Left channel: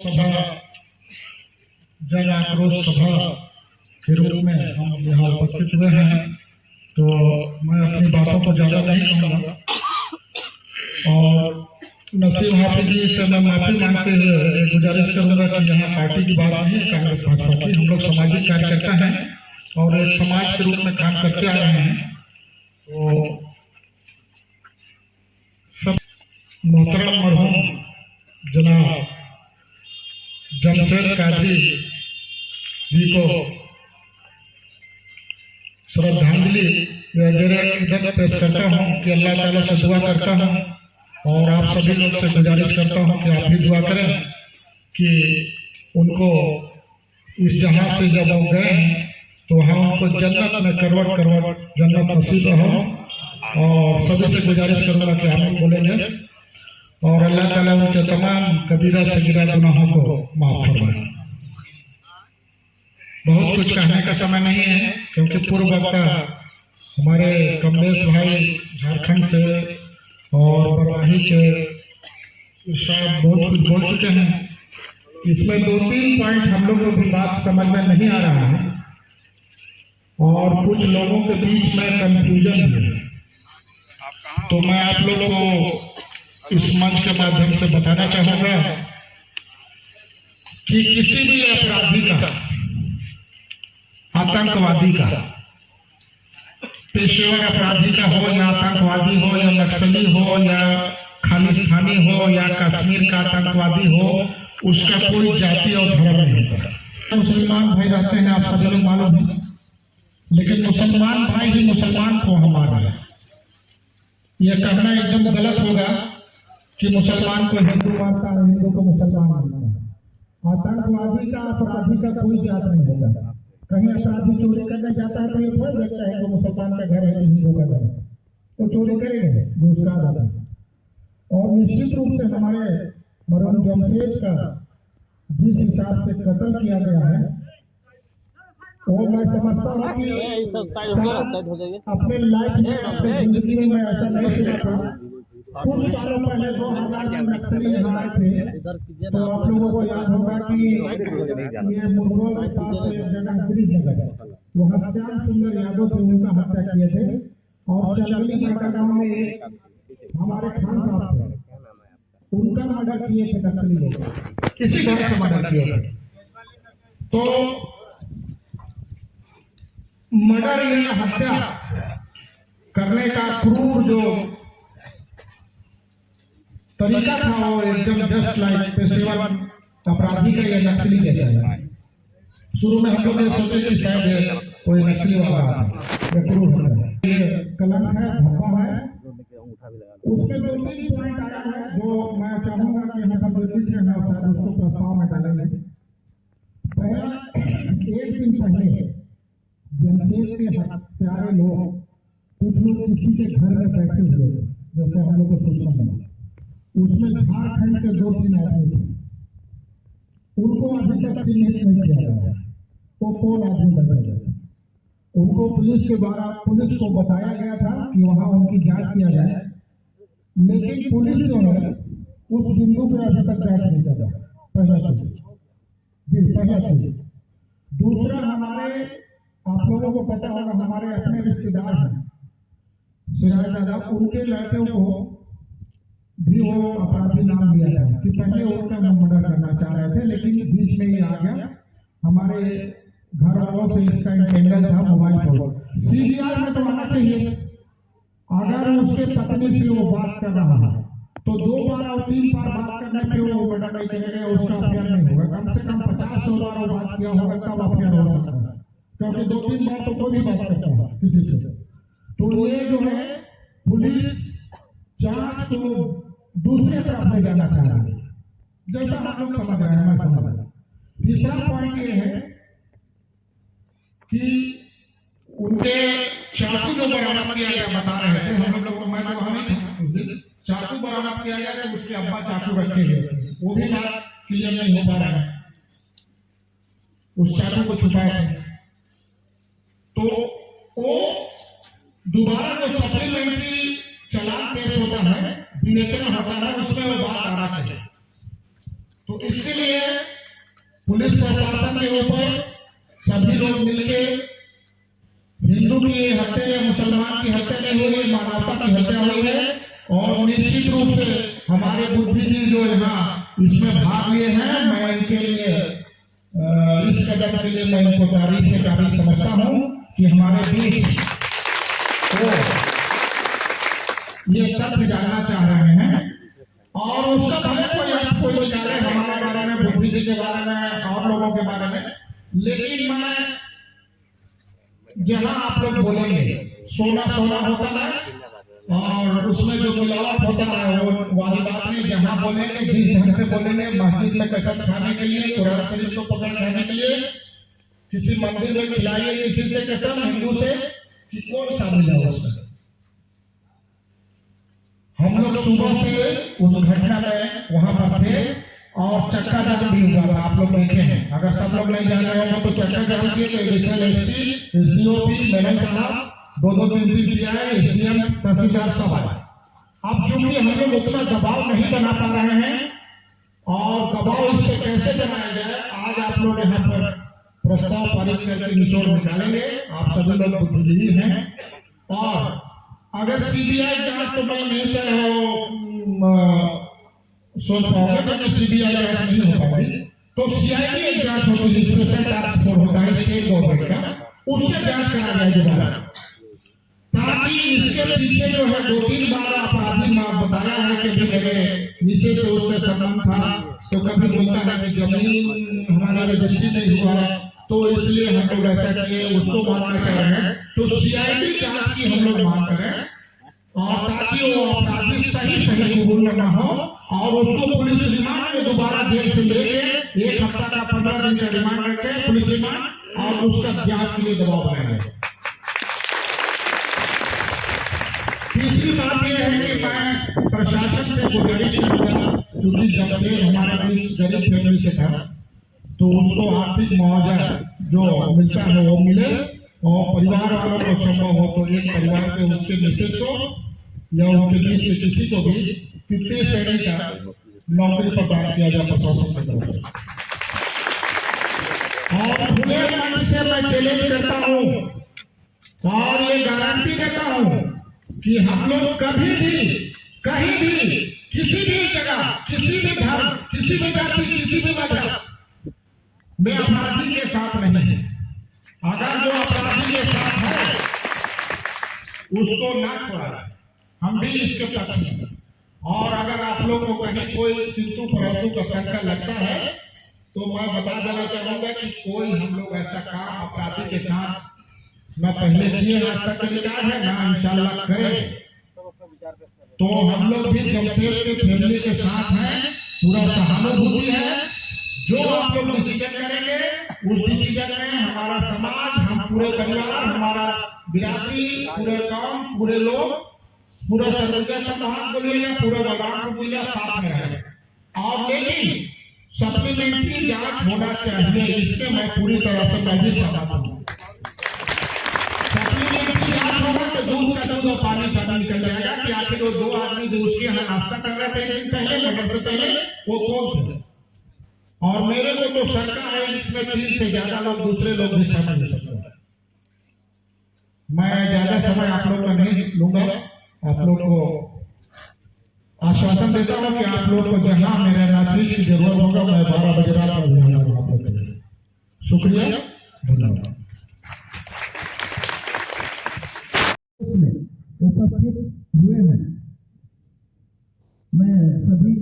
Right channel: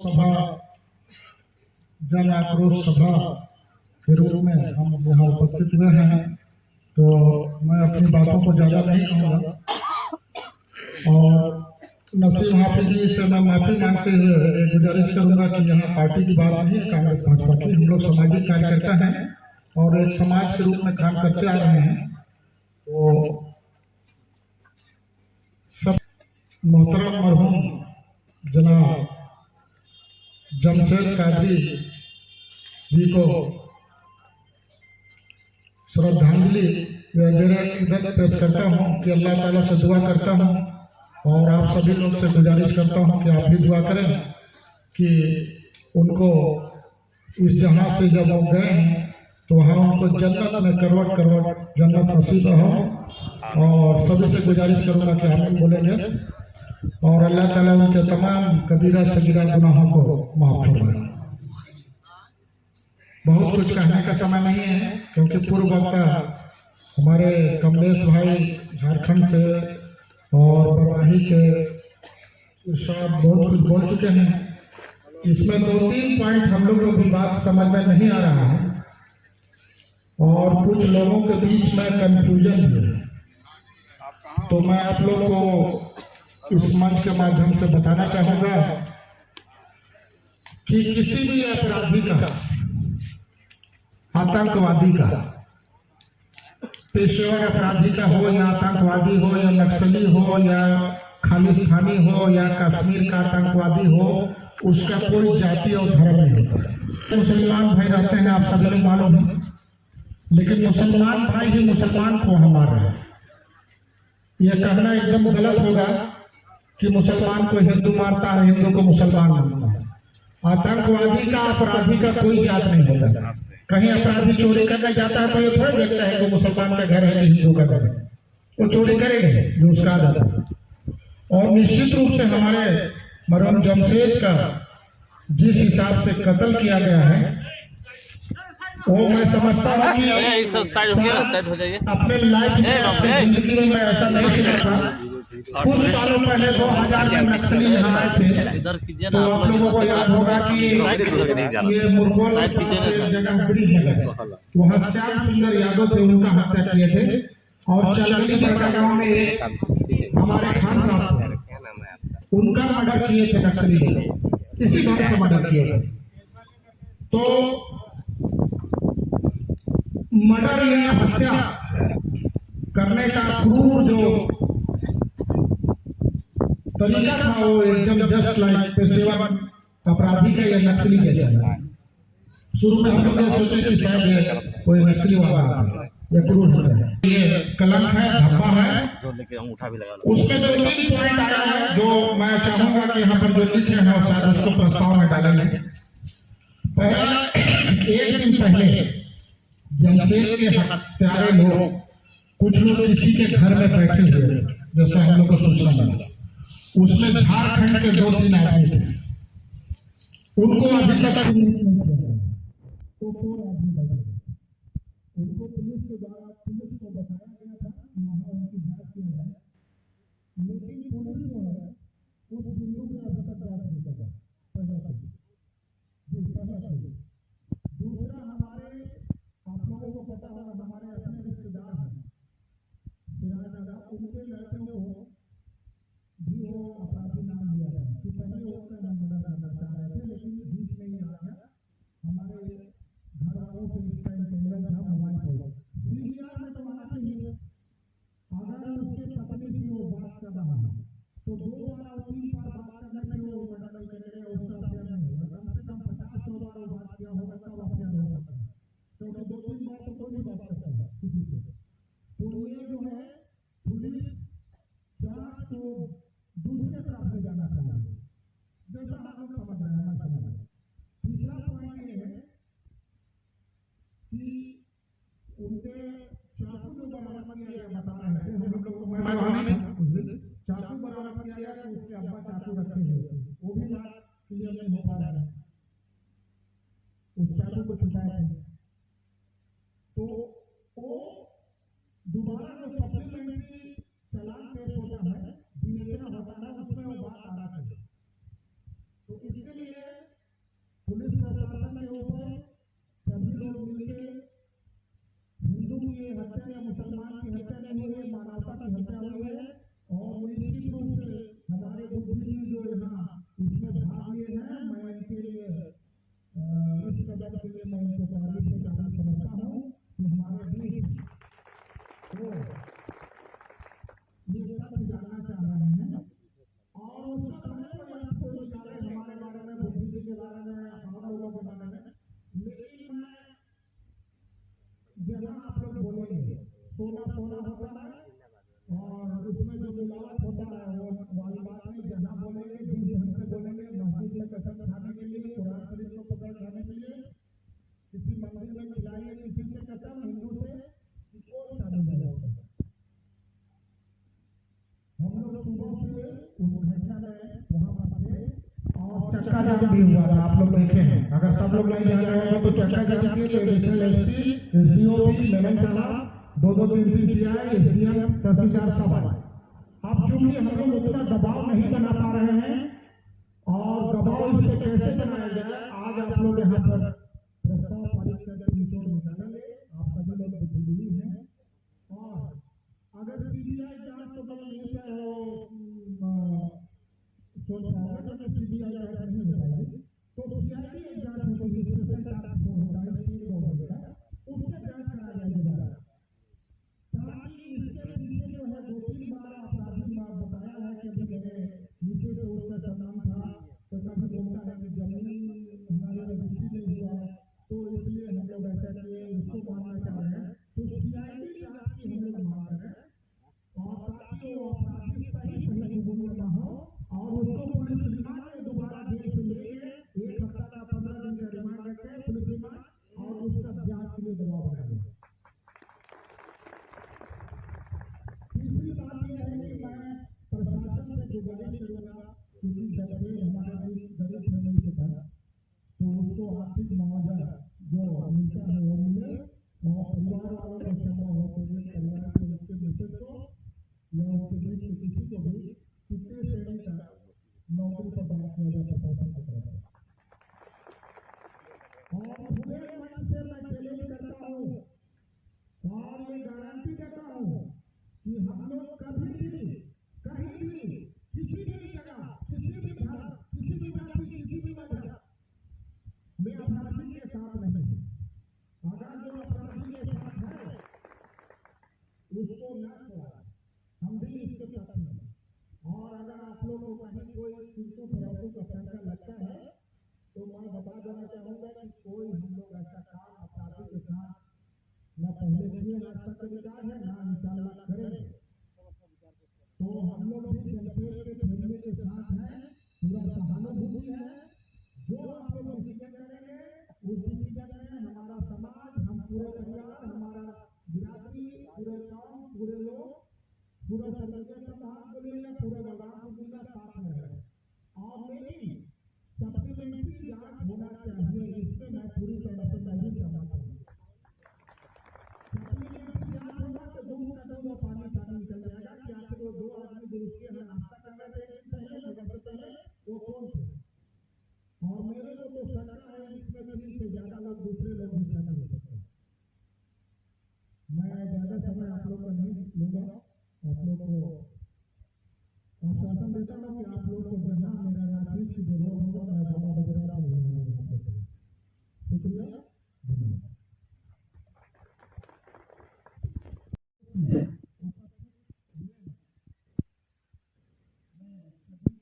सभा जन आक्रोश सभा के रूप में हम यहाँ उपस्थित हुए हैं। तो मैं अपनी बातों को ज्यादा नहीं कहूँगा और नसीम हाफिज जी से मैं माफी मांगते हुए गुजारिश करूंगा कि यहाँ पार्टी की बात नहीं, कांग्रेस भाजपा की। हम लोग सामाजिक कार्यकर्ता हैं और एक समाज के रूप में काम करते आ रहे हैं। तो सब मोहतरम मरहूम जनाब जमशेद कादरी जी को श्रद्धांजलि इधर पेश करता हूँ कि अल्लाह ताला से दुआ करता हूँ और आप सभी लोग से गुजारिश करता हूँ कि आप भी दुआ करें कि उनको इस जहां से जब वो गए हैं तो वहाँ उनको जन्नत में करवट करवट जन्नत नसीब हो। और सभी से गुजारिश करूँगा कि हम बोलेंगे और अल्लाह ताला उनके तमाम कबीरा सगीरा गुनाहों को माफ फरमाए। बहुत कुछ कहने का समय नहीं है क्योंकि पूर्व वक्ता हमारे कमलेश भाई झारखंड से और बरवाही के शायद बहुत कुछ बोल चुके हैं। इसमें 2-3 पॉइंट हम लोगों की बात समझ में नहीं आ रहा है और कुछ लोगों के बीच में कंफ्यूजन है। तो मैं आप लोगों को इस मंच के माध्यम से बताना चाहूंगा कि किसी भी अपराधी का, आतंकवादी का, पेशेवर अपराधी का हो या आतंकवादी हो या नक्सली हो या खालिस्तानी हो या कश्मीर का आतंकवादी हो, उसका कोई जाति और धर्म नहीं होता। मुसलमान भाई रहते हैं, आप सब लोग मालूम है, लेकिन मुसलमान भाई ही मुसलमान को हमारा है। यह कहना एकदम गलत होगा कि मुसलमान को हिंदू मानता है, हिंदू को मुसलमान मानता है। आतंकवादी का, अपराधी का कोई जात नहीं होता। कहीं अपराधी चोरी करने जाता है तो ये थोड़ा देखता है कि मुसलमान का घर है कि हिंदू का घर है, वो चोरी करेंगे जो उसका आदत है। और निश्चित रूप से हमारे मरहूम जमशेद का जिस हिसाब से कत्ल किया गया है वो मैं समझता हूँ कि साइड हो जाइए। अपने लाइफ में जिंदगी में मैं ऐसा नहीं सोचा। कुछ सालों पहले 2000 में नक्सली यहाँ आए थे तो आप लोगों को याद होगा कि ये मुरगोल जगह ब्रिज है, वहाँ श्याम सुंदर यादव थे, उनका हत्या किए थे। और चलगली बड़का गाँव में एक हमारे खान साहब थे, उनका मर्डर किए थे नक्सली, इसी घर से मर्डर किए थे। तो मर्डर या हत्या करने का क्रूर जो तरीका था वो एकदम जस्ट लाइक पेशेवर अपराधी का या नक्सली जैसा। शुरू में हम लोग ये सोचे कि शायद कोई नक्सली वाला या क्रूर है, ये कलंक है, धब्बा है। उसमें जो 3 पॉइंट आया है जो मैं चाहूंगा कि यहाँ पर जो लिखे हैं शायद उसको प्रस्ताव में डालेंगे। पहला, एक दिन पहले जमशेद के हत्यारे लोग, कुछ लोग किसी के घर में बैठे हुए जैसा हम लोग को सूचना मिला, उसमें झारखंड के 2-3 आदमी थे। उनको अभी तक चिन्हित नहीं किया गया तो कौन आदमी लगे। उनको पुलिस के द्वारा पुलिस को बताया गया था कि वहां उनकी जांच किया जाए, लेकिन पुलिस जो है उस बिंदु पर अभी तक जांच नहीं कर रहा। पहला चीज। दूसरा, हमारे आप लोगों को पता होगा हमारे अपने रिश्तेदार हैं सिराज दादा, उनके लड़कों को भी वो अपराधी नाम दिया था कि पहले उनका मर्डर करना चाह रहे थे, लेकिन बीच में ये आ गया। हमारे घर वालों से इसका इंटेंडेंट था मोबाइल फोन, सीबीआई में तो आना चाहिए। अगर उसके पत्नी से वो बात कर रहा है तो 2 बार और 3 बार बात करने पे वो मर्डर नहीं करेगा, उसका अफेयर नहीं होगा। कम से कम 50 बार वो बात किया होगा तब अफेयर हो सकता है, क्योंकि 2-3 बार तो कोई भी बात करता है किसी से। तो ये जो है पुलिस जांच को दूसरे तरफ ले जाना चाह रही है, जैसा हम लोग समझ रहे हैं, मैं समझ रहा हूं। तीसरा पॉइंट ये है कि उनके चाकू जो बरामद किया गया, बता रहे थे हम लोग, मैं तो वहां नहीं था, चाकू बरामद किया गया तो उसके अब्बा चाकू रखे गए थे, वो भी बात क्लियर नहीं हो पा रहा है, उस चाकू को छुपाए थे। तो वो दोबारा जो सप्लीमेंट्री चालान पेश होता है, विवेचना होता है, उसमें वो बात आना चाहिए तो इसके लिए पुलिस प्रशासन के ऊपर सभी लोग मिलकर हिंदू की हत्या या मुसलमान की हत्या नहीं हुई है, मानवता की हत्या हुई है। और निश्चित रूप से हमारे बुद्धिजीवी जो यहाँ इसमें भाग लिए हैं, मैं इनके लिए इस कदम के लिए मैं इनको तारीफ के काबिल समझता हूँ कि हमारे बीच वो ये तथ्य जानना चाह रहे हैं और उसका भले कोई निकाले हमारे बारे में, बुद्धिजीवी के बारे में और लोगों के बारे में, लेकिन मैं जहाँ आप लोग बोलेंगे सोना सोना होता है और उसमें जो मिलावट होता है वो वाली बात नहीं। जहाँ बोलेंगे जिस ढंग से बोलेंगे, मस्जिद में कसम खाने के लिए, कुरान शरीफ को पकड़ खाने के लिए, किसी मंदिर में खिलाइए किसी से कसम हिंदू से, कि कौन शामिल है उसमें। हम लोग सुबह से उस घटना में वहां पर थे और चक्का जाम भी हुआ था, आप लोग देखे हैं। अगर सब लोग नहीं जान रहे होंगे तो चक्का जाम किए तो एडिशनल एसपी, एसडीओपी, मैडम साहब, दो दिन पीआई, एसडीएम, तहसीलदार सब आए। अब क्योंकि हम लोग उतना दबाव नहीं बना पा रहे हैं और दबाव इस पर कैसे बनाया जाए, आज आप लोग यहाँ पर प्रस्ताव पारित करके निचोड़ निकालेंगे। आप सभी लोग बुद्धिजीवी हैं और अगर सीबीआई जांच तो मैं नहीं चाहे सोच पाऊंगा कि सीबीआई जांच नहीं हो पाएगी, तो सीआईडी एक जांच होती है, स्पेशल टास्क फोर्स होता है स्टेट गवर्नमेंट का, उससे जांच करा जाए दोबारा, ताकि इसके पीछे जो है 2-3 बार अपराधी ने बताया है कि मेरे विशेष से उसका संबंध था, तो कभी बोलता है कि जमीन हमारा रजिस्ट्री नहीं हुआ तो इसलिए हम लोग ऐसा किए, उसको मानना चाह रहे हैं। तो सीआईडी जांच की हम लोग मांग करें और ताकि वो अपराधी सही कबूल न हो और उसको पुलिस रिमांड में दोबारा जेल से लेके 1 हफ्ता का 15 दिन का रिमांड रखे पुलिस रिमांड और उसका जांच के लिए दबाव बनाएंगे। तीसरी बात यह है कि मैं प्रशासन से गुजारिश करूंगा, क्योंकि जमशेद हमारे बीच गरीब फैमिली से था तो उसको आर्थिक मुआवजा जो मिलता है वो मिले और परिवार वालों को संभव हो तो एक परिवार पे उसके मिसेज को या उनके बीच से किसी को भी 50 श्रेणी का नौकरी प्रदान किया जाए प्रशासन से तरफ। और खुले मन से मैं चैलेंज करता हूँ और ये गारंटी देता हूँ कि हम लोग कभी भी कहीं भी किसी भी जगह, किसी भी धर्म, किसी भी जाति, किसी भी मजहब में अपराधी के साथ नहीं है। अगर जो अपराधी के साथ है उसको ना छोड़ा, हम भी इसके पक्ष में। और अगर आप लोग को कहीं कोई किंतु परंतु का शंका लगता है तो मैं बता देना चाहूंगा कि कोई हम लोग ऐसा काम अपराधी के साथ न पहले किए, आज तक अधिकार है ना इंशाल्लाह करें। तो हम लोग भी जमशेद के फैमिली के साथ हैं, पूरा सहानुभूति है। जो आप लोग डिसीजन करेंगे उस डिसीजन में हमारा समाज, हम पूरे परिवार, हमारा बिरादरी, पूरे गांव, पूरे लोग, पूरा सरगुजा समाज बोलिए या पूरे बलरामपुर जिला साथ में रहे। और लेकिन सप्लीमेंट्री जांच होना चाहिए, इसमें मैं पूरी तरह से मैं भी सहमत हूँ। सप्लीमेंट्री जांच होगा तो दूध का दूध और पानी का पानी निकल जाएगा कि आखिर वो 2 आदमी जो उसके यहाँ नाश्ता कर रहे थे एक दिन पहले, मगर से पहले, वो कौन थे। और मेरे को तो शंका है इसमें 3 से ज्यादा लोग, दूसरे लोग भी शामिल हो सकते हैं। मैं ज्यादा समय आप लोग का नहीं लूंगा, आप लोग को आश्वासन देता हूं कि आप लोग को जहां मेरे नाचीज की जरूरत होगा मैं 12 बजे रात में भी आप लोग के लिए। शुक्रिया, धन्यवाद। उपस्थित हुए हैं, मैं सभी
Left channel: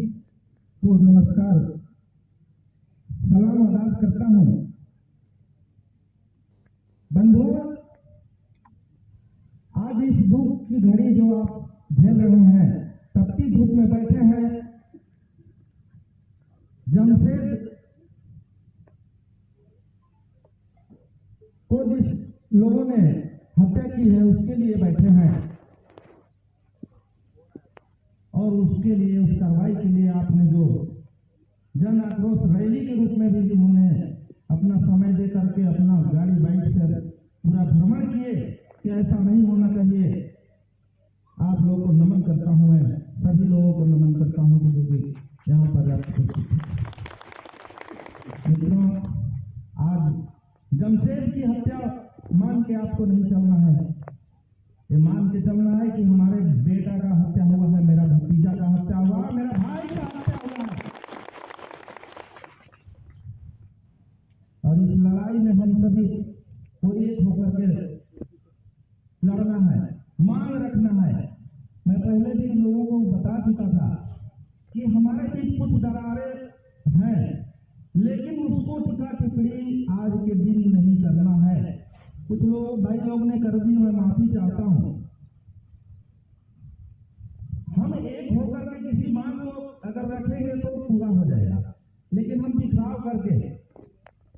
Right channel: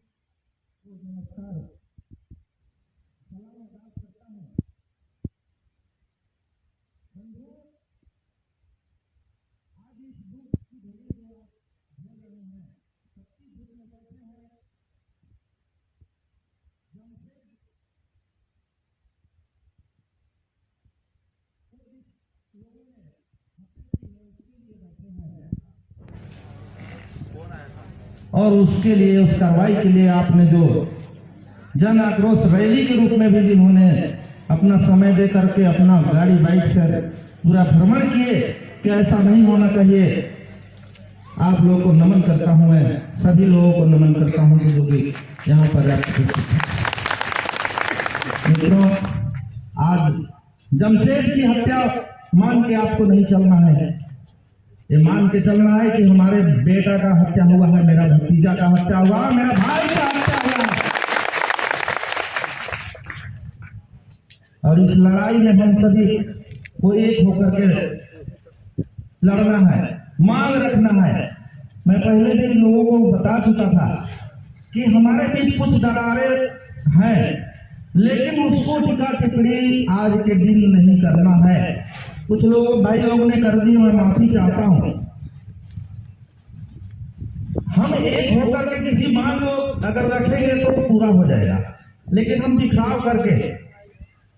को नमस्कार सलाम अदा करता हूं। बंधुओं, आज इस धूप की घड़ी जो आप झेल रहे हैं, तपती धूप में बैठे हैं, जमशेद को जिस लोगों ने हत्या की है उसके लिए बैठे हैं और उसके लिए, उस कार्रवाई के लिए आपने जो जन आक्रोश रैली के रूप में भी जिन्होंने अपना समय दे करके अपना गाड़ी बाइक से पूरा भ्रमण किए कि ऐसा नहीं होना चाहिए, आप लोगों को नमन करता हूं। मैं सभी लोगों को नमन करता हूं जो भी यहाँ पर मित्रों, आज जमशेद की हत्या मान के आपको नहीं चलना है, ये मान के चलना है कि हमारे बेटा का हत्या हुआ है, मेरा भतीजा का हत्या हुआ, मेरा भाई का हत्या हुआ है। और इस लड़ाई में हम सभी को एक होकर के लड़ना है, मांग रखना है। मैं पहले भी लोगों को बता चुका था कि हमारे बीच कुछ दरारें हैं, लेकिन उसको टिका टिप्पणी आज के दिन नहीं करना है। कुछ लोग भाई लोगों ने कर दी, मैं माफी चाहता हूं। हम एक होकर के किसी मांग को अगर रखेंगे तो पूरा हो जाएगा, लेकिन हम दिखाव करके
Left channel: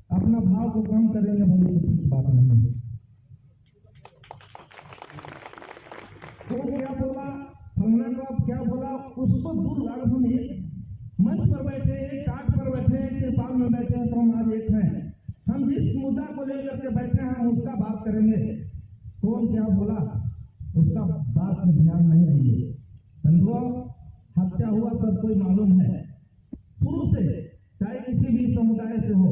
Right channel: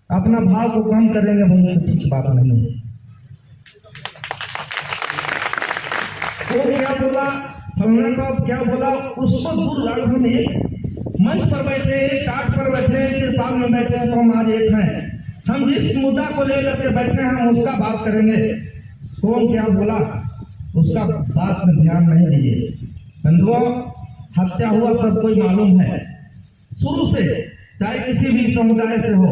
अपना भाव को कम करेंगे, बहुत ठीक बात नहीं है। वो क्या बोला, फलना को क्या बोला, उसको दूर लाड़ हम एक मंच पर बैठे, टाट पर बैठे, तिरपाल में बैठे, तो हम आज एक हैं। हम जिस मुद्दा को लेकर के बैठे हैं, हम उसका बात करेंगे। कौन क्या बोला उसका बात में ध्यान नहीं दीजिए। बंधुओं, हत्या हुआ सबको मालूम है शुरू से, चाहे किसी भी समुदाय से हो।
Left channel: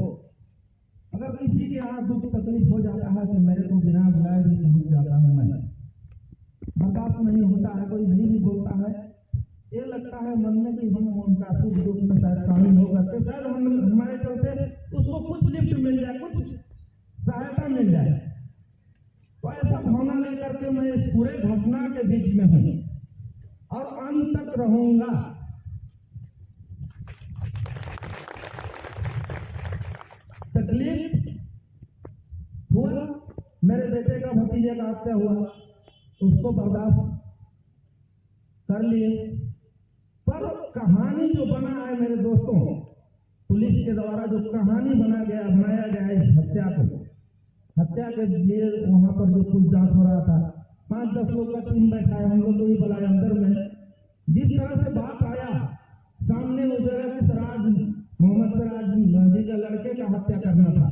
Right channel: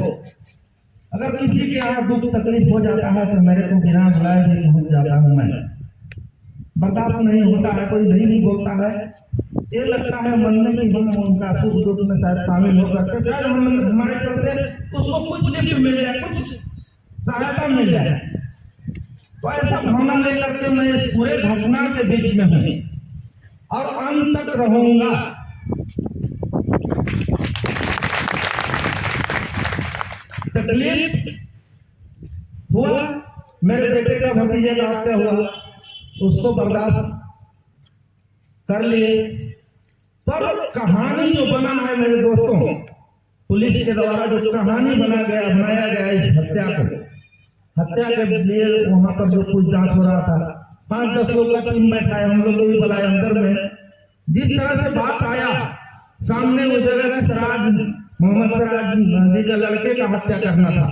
अगर किसी के यहाँ दुख तकलीफ हो जाता है तो मेरे को बिना बुलाए भी पहुंच जाता हूं मैं। बर्दाश्त नहीं होता है, कोई नहीं बोलता है, ये लगता है मन में कि हम उनका सुख दुख में शायद शामिल हो सकते, शायद हमारे चलते उसको कुछ गिफ्ट मिल जाए, कुछ सहायता मिल जाए। तो ऐसा भावना लेकर के मैं इस पूरे घटना के बीच में हूं और अंत तक रहूंगा। तकलीफ हुआ, मेरे बेटे का भतीजे का हत्या हुआ, उसको बर्दाश्त कर लिए। पर कहानी जो बना है मेरे दोस्तों, पुलिस के द्वारा जो कहानी बनाया गया इस हत्या के लिए, वहां पर जो कुछ जांच हो रहा था, 5-10 लोग का टीम बैठा है, हम लोग भी बुलाए अंदर में। जिस तरह से बात आया सामने, उस जगह में मोहम्मद सिराज जी के लड़के का हत्या करना था,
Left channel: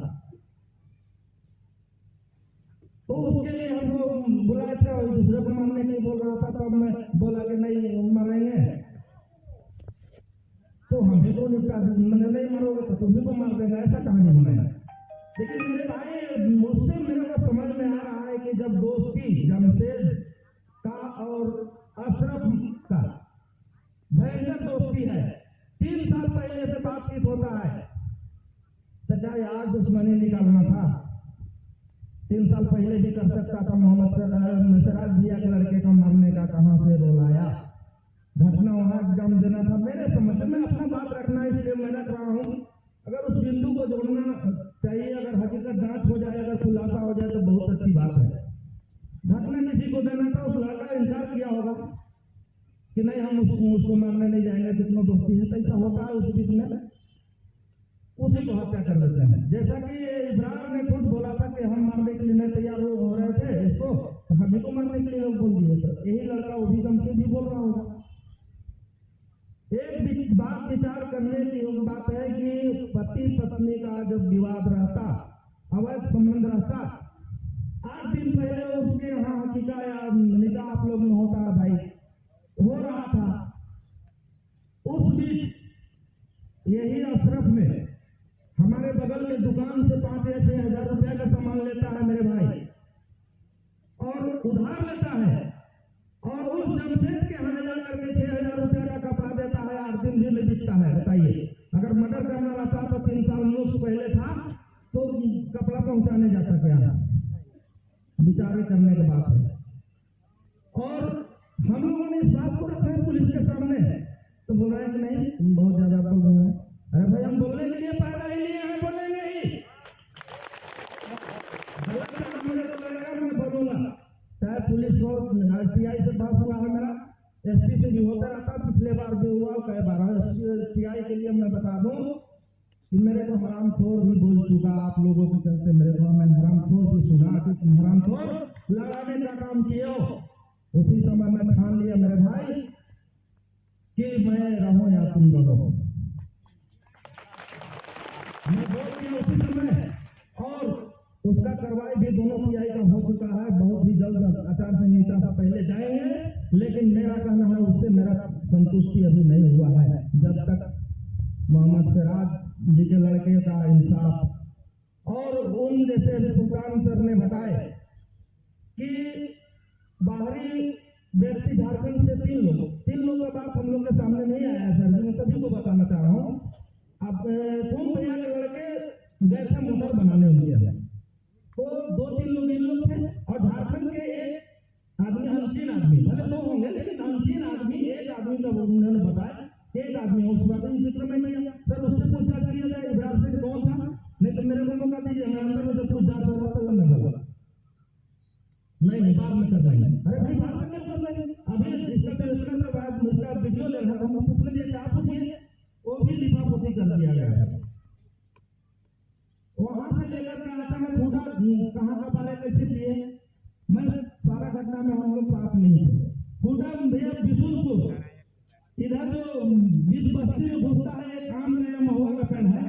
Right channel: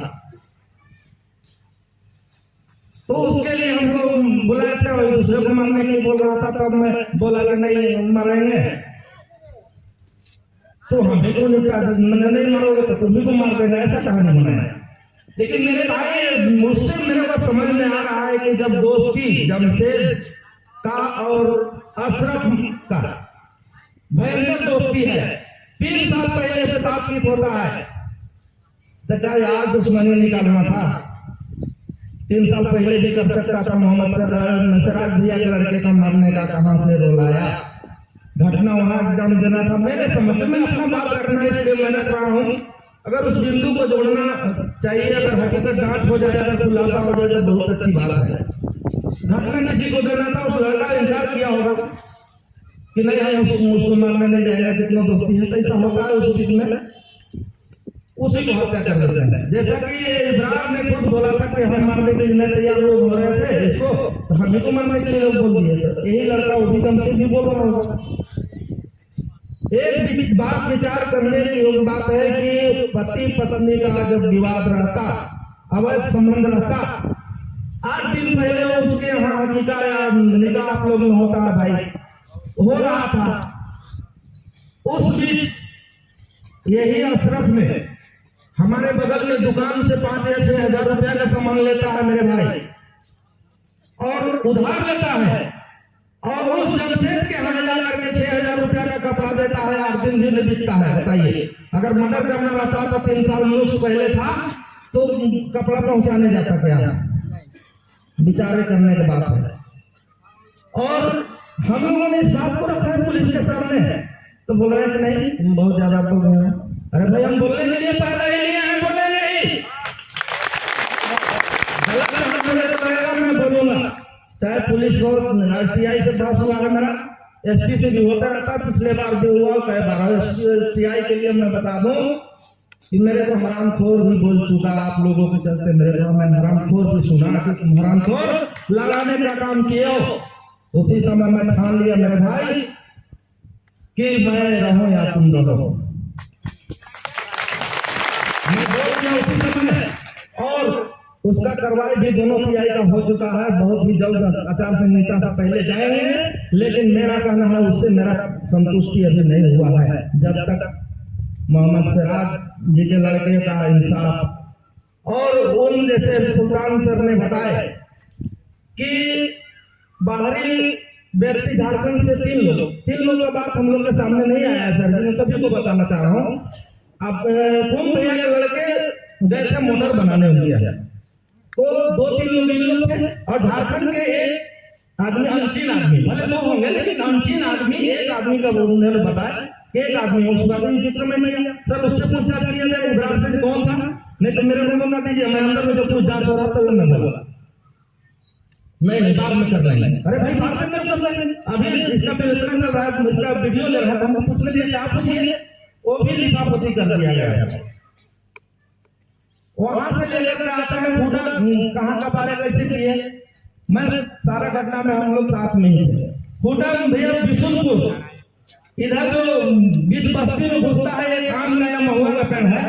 तो उसके लिए हमको बुलाया था। और दूसरे को मारने के लिए बोल रहा था, तब मैं बोला कि नहीं मारेंगे, तो हमें को नहीं मारोगे तो तुम्हें को मार देना, ऐसा कहानी बनाया। लेकिन मेरे भाई, मुझसे मेरे को समझ में आ रहा है कि जब दोस्ती जमशेद का और अशरफ का भयंकर दोस्ती है, 3 साल पहले से बातचीत होता है, तो क्या यार दुश्मनी निकालना था? 3 साल पहले भी कर सकता था। मोहम्मद सिराज भैया के लड़के का मरने का कहां से रोल आया, घटना वहां जम देना था। मेरे समझ में अपना बात रखना, इसलिए मैंने कहा हूं अगर उस बिंदु को जोड़ना चाहिए, अगर हकीकत जांच हो जाए, अगर खुलासा हो जाए, बहुत अच्छी बात है। घटना किसी को देना था, उस लड़का इंतजार किया होगा कि नहीं हम उसको मारने नहीं जाएगा, जितना दोस्ती है कैसा होता है उस चीज में, उसी को हत्या कर देते हैं। जैसा कि इब्राहिम ने खुद बोला था कि हम मारने के लिए तैयार लोग हो रहे थे इसको, तो हमें को मारने के लिए लोग बोल दिए। यही लड़का उसी दम से भी बोल रहा होगा। एक बात विचार करने की योग्य बात है कि पति पत्नी का जब विवाद रहता, अवैध संबंध रहता, 8 दिन पहले उसके यहाँ हकीका या निकाह आप लोग में होता है भाई, हो रहा था। उस बीच यही अशरफ में हमारे बगल में दुकान से 5 या 6 हजार रुपया का सामान लेता है मेरे भाई, और उधार लेता है, और उस जमशेद के यहाँ जा करके 6,000 रुपया का कपड़ा देता है, 8 दिन भी नहीं बिकता है। बताइए, अगर मर्डर करना रहता तो 3 साल मुश्क पहले था तो कपड़ा पहुंचाने जाता क्या? विचारे करने की बात है। और हम लोगों ने इस बात को रखा है पुलिस के सामने, तो बोल रहे कि नहीं बहुत ज्यादा बोल रहे हैं। अरे भाई, हम बोलने के लिए पैदा ही नहीं है, बोले नहीं, मैं बोलूंगा। चाहे पुलिस को RTI से पास हुआ है मेरा, SP से भी होता रहता, पिछले बार भी हुआ, कई बार CI के लिए मैं बता दूं कि मेरे को हरामखोर भी बोल चुका आप लोगों के चलते। मेरे को मैं हरामखोर भी सुना कि तुम हरामखोर लगाने का काम किए हो। उसी समय मैं ठान लिया मेरे भाई कि मैं रहूं या तुम रहो, उसी समय। और उसका कार्रवाई भी दोनों PI का हो चुका है, बहुत ही जल्द आचार संहिता से पहले जाएंगे। लेकिन मेरा कहना है उससे मेरा संतुष्टि अभी नहीं हुआ है। जब तक मोहम्मद सिराज जी के लड़के का इंसाफ। और उन जैसे सुल्तान सर ने बताया कि बाहरी व्यक्ति झारखंड से तीन लोग का बात हम लोग के सामने नहीं आया सर, मैं सभी को बताना चाह रहा हूँ। अब तुम भैया के लड़के गए थे मोटर बनाने हुए, तो 2-3 लोग थे और झारखंड के एक आदमी 3 आदमी भले 2 होंगे लेकिन 3 आदमी, एक आदमी का उन्होंने बताया कि एक आदमी उस आदमी चित्र में नहीं है सर। उससे पूछताछ किया जाए उधर से कौन था, नहीं तो मेरे को मौका दीजिए, मैं अंदर में जो कुछ जांच हो रहा था वो मैं बोला नहीं बाद में कर लेंगे। अरे भाई बाद में कर लेंगे, अभी इसका विवेचना चल रहा है, इसका वीडियो ले रहा है, हम पूछ लेंगे क्या पूछिए, वो भी लिफाफती कर दिया गया है। वहां से लेकर आते हैं फूटा कहाँ का बारे कैसे किए, मैं सारा घटना में हम लोग साथ में ही थे। फूटा भैया बिशुनपुर इधर जो बीच बस्ती में घुसता है, एक आम नया महुआ का पेड़ है,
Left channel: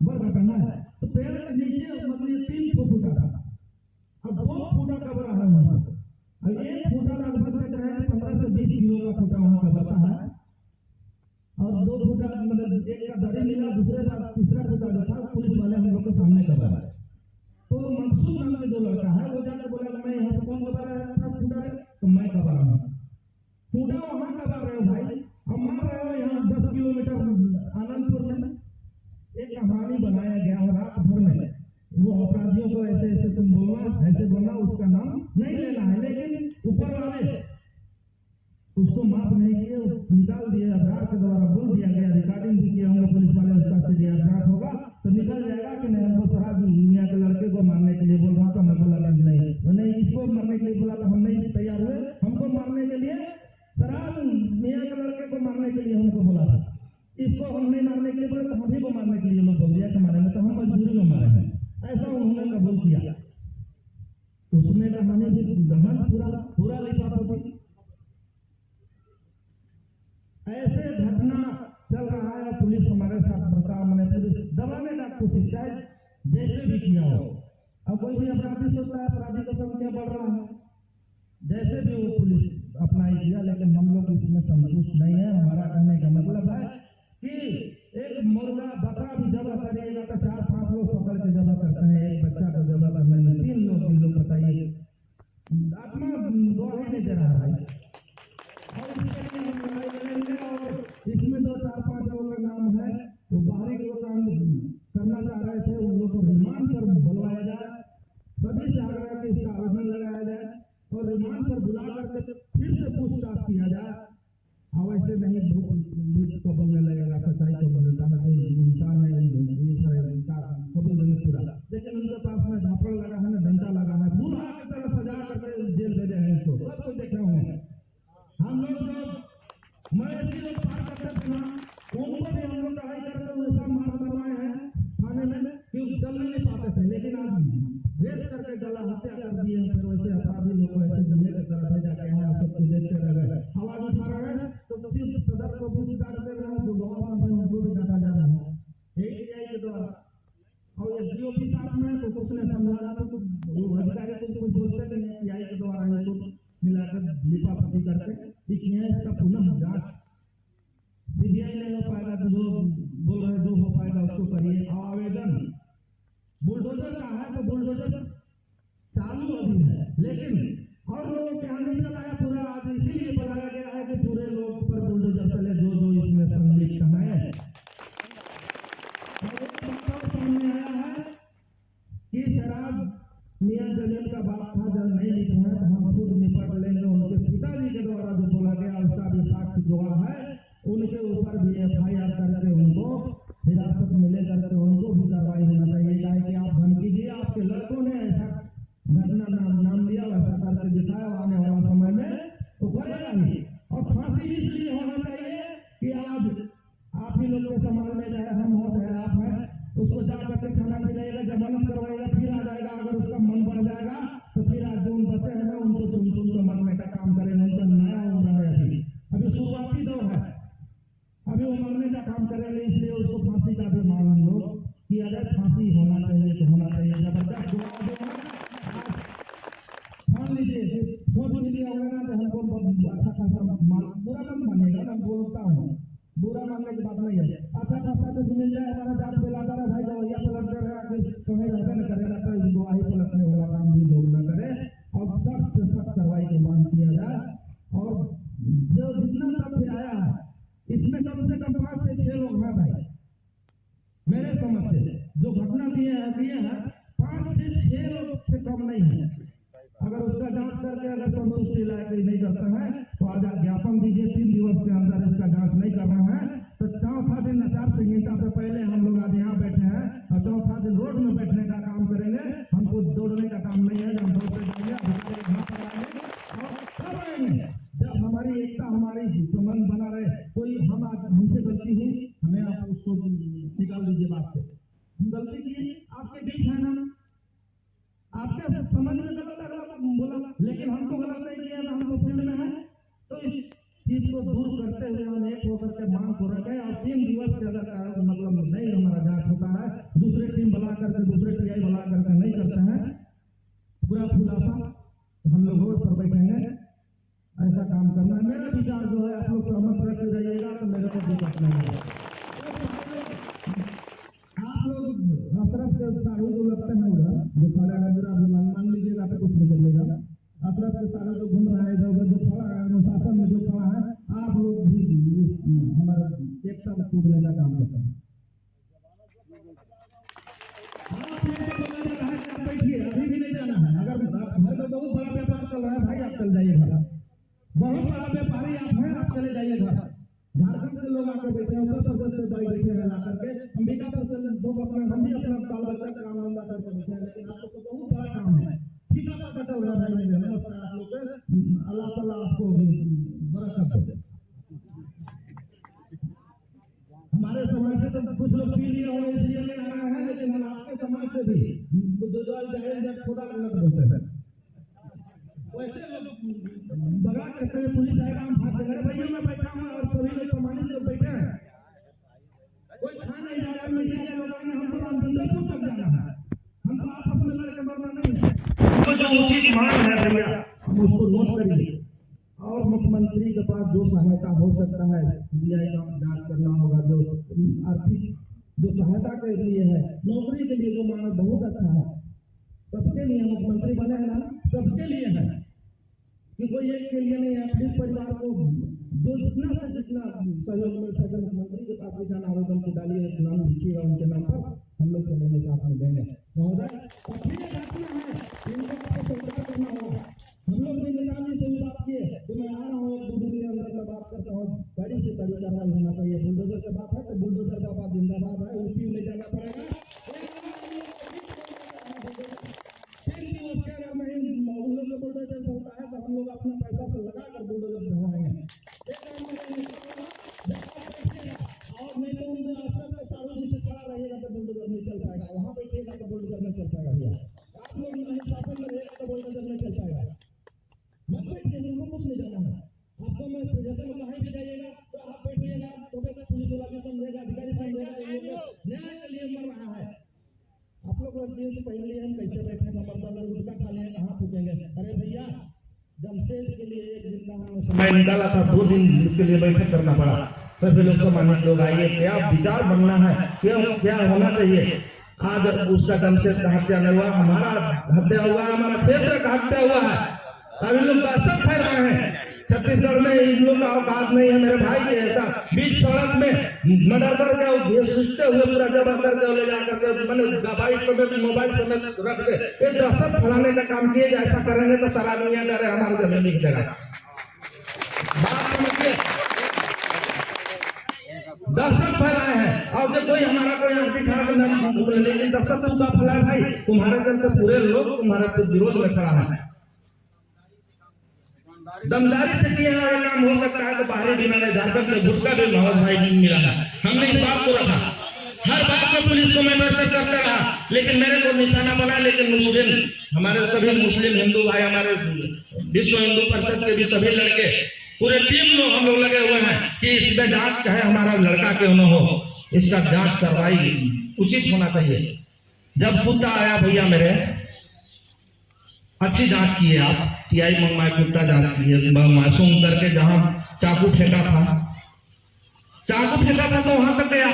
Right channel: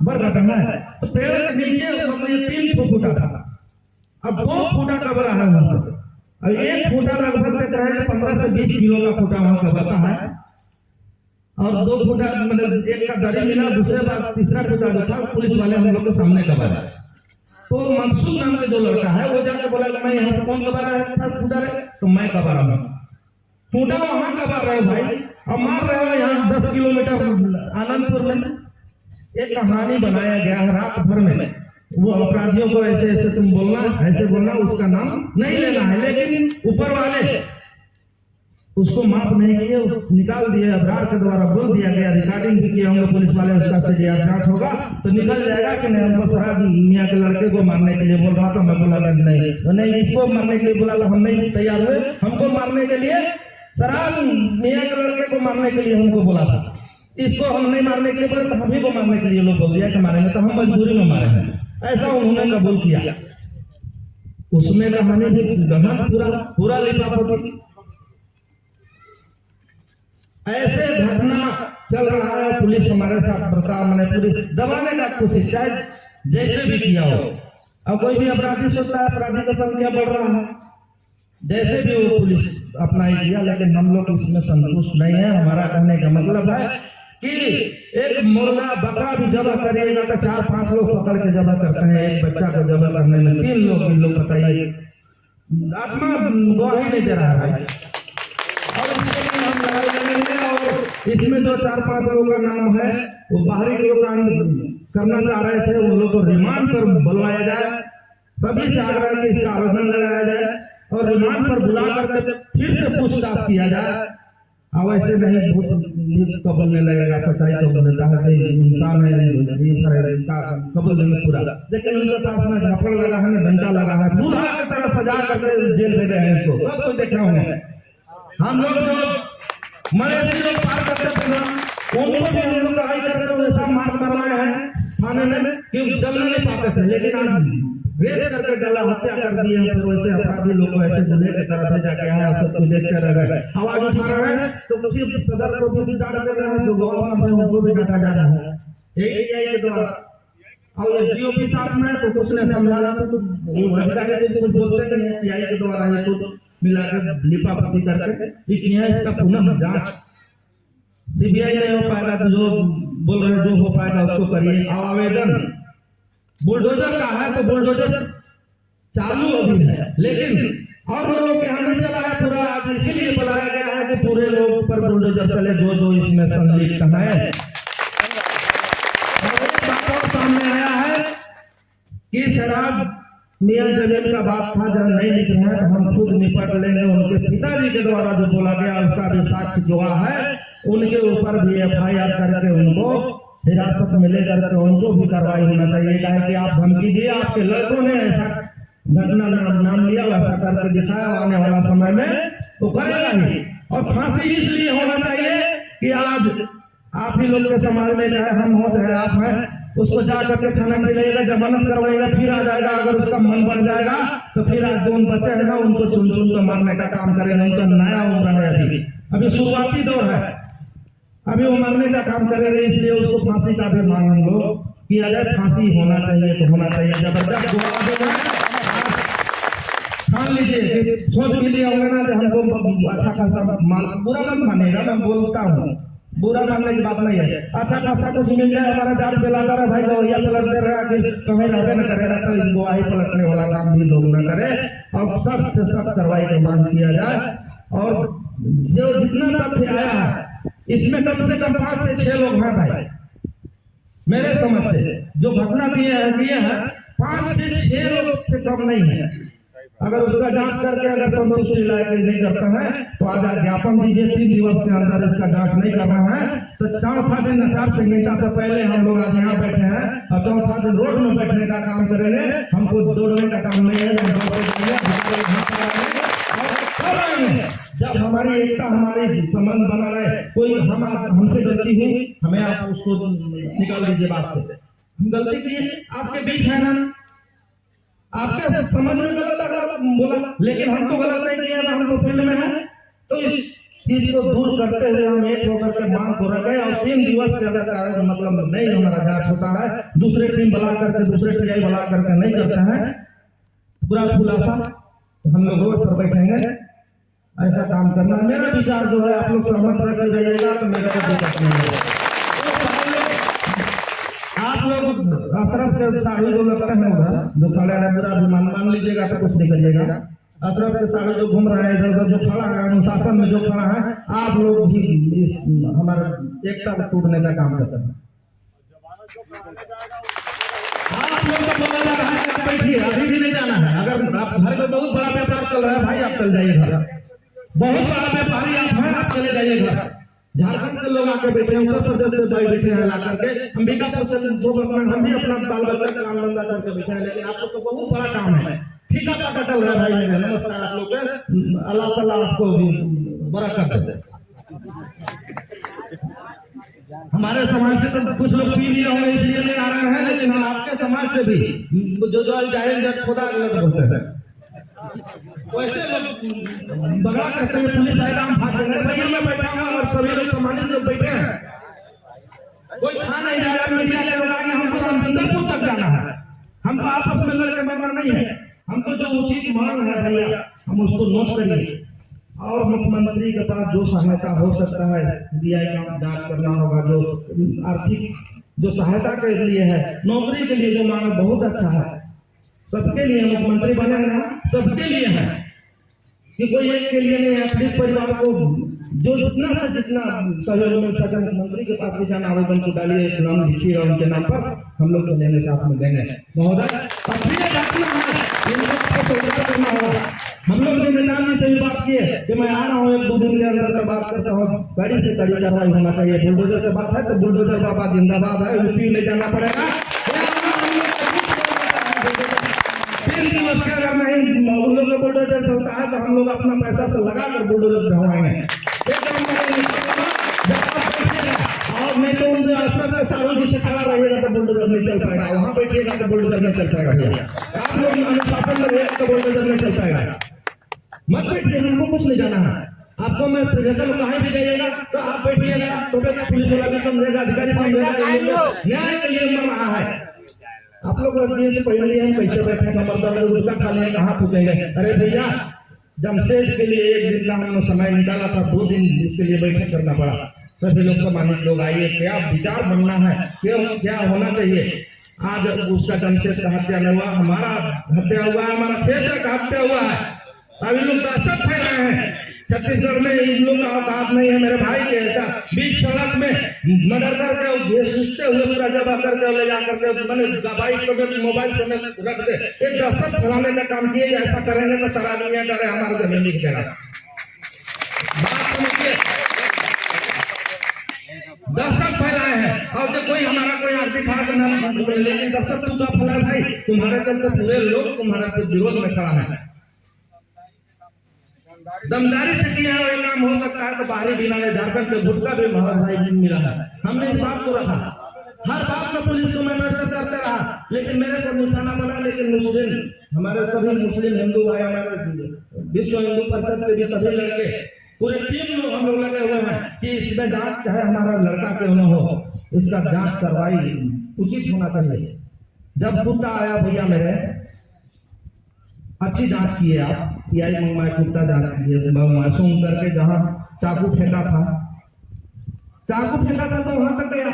बड़ घटना है, तो पेड़ के नीचे 3 फुटा था, अब 2 फुटा कबर है वहां से, अब 1 फुटा लगभग तक रहे 15 से 20 किलो का फुटा वहां का बता है, और 2 फुटा मतलब एक का दरी मिला, दूसरे बार तीसरा फुटा जो था पुलिस वाले हम लोग के सामने कबाया। तो मंसूर नाम का जो लड़का है वो जाके बोला कि मैं यहाँ से कौन कबा रहा था फुटा रहे, तो मैं कबा रहा हूँ। फुटा वहां कबा रहे हो भाई, अब मार रहे हो यहाँ 10 किलोमीटर आनंदपुर में। एक कहानी बनाया गया है रात भर में, वो अपराधियों को ऐसे ऐसे तुम बोलना, ऐसे बोलना, उसका नाम नहीं लेना है, लेकिन ऊपर वाले उसको माफ नहीं किए, निकाल दिए, अबरार के द्वारा बोल दिया गया, रिकॉर्डिंग भी किया होंगे पुलिस वाले, उसका से जांच होगा तो निकल जाएगा कि नहीं हमको शराब मियाँ के लड़के को मारने के लिए बोल रहा था, मैं बोला नहीं इसको मारने के लिए बोला तो हम नहीं तैयार हुए, हमको मारने के लिए शराब मियाँ के लड़के को मारने के लिए हमको बोला था, इसको हम नहीं मारने के लिए बोले तो हम ही को मारने के लिए लोग बोल दिया कि मारेंगे, तो हम मजबूरी में मारेंगे, ऐसा उन्होंने कबूल किया। उसमें कहानी भी गहन पूरा लिफाफा। ऐसे घटना चल रहा है, पुलिस हमारे साथ बर्ताव मैंने पुलिस दबाने का कोशिश चाहे जैसे भी किया हो। अब कोई भी अपराधी सोचता है अपराधी का संख्या बढ़ रहा है, जैसे भी वो पुलिस अपनाई किया, लेकिन हम लोग इसमें संतुष्ट नहीं है। हमारा कहने का मतलब है कि एक मुर्गा बकरा भी जबह करिएगा तो 4-5 लोग पकड़ के जबह करते हैं, एक बच्चा को जबह करने में 3 लोग बताइए, आत्मा गवाही नहीं दे रहा है। और इसमें जो 4-5 लोगों का नाम है वो बाहरी लोग करना चाह रहे थे, उन लोगों को रिमांड पर बुलवाया जाए, सभी से आग्रह कि इसका आवेदन लगाया जाए और रिमांड पर बुला करके फिर से पूछताछ किया जाए। अब ऐसे नहीं भूत को बोलने लगेगा, सच्चाई को बोलता है, इंसान है कबूल नहीं पूरा, लेकिन उनके पास में झापड़ लगा है, डंडा लगा है, बूढ़ा की तरह सजा करके जेल दे रहे हैं इसको, सब कुछ देखा होंगे। हम लोग जो मवेशी लोग पार करते थे ना, उनको भी हम लोग लड़ाई करके वैसा मार करवाए हैं थाने में कि जलने नहीं पाते थे, लेकिन आज रेप करके गला हत्या कर दिए हैं। तो वैसे अपराधी लोग को ऐसे जिले की तरफ से जाके आया, सब कुछ देखते रह गए, आवाज उठा रहे हैं तो किसी सदर को भी डांट दे रहे हैं, जो गवर्नर है उनको भी डांटा जा रहा है, यही के द्वारा। और डीओपी साहब में तो कुछ ने समझाना तो अधिकारी कुछ बोलते नहीं, सीआई के द्वारा ये तो मिलाकर लिफाफती करके लेकिन इसका पुनः जांच सीबीआई नहीं हो पाएगा तो जो बोल रहे जो हो पाएगा उसको करिए। आवेदन बुलडोजर का है तो बुलडोजर चालू अभी है, लेकिन और लोगों के यहाँ नहीं चला है पूरा, आज इसीलिए बुलाया गया है कि पूरे लोगों पर बुलडोजर चले जो इसमें संलिप्त है। सामने आया है कि शराब मियां जमीन का बात था, जब नहीं लिख रहे हैं हम खुद निपट लेंगे। उनके पिताजी के द्वारा जो बोला गया उसका भी साक्ष्य गवाह है, उनके ऊपर भी FIR करके उनको हिरासत में ले करके उनको भी कार्रवाई होना चाहिए। कहा कि आप धमकी दिए, आपके लड़कों ने ऐसा घटना नाम लिया, वैसा करके दिखाया, आने वाला समय में वो करेगा ही। और फांसी इसलिए होना चाहिए कि आज आप ही लोग के समाज में चाहे हम हो चाहे आप हैं, उसको जा करके थाना में लेगा, जमानत करवाएगा, फिर आ जाएगा। अगर उसका मन बढ़ जाएगा तो फिर आज जो बच्चे हैं ना उनको चुन कर मारने का काम करेगा। उनका नया उम्र है, अभी शुरुआती दौर है, अभी वो मारने का काम करेगा, इसलिए उसको फांसी का भी मांग हम लोग कि अगर फांसी होना चाहिए तो होना चाहिए। जबरदस्त मान लीजिए सोच भी लिया होगा ना, हमको अच्छा खासा माल बुरा मत मानेगा, मैं बोलता हूँ बुरा मानने की बात नहीं है। अच्छा खासा कुछ मिल जाए हमारा जान पिलाता रहे भाई, गवैया पलटते रहे, आगे कहीं रहते न करे रहता, इस गवाही पलटने वाला काम भी लोग न करे और सख्त से सख्त कार्रवाई की मांग किया जाए। और जो जितना तथ्य आया है इसमें कम से कम 5 से 6 लोग हैं भाई, मेरे समझ से जो घटना किए हैं 5 से 6 लोग से कम नहीं है। अगर उसका जांच करके अगर संतुष्टि लायक नहीं करता है तो आज ज्ञापन दीजिए, 3 दिवस के अंदर इसका जांच नहीं करना है तो 4था दिन आचार संहिता से पहले हम लोग आज यहाँ बैठे हैं और 4था दिन रोड में बैठने का काम करेंगे। हमको दौड़ने का काम नहीं है, जब हमारी एकता हमारी संबंध बना रहे। कोई हमसे गलती हुई हमें आप उसको निकाल दीजिए बात से, हम गलती किए आपके बीच है ना, आपके समझ में गलत अगर बोला, लेकिन हम तो गलत नहीं किया ना, हम तो फील्ड में है। तो इस चीज को दूर करते हुए हम एक होकर के मांग को रखे और 3 दिवस के अंदर मतलब नहीं हमारा जांच होता है, दूसरे टीम बुला करके दूसरे टीआई बुला करके नहीं करते हैं पूरा खुलासा, तो हम लोग रोड पर बैठेंगे। ऐसा काम करना मेरा विचार जो है, आप लोग सहमत रह जाइएगा तो मेरा कोई दिक्कत नहीं है। आप लोग अशरफ के साड़ी जो लगते हैं उधर जो खड़े हैं, मेरा अभिमान मान लीजिएगा तो कुछ नहीं करिएगा। अशरफ के साड़ी जो घूम रहा है इधर उधर जो खड़ा है अनुशासन में जो खड़ा है, आप लोग भी हमारे एकता को टूटने का काम करते हैं। आप लोग को बोला जा रहा है बैठिए, अभी भी नहीं जाना है। अगर आप घर में बहुत बड़ा व्यापार चल रहा है भाई, आप चल जाइए घर, बहुत बड़ा व्यापारी आप हैं, आप चले जाइए घर। झारखंड के लोग आके बैठे हैं, उत्तर प्रदेश से बैठे हैं ला करके, अंबिकापुर से जो हम भी अपना बाल बच्चा का काम धंधा करके बैठे हैं, लेकिन आप लोग को बहुत बड़ा काम है। ठीक है, पता चल रहा है भाई मेरा। नमस्कार आप लोग के, अल्लाह ताला आपको बरकत दे। हमारे समाज से तो कुछ लोग पी नहीं रहे इसलिए नहीं आ रहे हैं, लेकिन हम आपके समाज से भी जो जाहिर खुदा गलत बोलते हैं वैसे लोग बड़ा करते हैं, पुलिस आएगा हम भाग जाएंगे। भैया मैं बैठा हूँ और सभी लोग सम्मानित लोग बैठे हैं, कोई खा नहीं जा रहा, मीडिया के लोग आएंगे, हमको रामचंद्रपुर तक जाना है, हमको आपस में लड़के मरना नहीं है। हमको जो उचित मांग है भैया हम उसको नोट करिए और मुख्यमंत्री के पास जो सहायता हो सकता है डीआई का जांच करना होगा, जो आर्थिक जो सहायता के लिए है, नौकरी के लिए जो मांग बहुत अच्छा है, सबके लिए मुख्यमंत्री बने हैं, सबके लिए है कि कोई एक के लिए नहीं है। अपने परिवार को जो जितना से जितना सहयोग मिल सके मुख्यमंत्री के पास भी जाना, आवेदन को डालिए, नाम लिखिए और उनके नाम पर हम लोग लेने साथ में देंगे महोदय। हम लोग ने नेताजी से भी बात की है कि मैं आ रहा हूँ 1-2 दिन के अंदर बात करता हूँ, गाड़ी से गाड़ी कार्रवाई होना चाहिए। बुलडोजर से बात है तो बुलडोजर बाबा जिंदाबाद है, यूपी ले जाना पड़ेगा। 3 दिवस के अगर नहीं उन लोग को बुलडोजर चलता है तो हम लोग अपना पैसा से लगा कर बुलडोजर ढवाएंगे। और नहीं तो उनके आसपास के सारों जिसे खड़ा रहिएगा तो बुलडोजर नहीं चल पाएगा, वहाँ बैठिएगा तो बुलडोजर नहीं चल पाएगा। आप लोग अनुशासन में रहेगा तो बुलडोजर नहीं चल पाएगा। मत बैठिए, हमको कुछ नहीं जाना है। आपको मैं जैसे कहीं भी जाइएगा तो आप बैठिएगा तो पुलिस वाला भी समझेगा, अधिकारी समझेगा, न्याय के लिए मर रहा है। आप लोग से पहले हम कैसे बैठे मतलब उसका खा लें, कहाँ पूछेंगे। अरे भैया जमशेद के लिए 1 दिन का हमने समय निकाला था, 2 दिन इसके लिए बैठक करना पड़ा। सभी लोग सम्मानित लोग आइए, क्या विचार बनना है, क्यों क्या होना चाहिए। आज उसका जमशेद का हत्या नहीं हुआ, हमारा हत्या हुआ है, हमारा क्षेत्र का हत्या हुआ है। अभी लोग दहशत फैलाए हैं छत्तीसगढ़ में, इन लोग का औकात नहीं है मेरे भाई के ऐसा बीच सड़क में मर्डर करके सोचते हुए पूरा जबा करके ले जा करके मैंने बाइक समेत मोबाइल समेत रख दे, एक दहशत फैलाने का काम किए। ऐसा करेंगे तो सारा दुनिया डरे हमारे जमीन लिख देगा। बात समझिए, दहशत फैलाए हैं और जो कोई हमारा कोई आर्थिक हालत, लेकिन दहशत तू का फैलाए भाई, तुम्हारे चलते पूरे लोग तुम्हारे विरोध में खड़ा है। दमदारी से किया हुआ काम हो सकता है तो बाहरी जिला में झारखंड के गुटका भी बहुत भाई मिला है। हमने इस बात को रखा, हर बात में पुलिस को मैं मैसेज करता रहा, लेकिन मेरे को निशाना बना। लेकिन मुस्लिम हमारे सभी मुस्लिम हिंदू भाई, हमारे विश्व हिंदू परिषद के भी सभी लड़के पूरे टीम लोग हम लोग लगे हुए हैं कि इसमें जांच चाहे हमारा लड़का क्यों न हो, इसका जांच कार्रवाई उचित होना चाहिए। जब कुत्ता आया भैया मेरे, अच्छी जांच किए आप, टीआई मंगवाए, कुत्ता जांच किए, मासूम करके जहां चाकू फेंका था चाकू फेंका था तो वहां तक गया,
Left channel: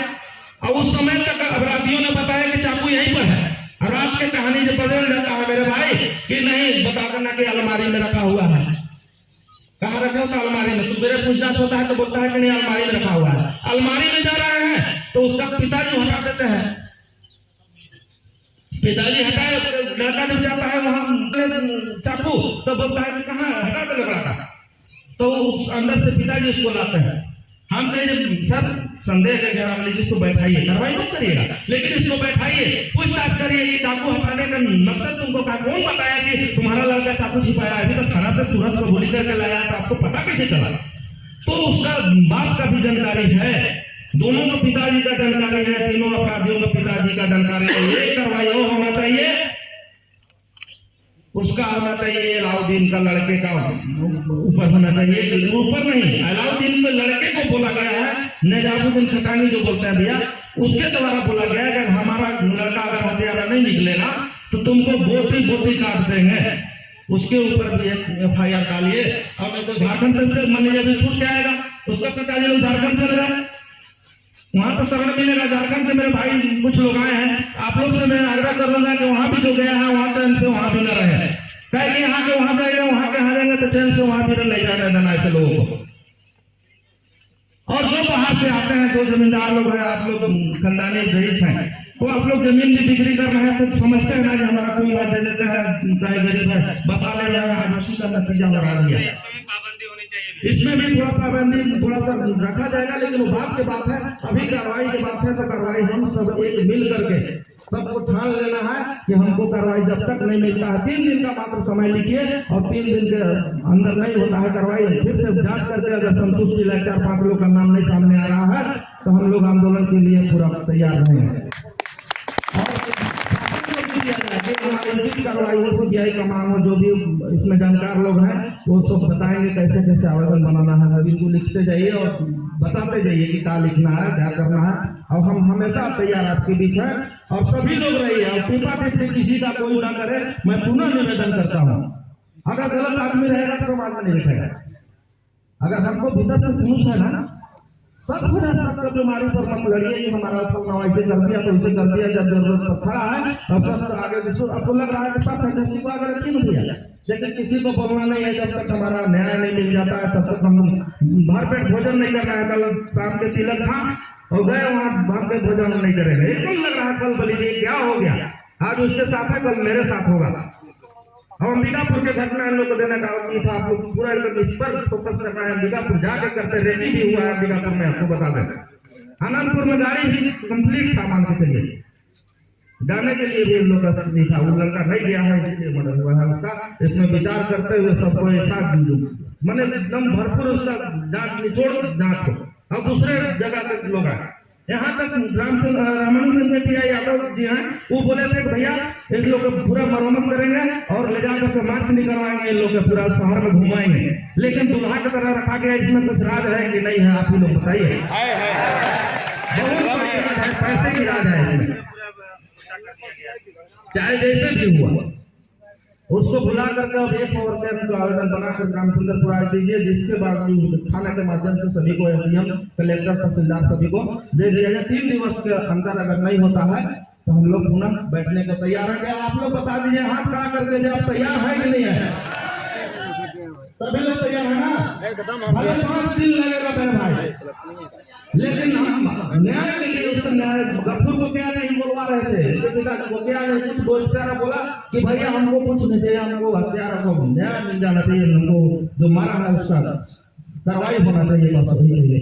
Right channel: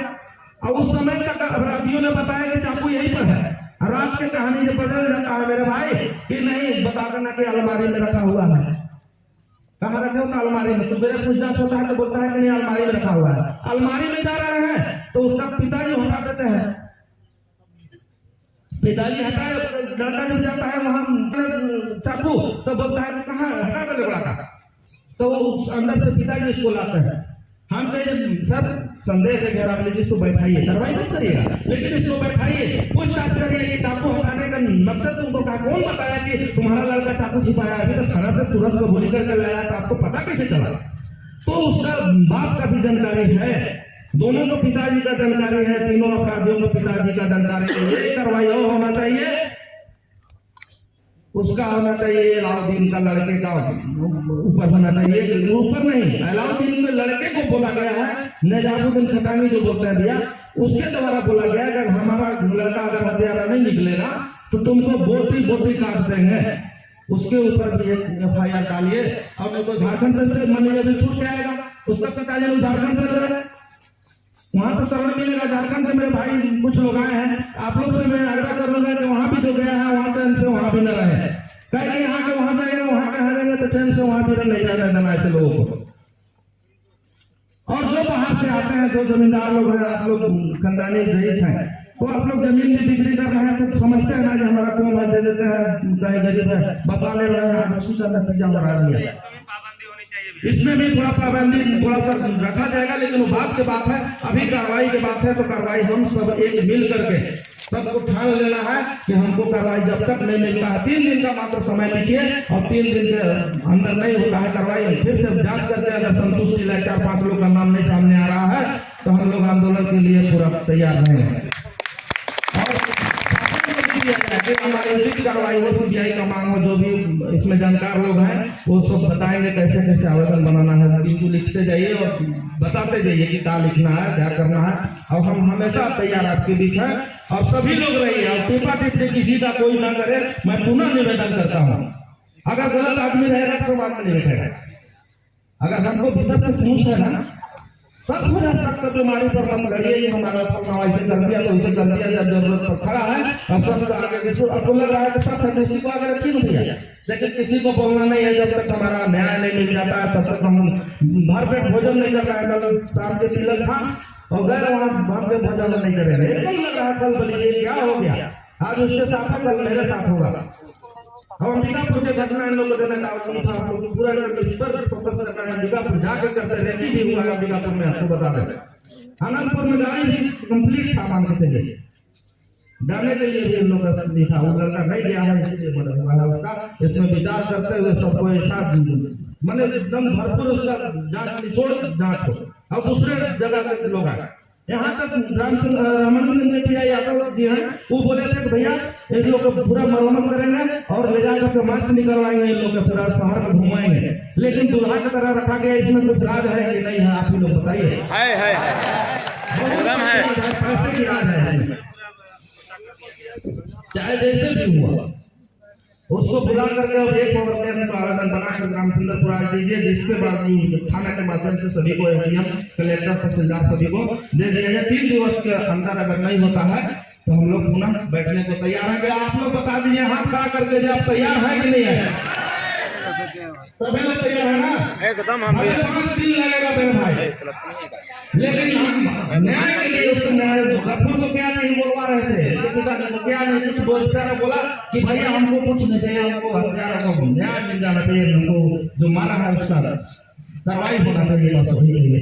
और उस समय तक अपराधियों ने बताया कि चाकू यहीं पर है। और रात की कहानी जब बदल जाता है मेरे भाई कि नहीं, बता देना कि अलमारी में रखा हुआ है। कहाँ रखे हो? अलमारी में। सुबह पूछताछ होता है तो बोलता है कि नहीं, अलमारी में रखा हुआ है। अलमारी में जा रहे हैं तो उसका पिताजी हटा देते हैं। पिताजी हटाए, लड़का जब जाता है वहां चाकू, तो बोलता है कहाँ हटा दे लड़का का, तो उस अंदर से पिताजी उसको लाते हैं। हम कहें सर संदेह है जरा इसको बैठाइए, कार्रवाई मत करिएगा, लेकिन इसको बैठाइए, पूछताछ करिए। ये चाकू हटाने का मकसद तुमको क्या, कौन बताया कि तुम्हारा लड़का चाकू छिपाया? अभी तो थाना से सूरत को गोली करके लाया है, तो आपको पता कैसे चला? तो उसका बाप का भी जानकारी है, दोनों का पिताजी का जानकारी है, तीनों अपराधियों का पिताजी का जानकारी है। ये कार्रवाई होना चाहिए, उसका होना चाहिए अलाउद्दीन का लड़के का ऊपर होना चाहिए, ऊपर नहीं, अलाउद्दीन के लड़के को बोला गया है, निजामुद्दीन खटानी जो बोलते हैं भैया, उसके द्वारा बोला गया है कि हमारा लड़का अगर हथियारा नहीं निकलेगा तो तुमको बोटी बोटी काट देंगे। उसके ऊपर भी एक FIR डालिए, और नहीं तो झारखंड से मैनेजर भी छूट के आएगा। उसका पिताजी लोग झारखंड चल रहे हैं, वहां तो शरण मिलेगा। झारखंड से मेरे भाई कुछ लोग आए हैं, आप लोग से मैं आग्रह कर लूंगा कि वहां भी जो गया है वहां चैन से वहां भी न रहे, कहे यहाँ के वहां जाएगा, वहां के यहाँ जाएगा तो चैन से वहां भी नहीं जाने देना ऐसे लोगों को। और जो बाहर से आते हैं, जो जमींदार लोग हैं, आप लोग खंडानी रईस हैं, तो आप लोग जमीन भी बिक्री कर रहे हैं तो समझते हैं कि हमारा कौन दे देते हैं, गरीब है बसा ले रहे हैं, उसी का नतीजा हो रहा है। इसमें भी थोड़ा पाबंदी थोड़ा सा रखा जाएगा, लेकिन वो बात की बात है, अभी कार्रवाई की बात है, तो कार्रवाई हम सब एक मिल करके सबको ठान लेना है कि हमको कार्रवाई जब तक नहीं मिलता है, 3 दिन का मात्र समय लीजिए, और 3 दिन के अंदर नहीं होता है कार्रवाई, फिर से जांच करके अगर संतुष्टि लाए 4-5 लोग का नाम नहीं सामने आ रहा है तो हम लोग आंदोलन के लिए पूरा तैयार हैं। कार्रवाई में CBI का मांग, जो भी इसमें जानकार लोग हैं वो सब बताएंगे कैसे कैसे आवेदन बनाना है। इनको लिखते जाइए और बताते जाइए कि क्या लिखना है, क्या करना है, और हम हमेशा तैयार आपके बीच हैं। और सभी लोग रहिए, और टिप्पा टिप्पणी किसी का कोई ना करे। मैं पुनः निवेदन करता हूँ, अगर गलत आदमी रहेगा तो बाद में नहीं बैठेगा। अगर हमको भीतर से पूछ है ना, सब सबका बीमारी पर हम लड़िए कि हमारा फलना ऐसे कर दिया तो उसे कर दिया, जब जरूरत तो खड़ा है और सब आगे जिसको आपको लग रहा है सब फैंटेसी को आगे रखी होती है, लेकिन किसी को बोलना नहीं है। जब तक हमारा न्याय नहीं मिल जाता है तब तक हम भरपेट भोजन नहीं कर रहे हैं। कल शाम के तिलक था और गए वहाँ भरपेट भोजन नहीं करेंगे, एकदम लग रहा है कल बोलिए क्या हो गया, आज उसके साथ है कल मेरे साथ होगा। हम अंबिकापुर के घटना इन लोग को देने का आवश्यक था, आप लोग पूरा इस पर फोकस करना है। अंबिकापुर जाके करते, रेडी भी हुआ है अंबिकापुर में, आपको बता दें। अनंतपुर में गाड़ी भी कंप्लीट था, मान के चलिए, जाने के लिए भी इन लोग का सब था, वो लड़का नहीं गया है इसलिए बना हुआ है उसका। इसमें विचार करते हुए सबको एक साथ मैंने एकदम भरपूर उसका जांच निचोड़ जांच हो। अब दूसरे जगह के लोग आए, यहाँ तक रामानंद PI यादव जी हैं, वो बोले थे कि भैया इन लोग को पूरा मरम्मत करेंगे और ले जाकर मार्च निकलवाएंगे, इन लोग को पूरा शहर में घुमाएंगे, लेकिन दूल्हा की तरह रखा गया। इसमें कुछ राज है कि नहीं है, आप ही लोग बताइए। पैसे की राज है इसमें, चाहे जैसे भी हुआ उसको बुला करके और एक और को आवेदन बनाकर ग्राम सुंदरपुर आज दीजिए, जिसके बाद थाने के माध्यम से सभी को SDM कलेक्टर तहसीलदार सभी को दे दिया जाए। 3 दिवस के अंदर अगर नहीं होता है तो हम लोग पुनः बैठने को तैयार हैं। क्या आप लोग बता दीजिए हाथ खड़ा करके जो आप तैयार है कि नहीं है? सभी लोग तैयार है ना? एकदम। 5 दिन लगेगा मेरे भाई, लेकिन हम न्याय के लिए उसको न्याय गफूर को क्या नहीं बोलवा रहे थे, क्या नहीं कुछ बोलता बोला कि भैया हमको कुछ नहीं चाहिए, हमको हथियारों को न्याय मिल जाना चाहिए, हमको जो मारा है उसका कार्रवाई होना चाहिए बस वही चाहिए।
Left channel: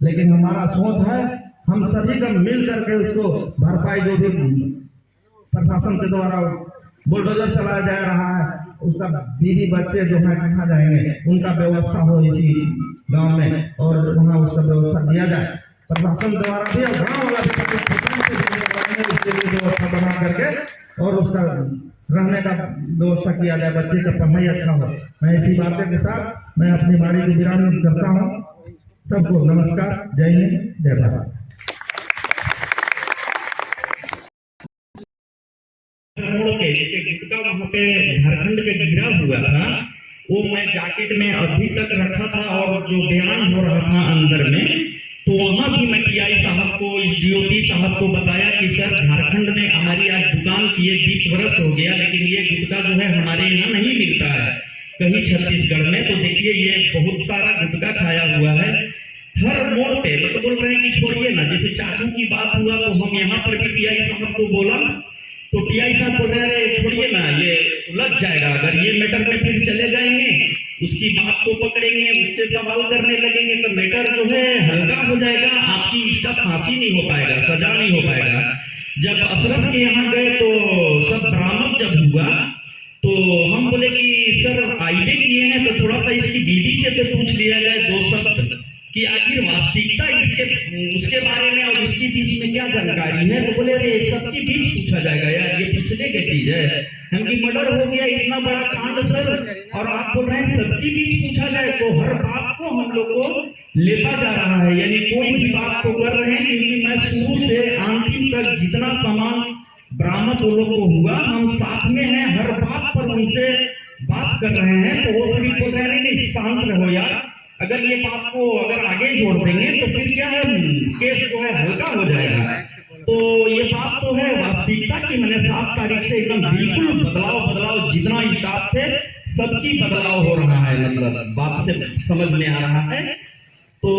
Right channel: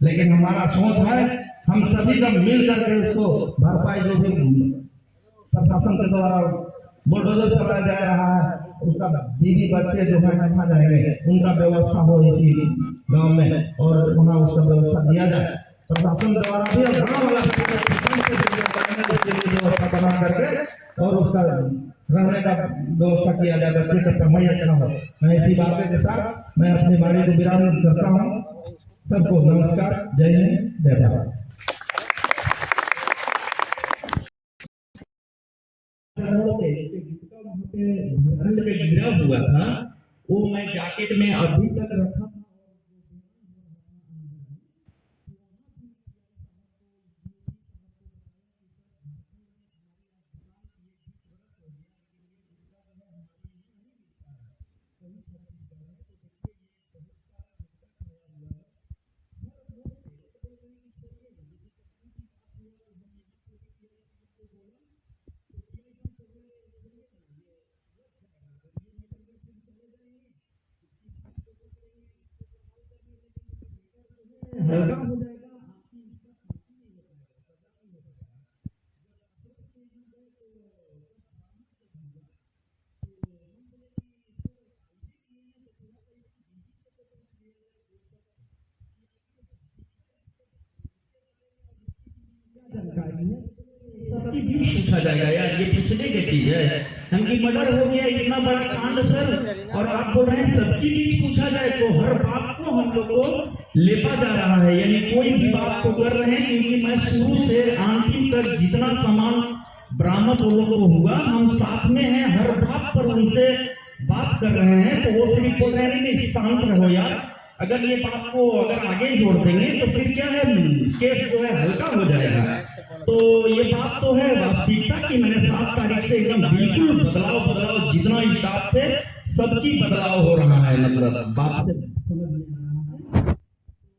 लेकिन हमारा सोच है हम सभी का मिल करके उसको भरपाई, जो भी प्रशासन के द्वारा बुलडोजर चलाया जा रहा है, उसका बीवी बच्चे जो है कहाँ जाएंगे, उनका व्यवस्था हो इसी गांव में और वहाँ उसका व्यवस्था दिया जाए प्रशासन द्वारा भी, और गाँव वाला व्यवस्था बना करके और उसका रहने का व्यवस्था किया जाए, बच्चे का पढ़ाई अच्छा हो। मैं इसी बातें के साथ मैं अपनी वाणी को विराम करता हूँ। सबको नमस्कार, जय हिंद, जय भारत। गुटका वहाँ पे झारखंड पे गिरा हुआ था, वो मैं जैकेट में अभी तक रखा था, और जो बयान हो रहा था अंदर में, तो वहाँ डीओपी साहब को बताया कि सर झारखंड में हमारी आज दुकान किए 20 वर्ष हो गया, लेकिन ये गुटखा जो है हमारे यहाँ नहीं मिलता है कहीं छत्तीसगढ़ में। तो देखिए ये बहुत सारा गुटखा खाया हुआ है हर मोड़ पे। मतलब बोल रहे हैं कि छोड़िए ना, जैसे चाकू की बात हुआ तो हम यहाँ पर भी टीआई साहब को बोला तो टीआई साहब बोल रहे हैं छोड़िए ना, ये उलझ जाएगा, अगर ये मैटर में फिर चले जाएंगे उसकी बात को पकड़ेंगे, उससे सवाल करने लगेंगे तो मैटर जो है हल्का हो जाएगा, आपकी इसका फांसी नहीं हो पाएगा, सजा नहीं हो पाएगा। जब अशरफ के यहाँ गए तो सब बरामद जब हुआ तो हम बोले कि सर आईबे किए हैं तो थोड़ा सा इसकी बीवी से तो पूछ लिया जाए 2 शब्द कि आखिर वास्तविकता इसके उसके बारे में और इसके बीच में क्या जानकारी है। तो बोले अरे सबके बीच पूछा जाएगा यार, ये पूछने की चीज है, हमकी मर्डर हो गया इतना बड़ा कांड सर, और आप बोल रहे हैं सबके बीच पूछा जाए। तो हर बात को हम लोग को लेपा जा रहा है, यानी कोई भी बात को कर रहे हैं, क्योंकि मैं शुरू से अंतिम तक जितना सामान बरामद लोगों को हुआ हम साथ में हैं, हर बात पर उनसे बात कर रहे हैं। तो वो सिर्फ बोल रहे हैं नहीं शांत रहो यार, अगर ये बात को अगर आगे जोड़ देंगे तो फिर क्या है केस जो है हल्का हो जाएगा। तो ये बात तो है वास्तविकता की, मैंने 7 तारीख से एकदम बिल्कुल बदलाव जितना स्टाफ थे सबकी बदलाव हो रहा है, मतलब बात से समझ में आ रहा है। तो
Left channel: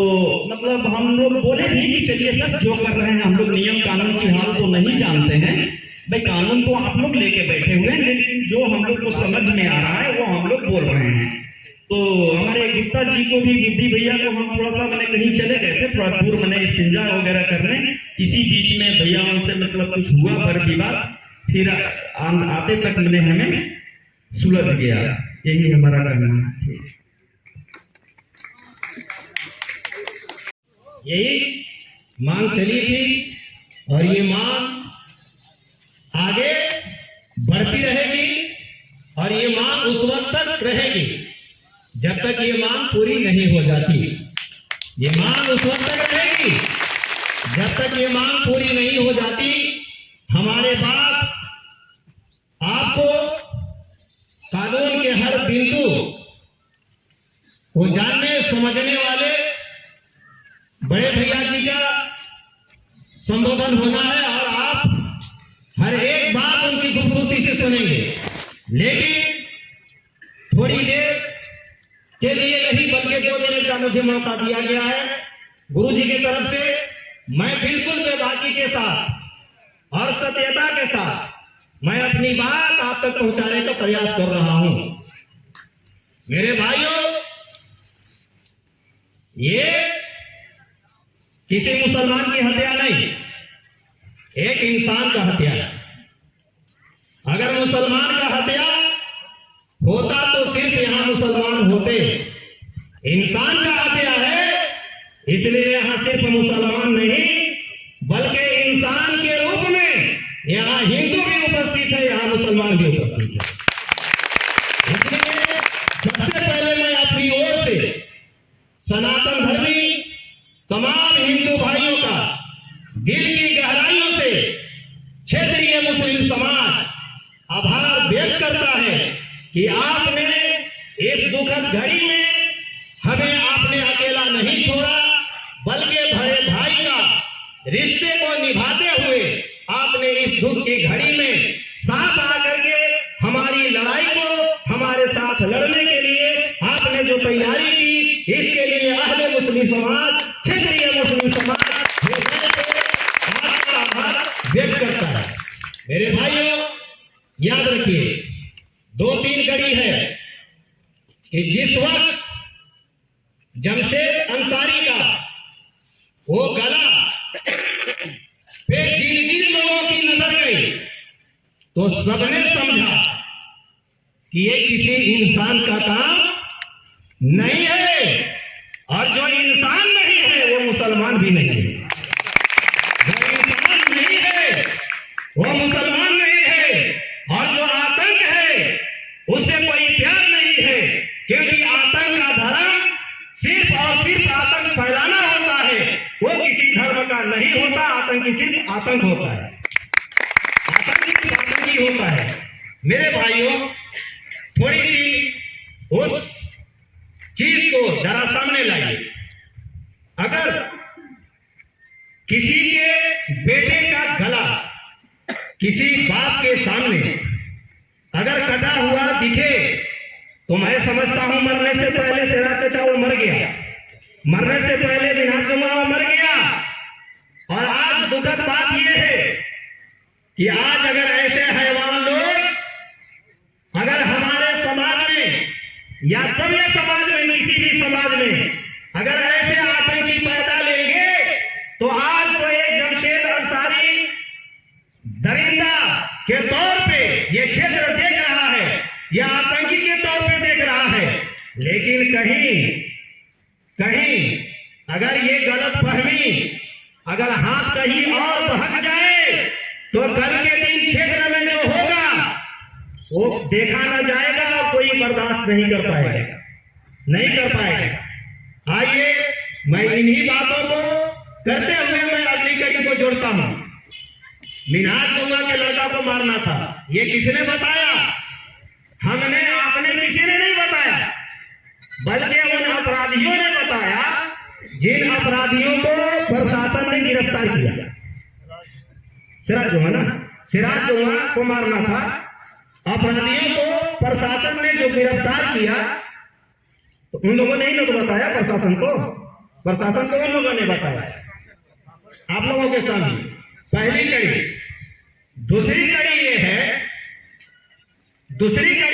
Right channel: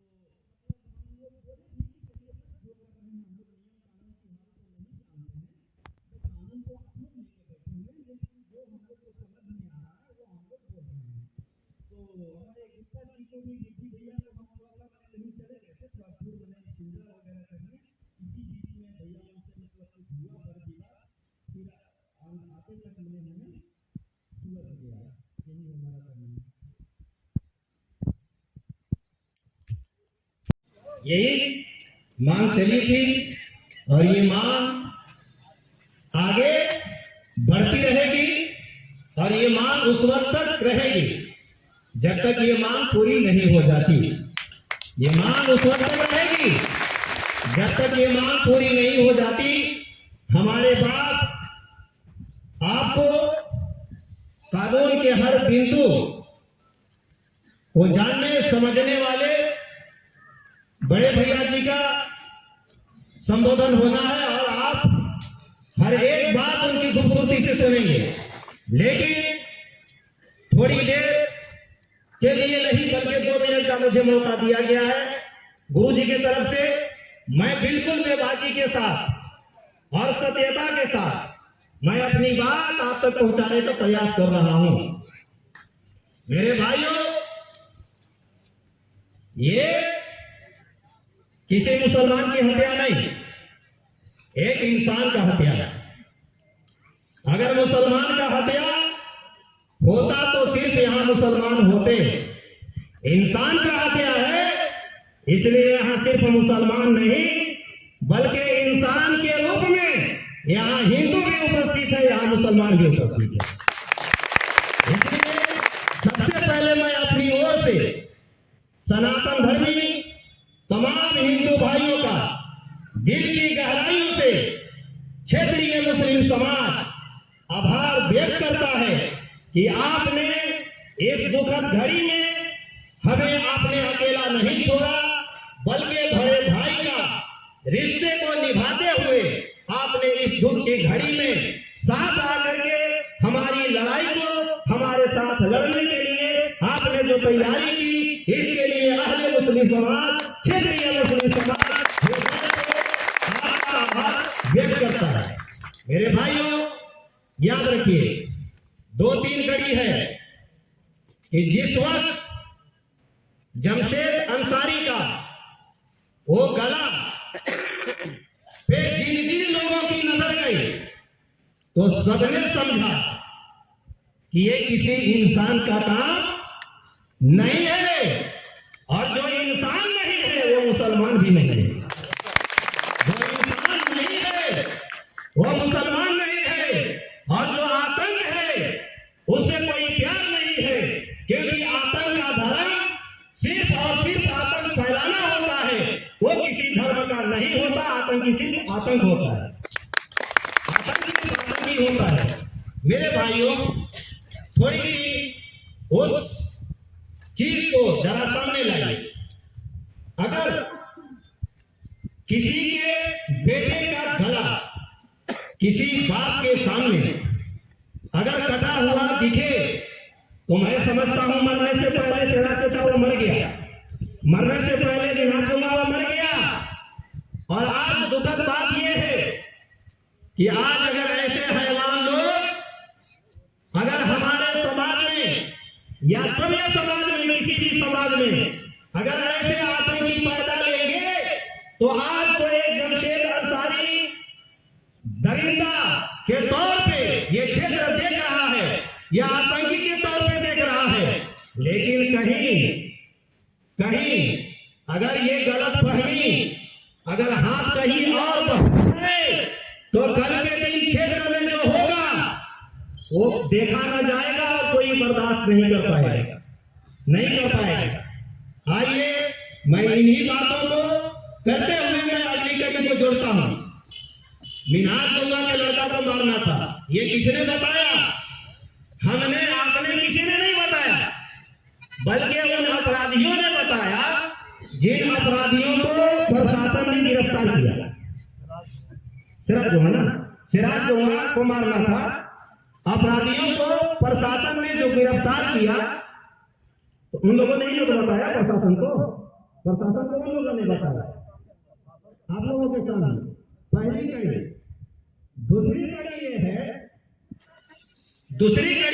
मतलब हम लोग बोले भी कि चलिए सर जो कर रहे हैं हम लोग नियम कानून की हाल तो नहीं जानते हैं भाई, कानून तो आप लोग लेके बैठे हुए हैं, लेकिन जो हम लोग को समझ में आ रहा है वो हम लोग बोल रहे हैं। तो हमारे गुप्ता जी को भी, बुद्धि भैया को हम थोड़ा सा मैंने कहीं चले गए थे थोड़ा दूर मैंने इस्तिंजा वगैरह करने, इसी बीच में भैया उनसे मतलब कुछ हुआ पर विवाद, फिर आते तक मैंने हमें सुलझ गया, यही हमारा कहना है। यही मांग चली थी और ये मांग आगे बढ़ती रहेगी और ये मांग उस वक्त तक रहेगी जब तक ये मांग पूरी नहीं हो जाती। ये मांग उस वक्त तक रहेगी जब तक ये मांग पूरी नहीं हो जाती। हमारे पास आपको कानून के हर बिंदु को जानने समझने वाले बड़े भैया जी का संबोधन होना है और आप हर एक बात उनकी खूबसूरती से सुनेंगे, लेकिन थोड़ी देर के लिए नहीं बल्कि 2 मिनट का मुझे मौका दिया गया है गुरु जी की तरफ से। मैं बिल्कुल बेबाकी के साथ और सत्यता के साथ मैं अपनी बात आप तक पहुंचाने का प्रयास कर रहा हूं। मेरे भाइयों, ये किसी मुसलमान की हत्या नहीं, एक इंसान का हत्या है। अगर मुसलमान का हत्या होता तो सिर्फ यहां मुसलमान होते, इंसान का हत्या है इसलिए यहां सिर्फ मुसलमान नहीं बल्कि इंसान के रूप में यहां हिंदू भी उपस्थित है, यहां मुसलमान भी उपस्थित है। इसलिए सबसे पहले मैं अपनी ओर से सनातन धर्मी तमाम हिंदू भाइयों का दिल की गहराइयों से क्षेत्रीय मुस्लिम समाज आभार व्यक्त करता है कि आपने इस दुखद घड़ी में हमें आपने अकेला नहीं छोड़ा, बल्कि बड़े भाई का रिश्ते को निभाते हुए आपने इस दुख की घड़ी में साथ आकर के हमारी लड़ाई को हमारे साथ लड़ने के लिए आपने जो तैयारी की, इसके लिए अहले मुस्लिम समाज, क्षेत्रीय मुस्लिम समाज आपका आभार व्यक्त करता है। मेरे भाइयों, याद रखिए 2-3 कड़ी है कि जिस वक्त जमशेद अंसारी का वो गला पे जिन लोगों की नजर गई तो सबने समझा कि ये किसी इंसान का काम नहीं है, और जो इंसान नहीं है वो मुसलमान भी नहीं है, जो इंसान नहीं है वो मुसलमान नहीं है, और जो आतंक है उससे कोई प्यार नहीं है, क्योंकि आतंक का धर्म सिर्फ और सिर्फ आतंक फैलाना होता है, वो किसी धर्म का नहीं होता। आतंकी सिर्फ आतंक होता है, आतंकी होता है। मेरे भाइयों, थोड़ी सी उस चीज को जरा सामने लाइए। अगर किसी के किसी बाप के सामने अगर कटा हुआ दिखे तो मैं समझता हूं मरने से पहले शेरा चचा वो मर गया, मरने से पहले विनाश जमा वो मर गया। और आज दुखद बात यह है कि आज अगर ऐसे हैवान लोग अगर हमारे समाज में या सभ्य समाज में, किसी भी समाज में अगर ऐसे आतंकी पैदा लेंगे तो आज तो एक जमशेद अंसारी दरिंदा के तौर पे ये क्षेत्र देख रहा है, या आतंकी के तौर पे देख रहा है। लेकिन कहीं अगर ये गलत फहमी, अगर हाथ कहीं और बहक जाए तो कल के दिन क्षेत्र में जो होगा वो देखा ना जाएगा और कोई बर्दाश्त नहीं कर पाएगा। आइए मैं इन्हीं बातों को करते हुए मैं अगली कड़ी को जोड़ता हूं। मिनाज जुम्मा के लड़का को मारना था, ये किसने बताया? हमने, आपने, किसी ने नहीं बताया, बल्कि उन अपराधियों ने बताया जिन अपराधियों को प्रशासन ने गिरफ्तार किया। सिराज जुम्मा को मारना था, अपराधियों को प्रशासन ने जो गिरफ्तार किया तो उन लोगों ने ही लोग बताया प्रशासन को उन लोगों ने बताया आप लोगों के सामने। पहली कड़ी। दूसरी कड़ी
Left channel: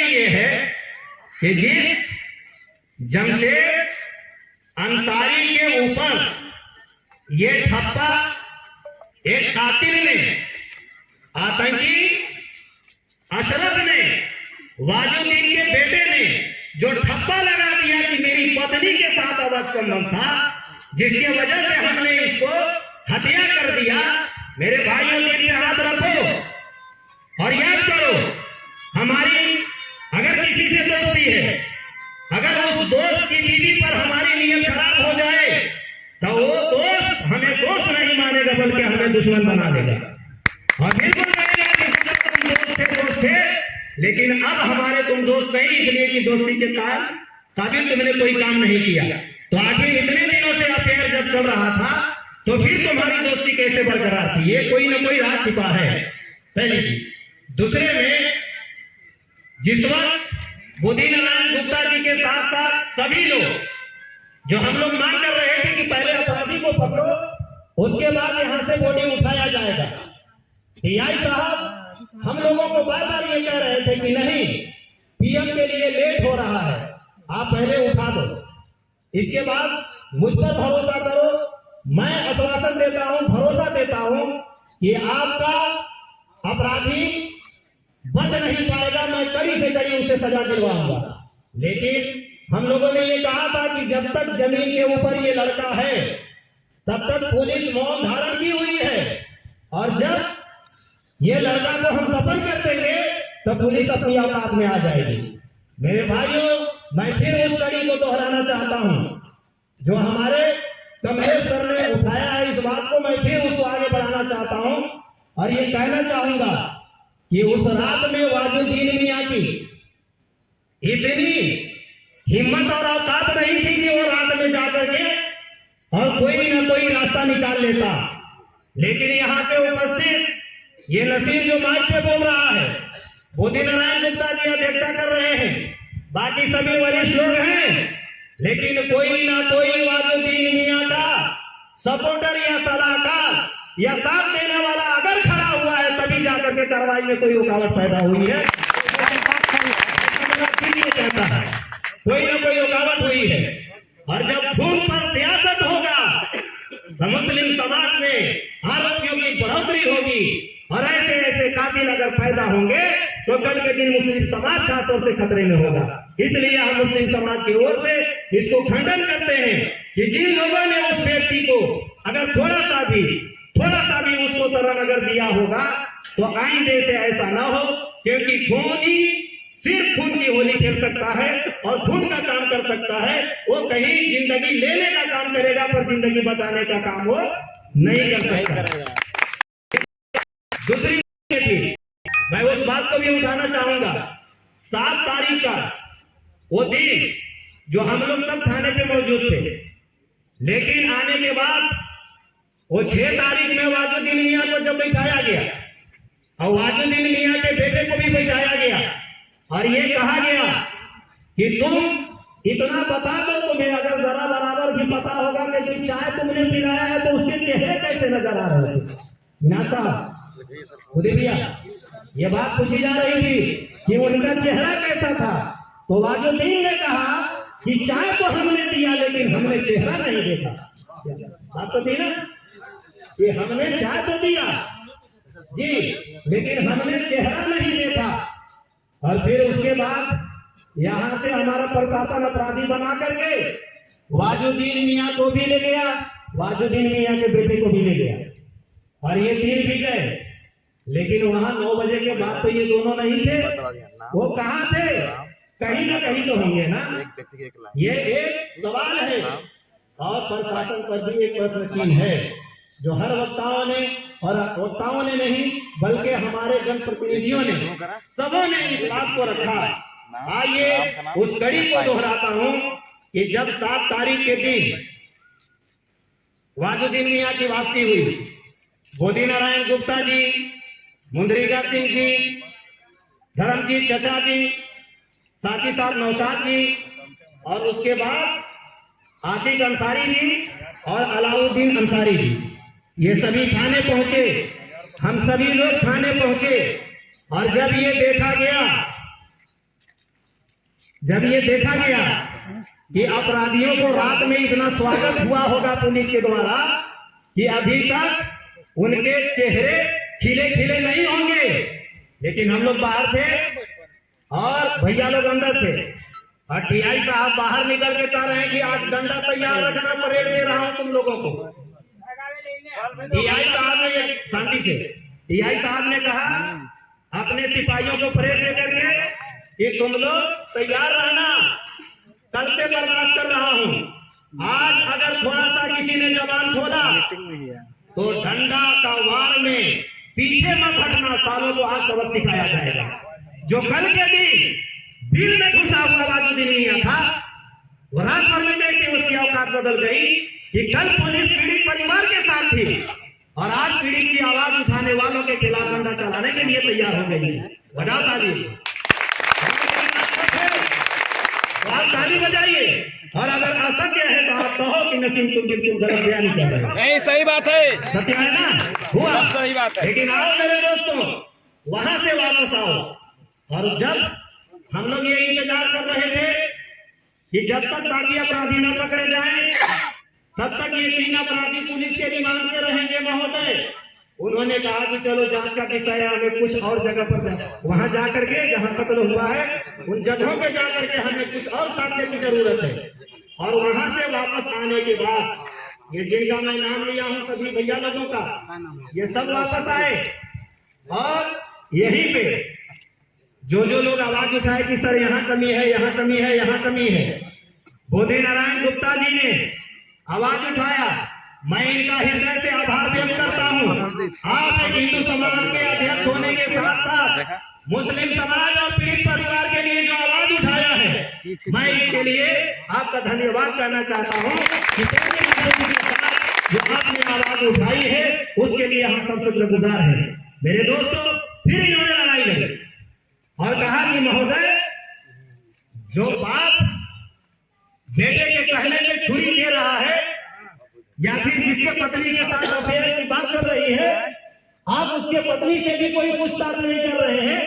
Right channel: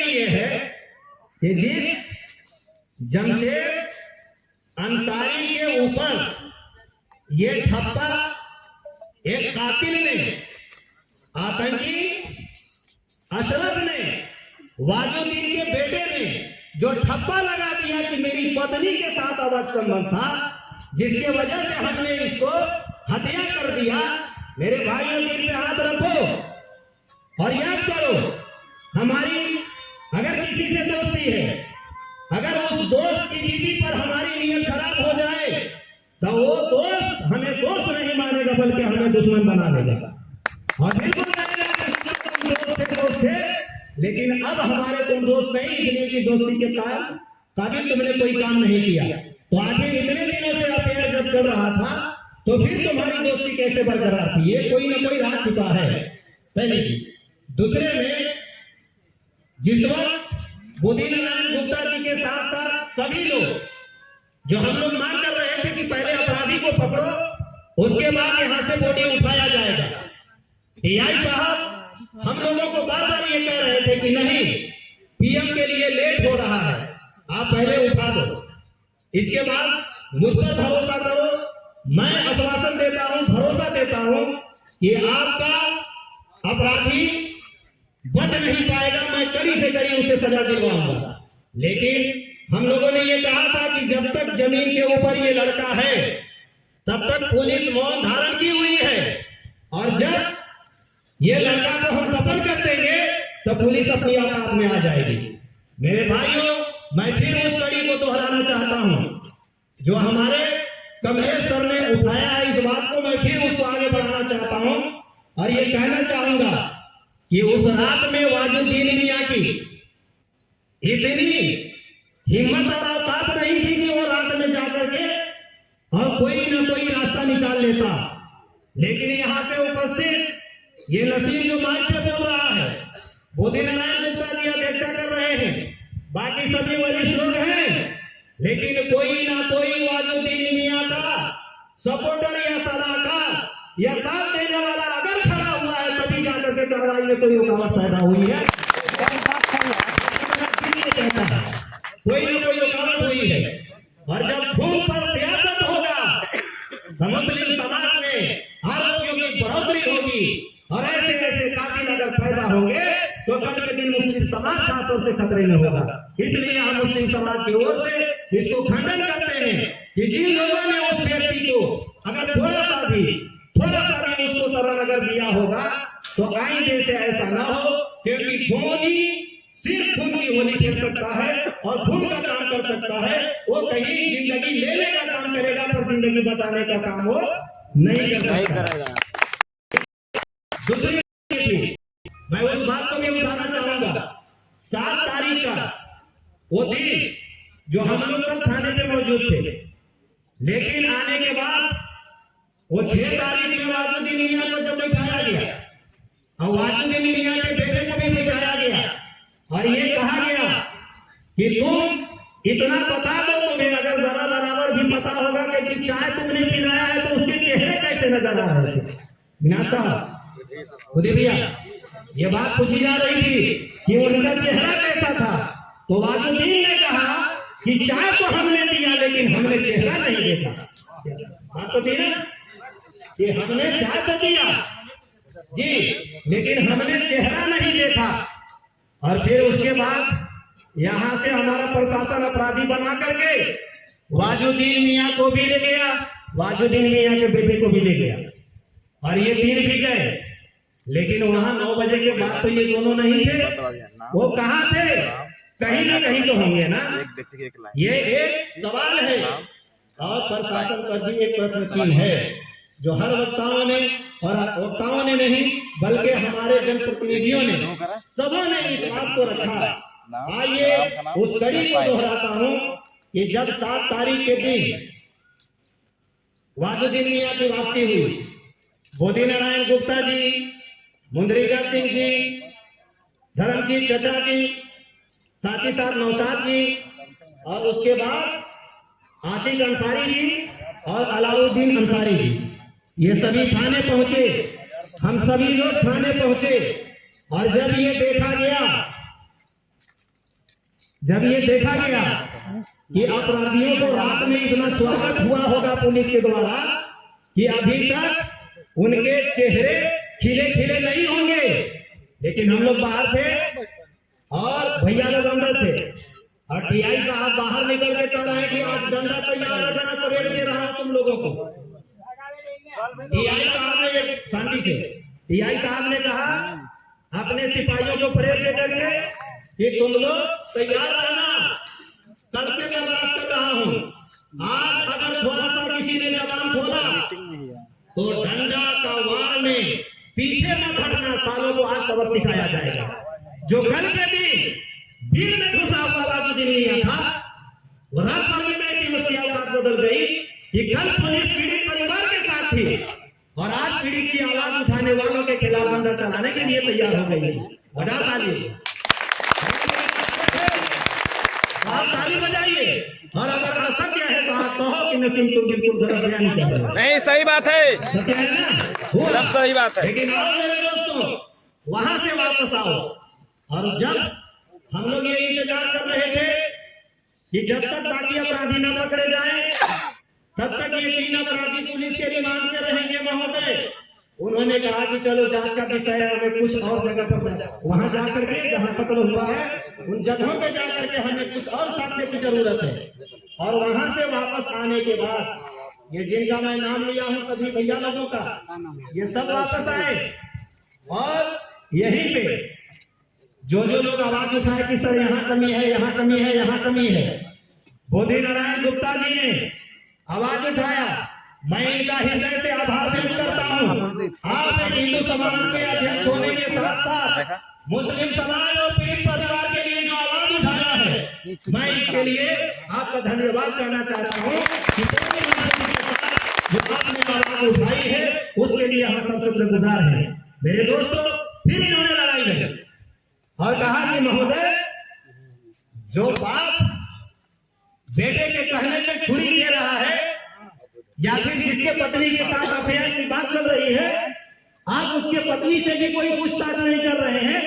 ये है कि जिस जमशेद अंसारी के ऊपर ये ठप्पा एक कातिल ने, आतंकी अशरफ ने, वाजुद्दीन के बेटे ने जो ठप्पा लगा दिया कि मेरी पत्नी के साथ अवैध संबंध था, जिसके वजह से हमने इसको हत्या कर दिया। मेरे भाइयों, दिल पे हाथ रखो और याद करो, हमारी अगर किसी से दोस्ती है, अगर उस दोस्त की बीवी पर हमारी नीयत खराब हो जाए तो वो दोस्त हमें दोस्त नहीं मानेगा बल्कि हमें दुश्मन बना देगा। और बिल्कुल दोस्त थे, लेकिन अब हमारे तुम दोस्त नहीं, इसलिए कि दोस्ती के काबिल तुमने कोई काम नहीं किया। तो आखिर इतने दिनों से अफेयर जब चल रहा था तो फिर तुम्हारी दोस्ती कैसे बरकरार थी? ये कोई ना कोई राज छिपा है, पहली चीज। दूसरे में, जिस वक्त बुद्धिनारायण गुप्ता जी के साथ साथ सभी लोग जो हम लोग मांग कर रहे थे कि पहले अपराधी को पकड़ो, उसके बाद यहां से बॉडी उठाया जाएगा, टीआई साहब हम लोगों को बार बार ये कह रहे थे कि नहीं, पीएम के लिए लेट हो रहा है, आप पहले उठा दो, इसके बाद मुझ पर भरोसा करो। मैं आश्वासन देता हूं, भरोसा देता हूं कि आपका अपराधी बच नहीं पाएगा, मैं कड़ी से कड़ी उसे सजा दिलवाऊंगा। लेकिन हम लोगों ने ये कहा था कि जब तक जमीन के ऊपर ये लड़का है तब तक पुलिस मौन धारण की हुई है, और जब ये लड़का को हम दफन कर देंगे तब पुलिस अपनी औकात में आ जाएगी। मेरे भाइयों, मैं फिर उस कड़ी को दोहराना चाहता हूं जो हमारे कमलेश सर ने उठाया है, इस बात को मैं फिर उसको आगे बढ़ाना चाहता हूं और ये कहना चाहूंगा कि उस रात में वाजुद्दीन मियां की इतनी हिम्मत और औकात नहीं थी कि वो रात में जाकर के और कोई ना कोई रास्ता निकाल लेता। लेकिन यहाँ पे उपस्थित ये नसीम जो माइक पे बोल रहा है, बुद्धिनारायण गुप्ता जी अध्यक्षता कर रहे हैं, बाकी सभी वरिष्ठ लोग हैं, लेकिन कोई ना कोई वाजुद्दीन मियां का सपोर्टर या सलाहकार या साथ देने वाला अगर खड़ा हुआ है तभी जाकर के कार्रवाई में कोई रुकावट पैदा हुई है। कोई ना कोई रुकावट हुई है, और जब खून पर सियासत होगा तो मुस्लिम समाज में आरोपियों की बढ़ोतरी होगी, और ऐसे ऐसे कातिल अगर पैदा होंगे तो कल के दिन मुस्लिम समाज खासतौर से खतरे में होगा। इसलिए हम मुस्लिम समाज की ओर से इसको खंडन करते हैं कि जिन लोगों ने उस व्यक्ति को अगर थोड़ा सा भी उसको शरण अगर दिया होगा तो आइंदे से ऐसा ना हो, क्योंकि खून ही सिर्फ खून की होली खेल सकता है और खून का काम कर सकता है। वो कहीं जिंदगी लेने का काम करेगा पर जिंदगी बचाने का काम वो नहीं कर सकता। दूसरी चीज मैं उस बात को भी उठाना चाहूंगा, 7 तारीख का वो दिन जो हम लोग सब थाने पे मौजूद थे, लेकिन आने के बाद वो 6 तारीख में वाजुद्दीन मियां को जब बिठाया गया और वाजुद्दीन मियां के बेटे को भी बिठाया गया और ये कहा गया कि तुम इतना बता दो, तुम्हें अगर जरा बराबर भी पता होगा कि चाय तुमने पिलाया है तो उसके चेहरे कैसे नजर आ रहे थे। मीना साहब खुदी भैया ये बात पूछी जा रही थी कि उनका चेहरा कैसा था, तो वाजुद्दीन ने कहा कि चाय तो हमने दिया लेकिन हमने चेहरा नहीं देखा। बात तो थी ना कि हमने चाय तो दिया जी लेकिन हमने चेहरा नहीं देखा। और फिर उसके बाद यहां से हमारा प्रशासन अपराधी बना करके वाजुद्दीन मियां को भी ले गया, वाजुद्दीन मियां के बेटे को भी ले गया और ये तीन भी गए। लेकिन वहां 9 बजे के बाद तो ये दोनों नहीं थे, वो कहाँ थे? कहीं ना कहीं तो होंगे ना। ये एक सवाल है और प्रशासन पर भी एक प्रश्न चिन्ह है जो हर वक्ताओं ने और वक्ताओं ने नहीं बल्कि हमारे जनप्रतिनिधियों ने सबों ने इस बात को रखा। आइए उस कड़ी को दोहराता हूं कि जब 7 तारीख के दिन वाजुद्दीन मियां की वापसी हुई, बोधी नारायण गुप्ता जी, मुंद्रिका सिंह जी, धर्मजीत चचा जी, साथ ही साथ नौशाद जी और उसके बाद आशिक अंसारी जी और अलाउद्दीन अंसारी जी, ये सभी थाने पहुंचे। हम सभी लोग थाने पहुंचे और जब ये देखा गया कि अपराधियों को रात में इतना स्वागत हुआ होगा पुलिस के द्वारा कि अभी तक उनके चेहरे खिले खिले नहीं होंगे, लेकिन हम लोग बाहर थे और भैया लोग अंदर थे और टीआई साहब बाहर निकल के कह रहे हैं कि आज डंडा तैयार रखना, परेड दे रहा हूं तुम लोगों को। टीआई साहब ने शांति से टीआई साहब ने कहा अपने सिपाहियों को परेड दे करके कि तुम लोग तैयार रहना, कल से बर्दाश्त कर रहा हूं। आज अगर थोड़ा सा किसी ने जबान खोला तो डंडा का वार में पीछे मत हटना, सालों को आज सबक सिखाया जाएगा। जो कल के दिन दिल में घुसा हुआ वाजुद्दीन मियां था, वो रात भर में कैसे उसकी औकात बदल गई कि कल पुलिस पीड़ित परिवार के साथ थी और आज पीड़ित की आवाज उठाने वालों के खिलाफ डंडा चलाने के लिए तैयार हो गई। बजाओ ताली, आप ताली बजाइए। और अगर असत्य है तो आप कहो कि नसीम तुम बिल्कुल गलत बयान कर रहे हो। नहीं, सही बात है, सत्य है ना, हुआ सब सही बात है। लेकिन आओ मेरे दोस्तों, वहां से वापस आओ। और जब हम लोग ये इंतजार कर रहे थे कि जब तक बाकी अपराधी न पकड़े जाएं, तब तक ये 3 अपराधी पुलिस के रिमांड में रहेंगे महोदय। उन्होंने कहा कि चलो जांच का विषय है, हमें कुछ और जगह पर वहां जाकर के जहां कत्ल हुआ है उन जगहों पे जाकर के हमें कुछ और साक्ष्य की जरूरत है। और वहां से वापस आने के बाद ये जिनका मैं नाम लिया हूं सभी भैया लोगों का, ये सब वापस आए और यहीं पे जो लोग आवाज उठाए कि सर यहाँ कमी है, यहाँ कमी है, यहाँ कमी है, बोधी नारायण गुप्ता जी ने आवाज उठाया। मैं इनका हृदय से आभार व्यक्त करता हूँ। आप हिंदू समाज के अध्यक्ष होने के साथ साथ मुस्लिम समाज और पीड़ित परिवार के लिए जो आवाज उठाया है, मैं इसके लिए आपका धन्यवाद करना चाहता हूँ कि जो आपने आवाज उठाई है उसके लिए हम सब शुक्रगुजार हैं। मेरे दोस्तों, फिर इन्होंने लड़ाई लगी और कहा कि महोदय, जो बाप बेटे के कहने पे छुरी दे रहा है या फिर जिसके पत्नी के साथ अफेयर की बात चल रही है, आप उसके पत्नी से भी कोई पूछताछ नहीं कर रहे हैं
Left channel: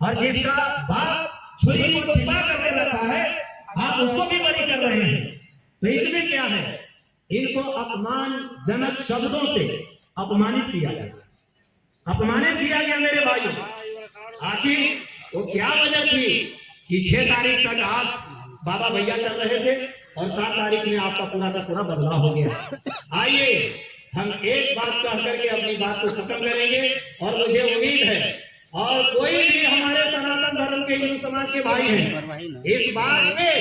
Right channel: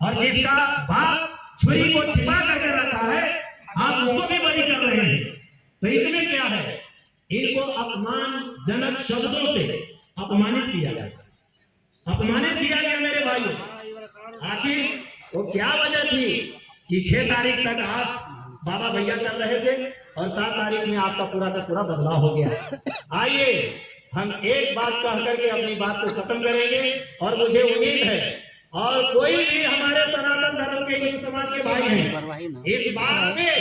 और जिसका बाप छुरी को छिपा करके रखा है आप उसको भी बरी कर रहे हैं। तो इसमें क्या है? इनको अपमानजनक शब्दों से अपमानित किया गया मेरे भाइयों। आखिर वो क्या वजह थी कि 6 तारीख तक आप बाबा भैया कर रहे थे और 7 तारीख में आपका पूरा का पूरा बदलाव हो गया। आइए हम एक बात कह करके अपनी बात को खत्म करेंगे और मुझे उम्मीद है और कोई भी हमारे सनातन धर्म के हिंदू समाज के भाई हैं, इस बात में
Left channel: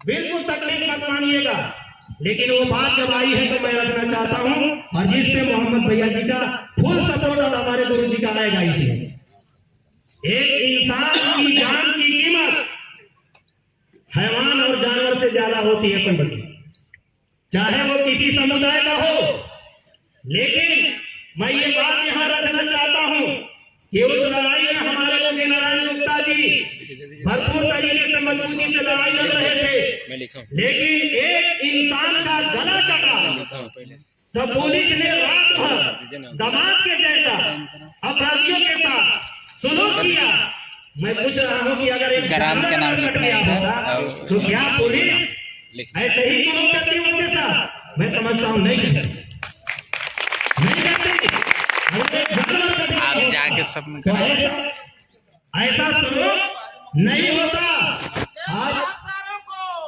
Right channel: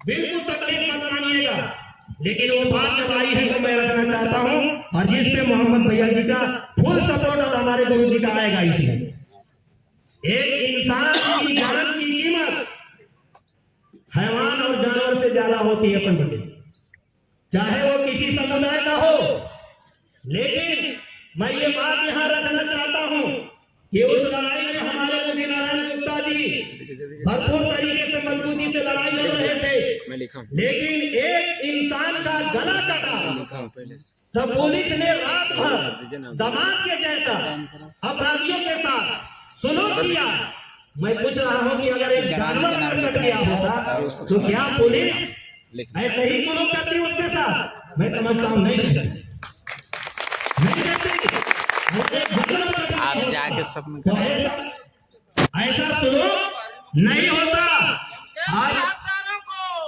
बिल्कुल तकलीफ मत मानिएगा, लेकिन वो बात जब आई है तो मैं रखना चाहता हूं और जिस पे मोहम्मद भैया जी का फुल सपोर्ट और हमारे गुरु जी का आएगा। इसमें एक इंसान की जान की कीमत हैवान और जानवर से ज्यादा होती है पंडित, चाहे वो किसी समुदाय का हो। लेकिन मैं ये बात यहाँ रखना चाहता हूँ कि उस लड़ाई में हमारे मोदी नारायण गुप्ता जी भरपूर तरीके से मजबूती से लड़ाई लड़ रहे थे, लेकिन एक इंसान का गला कटा तो पुलिस ने रात भर दामाद के जैसा अपराधियों के साथ सुलूक किया। मैं पूछ रहा हूँ कि अगर एक जानवर अगर कट गया होता तो क्या पुलिस ऐसे ही सुलूक करती उसके साथ? मैं समझता हूँ नहीं करती। आप जाके सब में तो ऐसा सुलूक नहीं होता। आज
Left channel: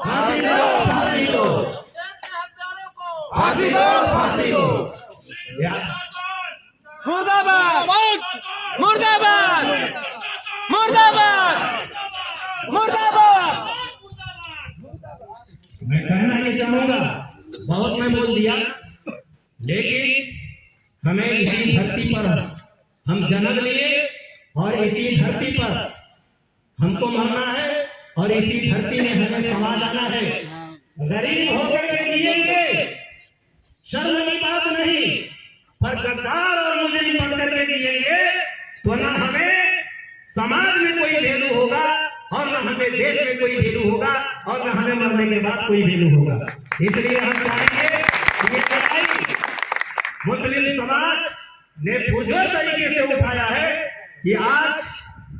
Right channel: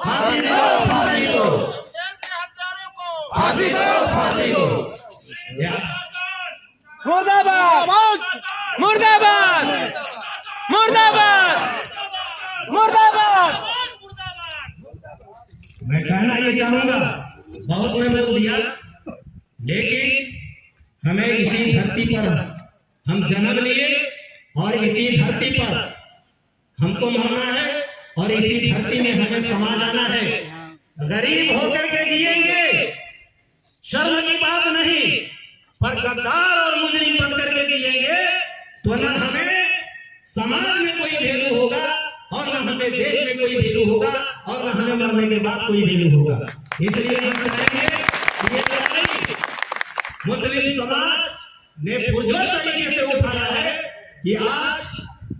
फांसी दो, फांसी दो, फांसी दो, फांसी दो। मुर्दाबाद मुर्दाबाद मुर्दाबाद मुर्दाबाद। मैं कहना ये चाहूंगा, बहुत मैं बोल दिया, लेकिन हमें इसी धरती पर हम जन्म लिए और इसी धरती पर हमको मरना है और इसी धरती में हमें समा जाना है। गरीब होकर के जिएंगे, शर्म की बात नहीं, पर गद्दार और मुजरिम बन करके जिएंगे तो न हमें समाज में कोई वैल्यू होगा और न हमें देश में कोई वैल्यू होगा और न हमें मरने के बाद कोई वैल्यू होगा। इसलिए हम चाहेंगे ये लड़ाई मुस्लिम समाज ने पुरजोर तरीके से उठाया है कि आज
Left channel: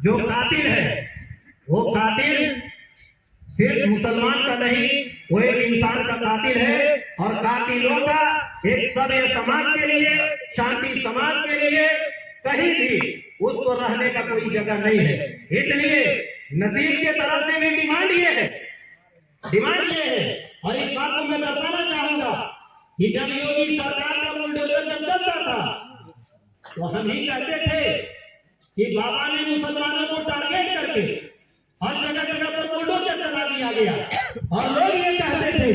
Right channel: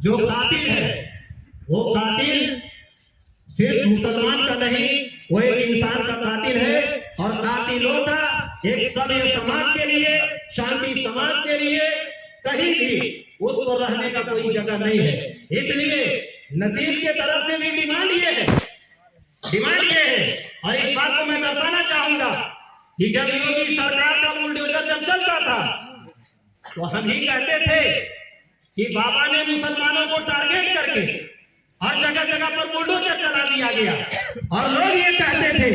जो कातिल है वो कातिल सिर्फ मुसलमान का नहीं, वो एक इंसान का कातिल है और कातिलों का एक सभ्य समाज के लिए, शांति समाज के लिए कहीं भी उसको रहने का कोई जगह नहीं है। इसलिए नसीब के तरफ से भी डिमांड ये है और इस बात को मैं दर्शाना चाहूंगा कि जब योगी सरकार का बुलडोजर जब चलता था तो हम ही कहते थे कि बाबा ने मुसलमानों को टारगेट करके हर जगह जगह पर बुलडोजर चला दिया गया और लोग ये कहते थे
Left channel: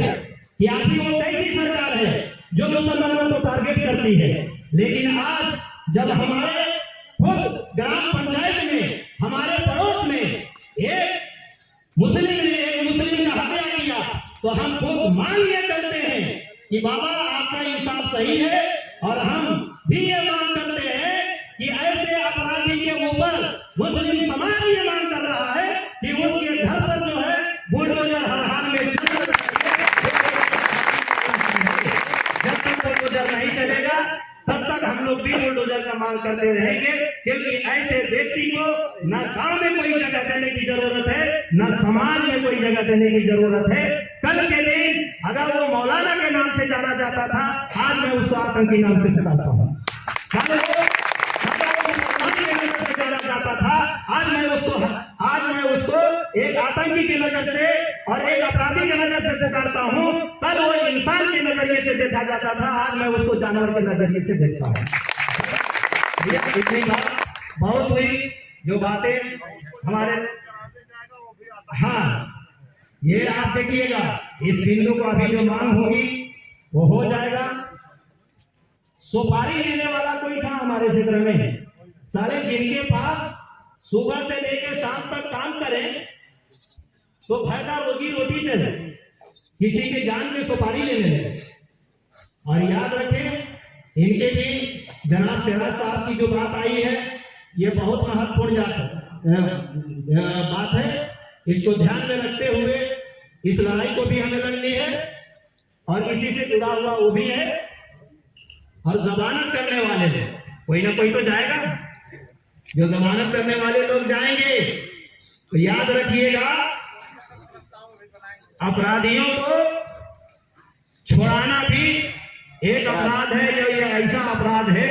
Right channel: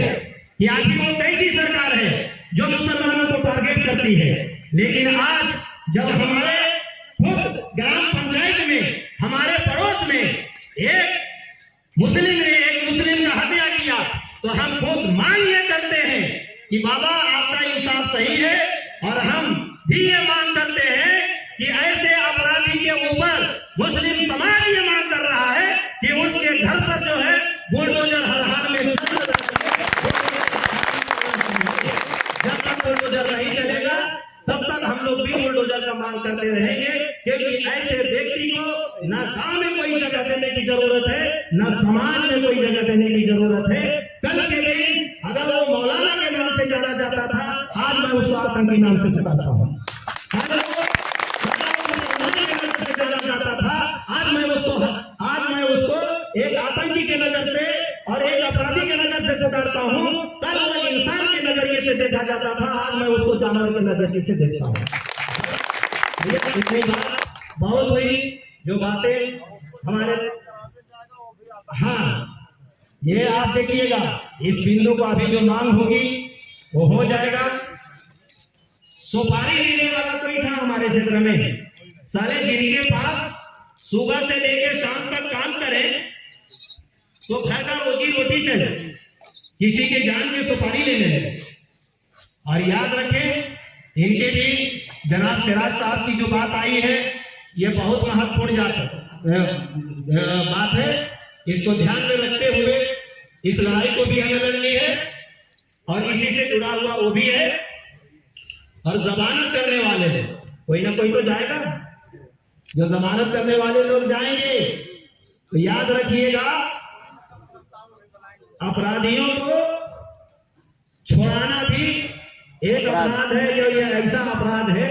कि आखिर वो कैसी सरकार है जो मुसलमानों को टारगेट करती है। लेकिन आज जब हमारे खुद ग्राम पंचायत में हमारे पड़ोस में एक मुस्लिम का हत्या किया तो हम खुद मांग ये करते हैं कि बाबा आपका इंसाफ सही है और हम भी ये मांग करते हैं कि ऐसे अपराधी के ऊपर मुस्लिम समाज ये मांग कर रहा है कि उसके घर पर जो है बुलडोजर हर हाल में जब तक बुलडोजर नहीं चलेगा तब तक हम लोग भी बुलडोजर का मांग करते रहेंगे, क्योंकि ऐसे व्यक्ति को न गांव में कोई जगह देने की जरूरत है न समाज में कोई जगह देने की जरूरत है। कल के दिन अगर वो मौलाना के नाम से जाना जाता था, आज मैं उसको आतंकी नाम से बुलाता हूँ। जाना जाता था, आज मैं उसको एक आतंकी की नजर से और एक अपराधी की नजर से पुकारता हूँ। कल वो इंसान के नजरिए से देखा जाता था, आज मैं उसको जानवर के नजरिए से देखता हूँ। इतनी बात बहुत हुई जो बातें हमारे, हाँ ये आप देखिएगा इस बिंदु को अभी जो मांग होगी वो हो जाएगा। सुपारी लेने वाला कोई था हमारे क्षेत्र में, सारे जिनके पास सुबह से लेकर शाम तक काम करें तो घर का रोजी रोटी चले, किसी की जान की सुपारी लेने लगे। और याद रखें इनके भी जनाब सिराज साहब की जो बात आई है ये बहुत महत्वपूर्ण बात है, इसको ध्यान में रखते हुए इस लड़ाई को भी हमें लड़नी है और इसी से जुड़ा हुआ वो भी है। और जमानत करने वाले लोग कोई ना कोई तो जाएगा, जो जमानत करने वाले लोग जाएंगे तो याद रखिएगा अपराधियों को छुड़ाना भी एक अपराध है। जो ये ऐसा अपराध है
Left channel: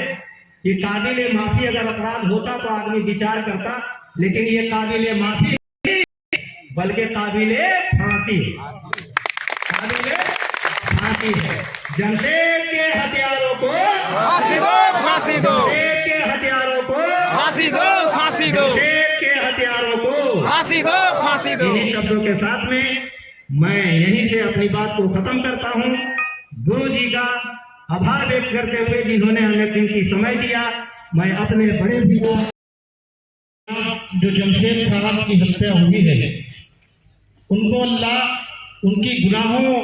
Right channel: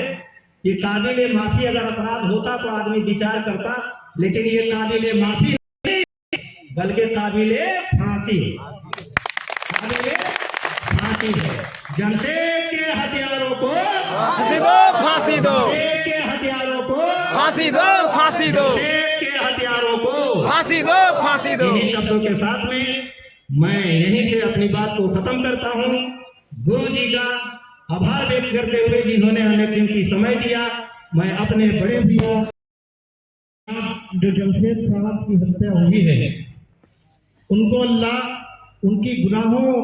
कि काबिले माफी अगर अपराध होता तो आदमी विचार करता, लेकिन ये काबिले माफी नहीं बल्कि काबिले फांसी है। जमशेद के हथियारों को फांसी दो, फांसी दो, जमशेद के हथियारों को फांसी दो, फांसी दो, जमशेद के हथियारों को फांसी दो, फांसी दो। इन्हीं शब्दों के साथ में मैं यहीं से अपनी बात को खत्म करता हूँ। गुरु जी का आभार व्यक्त करते हुए जिन्होंने हमें कीमती समय दिया, मैं अपने बड़े भाइयों जो जमशेद साहब की हत्या हुई है उनको अल्लाह उनकी गुनाहों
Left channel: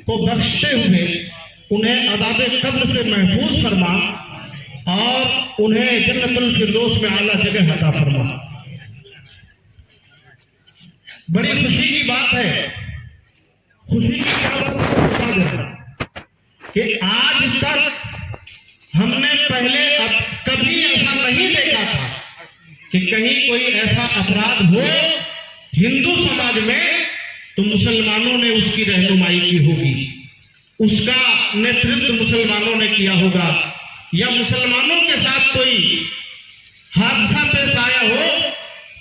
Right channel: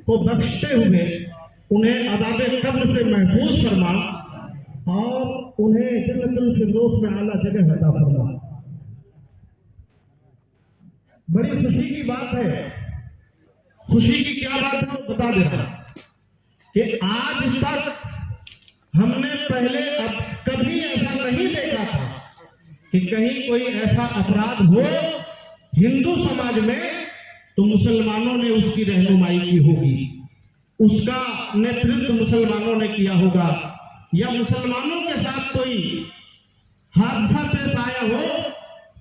को बख्शते हुए उन्हें अज़ाब कब्र से महफूज फरमा और उन्हें जन्नतुल फिरदौस में आला जगह अता फरमा। बड़ी खुशी की बात है, खुशी की क्या बात है बता देता कि आज तक हमने पहले अब कभी ऐसा नहीं देखा था कि कहीं कोई ऐसा अपराध हो हिंदू समाज में तो मुसलमानों ने उसकी रहनुमाई की होगी, उसका नेतृत्व मुसलमानों ने किया होगा, या मुसलमानों के साथ कोई हादसा पेश आया हो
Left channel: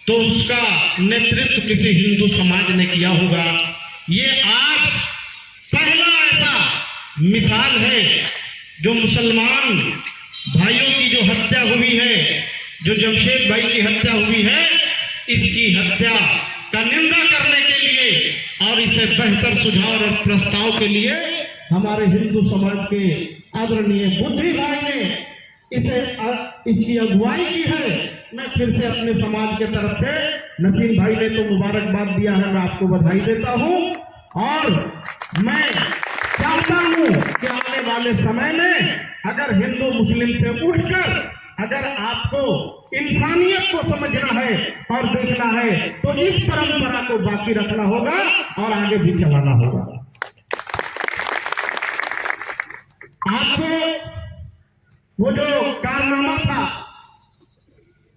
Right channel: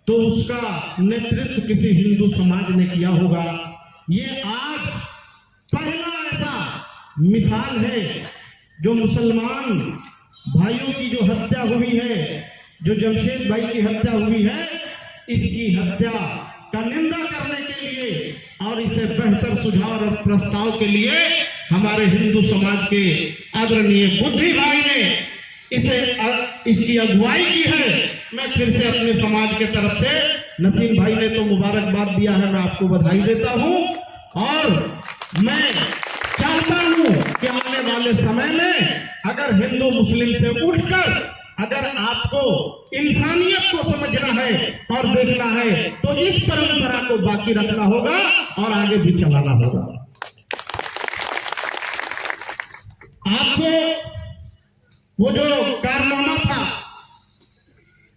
तो उसका नेतृत्व किसी हिंदू समाज ने किया होगा। ये आज पहला ऐसा मिसाल है जो मुसलमान भाइयों की जो हत्या हुई है, जो जमशेद भाई की हत्या हुई है, इसकी हत्या का निंदा करने के लिए और इसे बेहतर सुझाव और प्रस्ताव के लिए हमारे हिंदू समाज के आदरणीय बुद्धि भाई ने इसकी अगुवाई की है। मैं फिर से अपने समाज के तरफ से, नसीम भाई ने तो मुबारकबाद दिया है, मैं आपको बधाई देता हूं और मैं चाहता हूं कि आने वाले समय में अगर हिंदू मुस्लिम से उठकर अगर आपको इंसानियत को समझना है और देखना है तो इस परंपरा को बाकी रखना होगा और आगे भी चलाना होगा। आपको वो जो कारनामा था,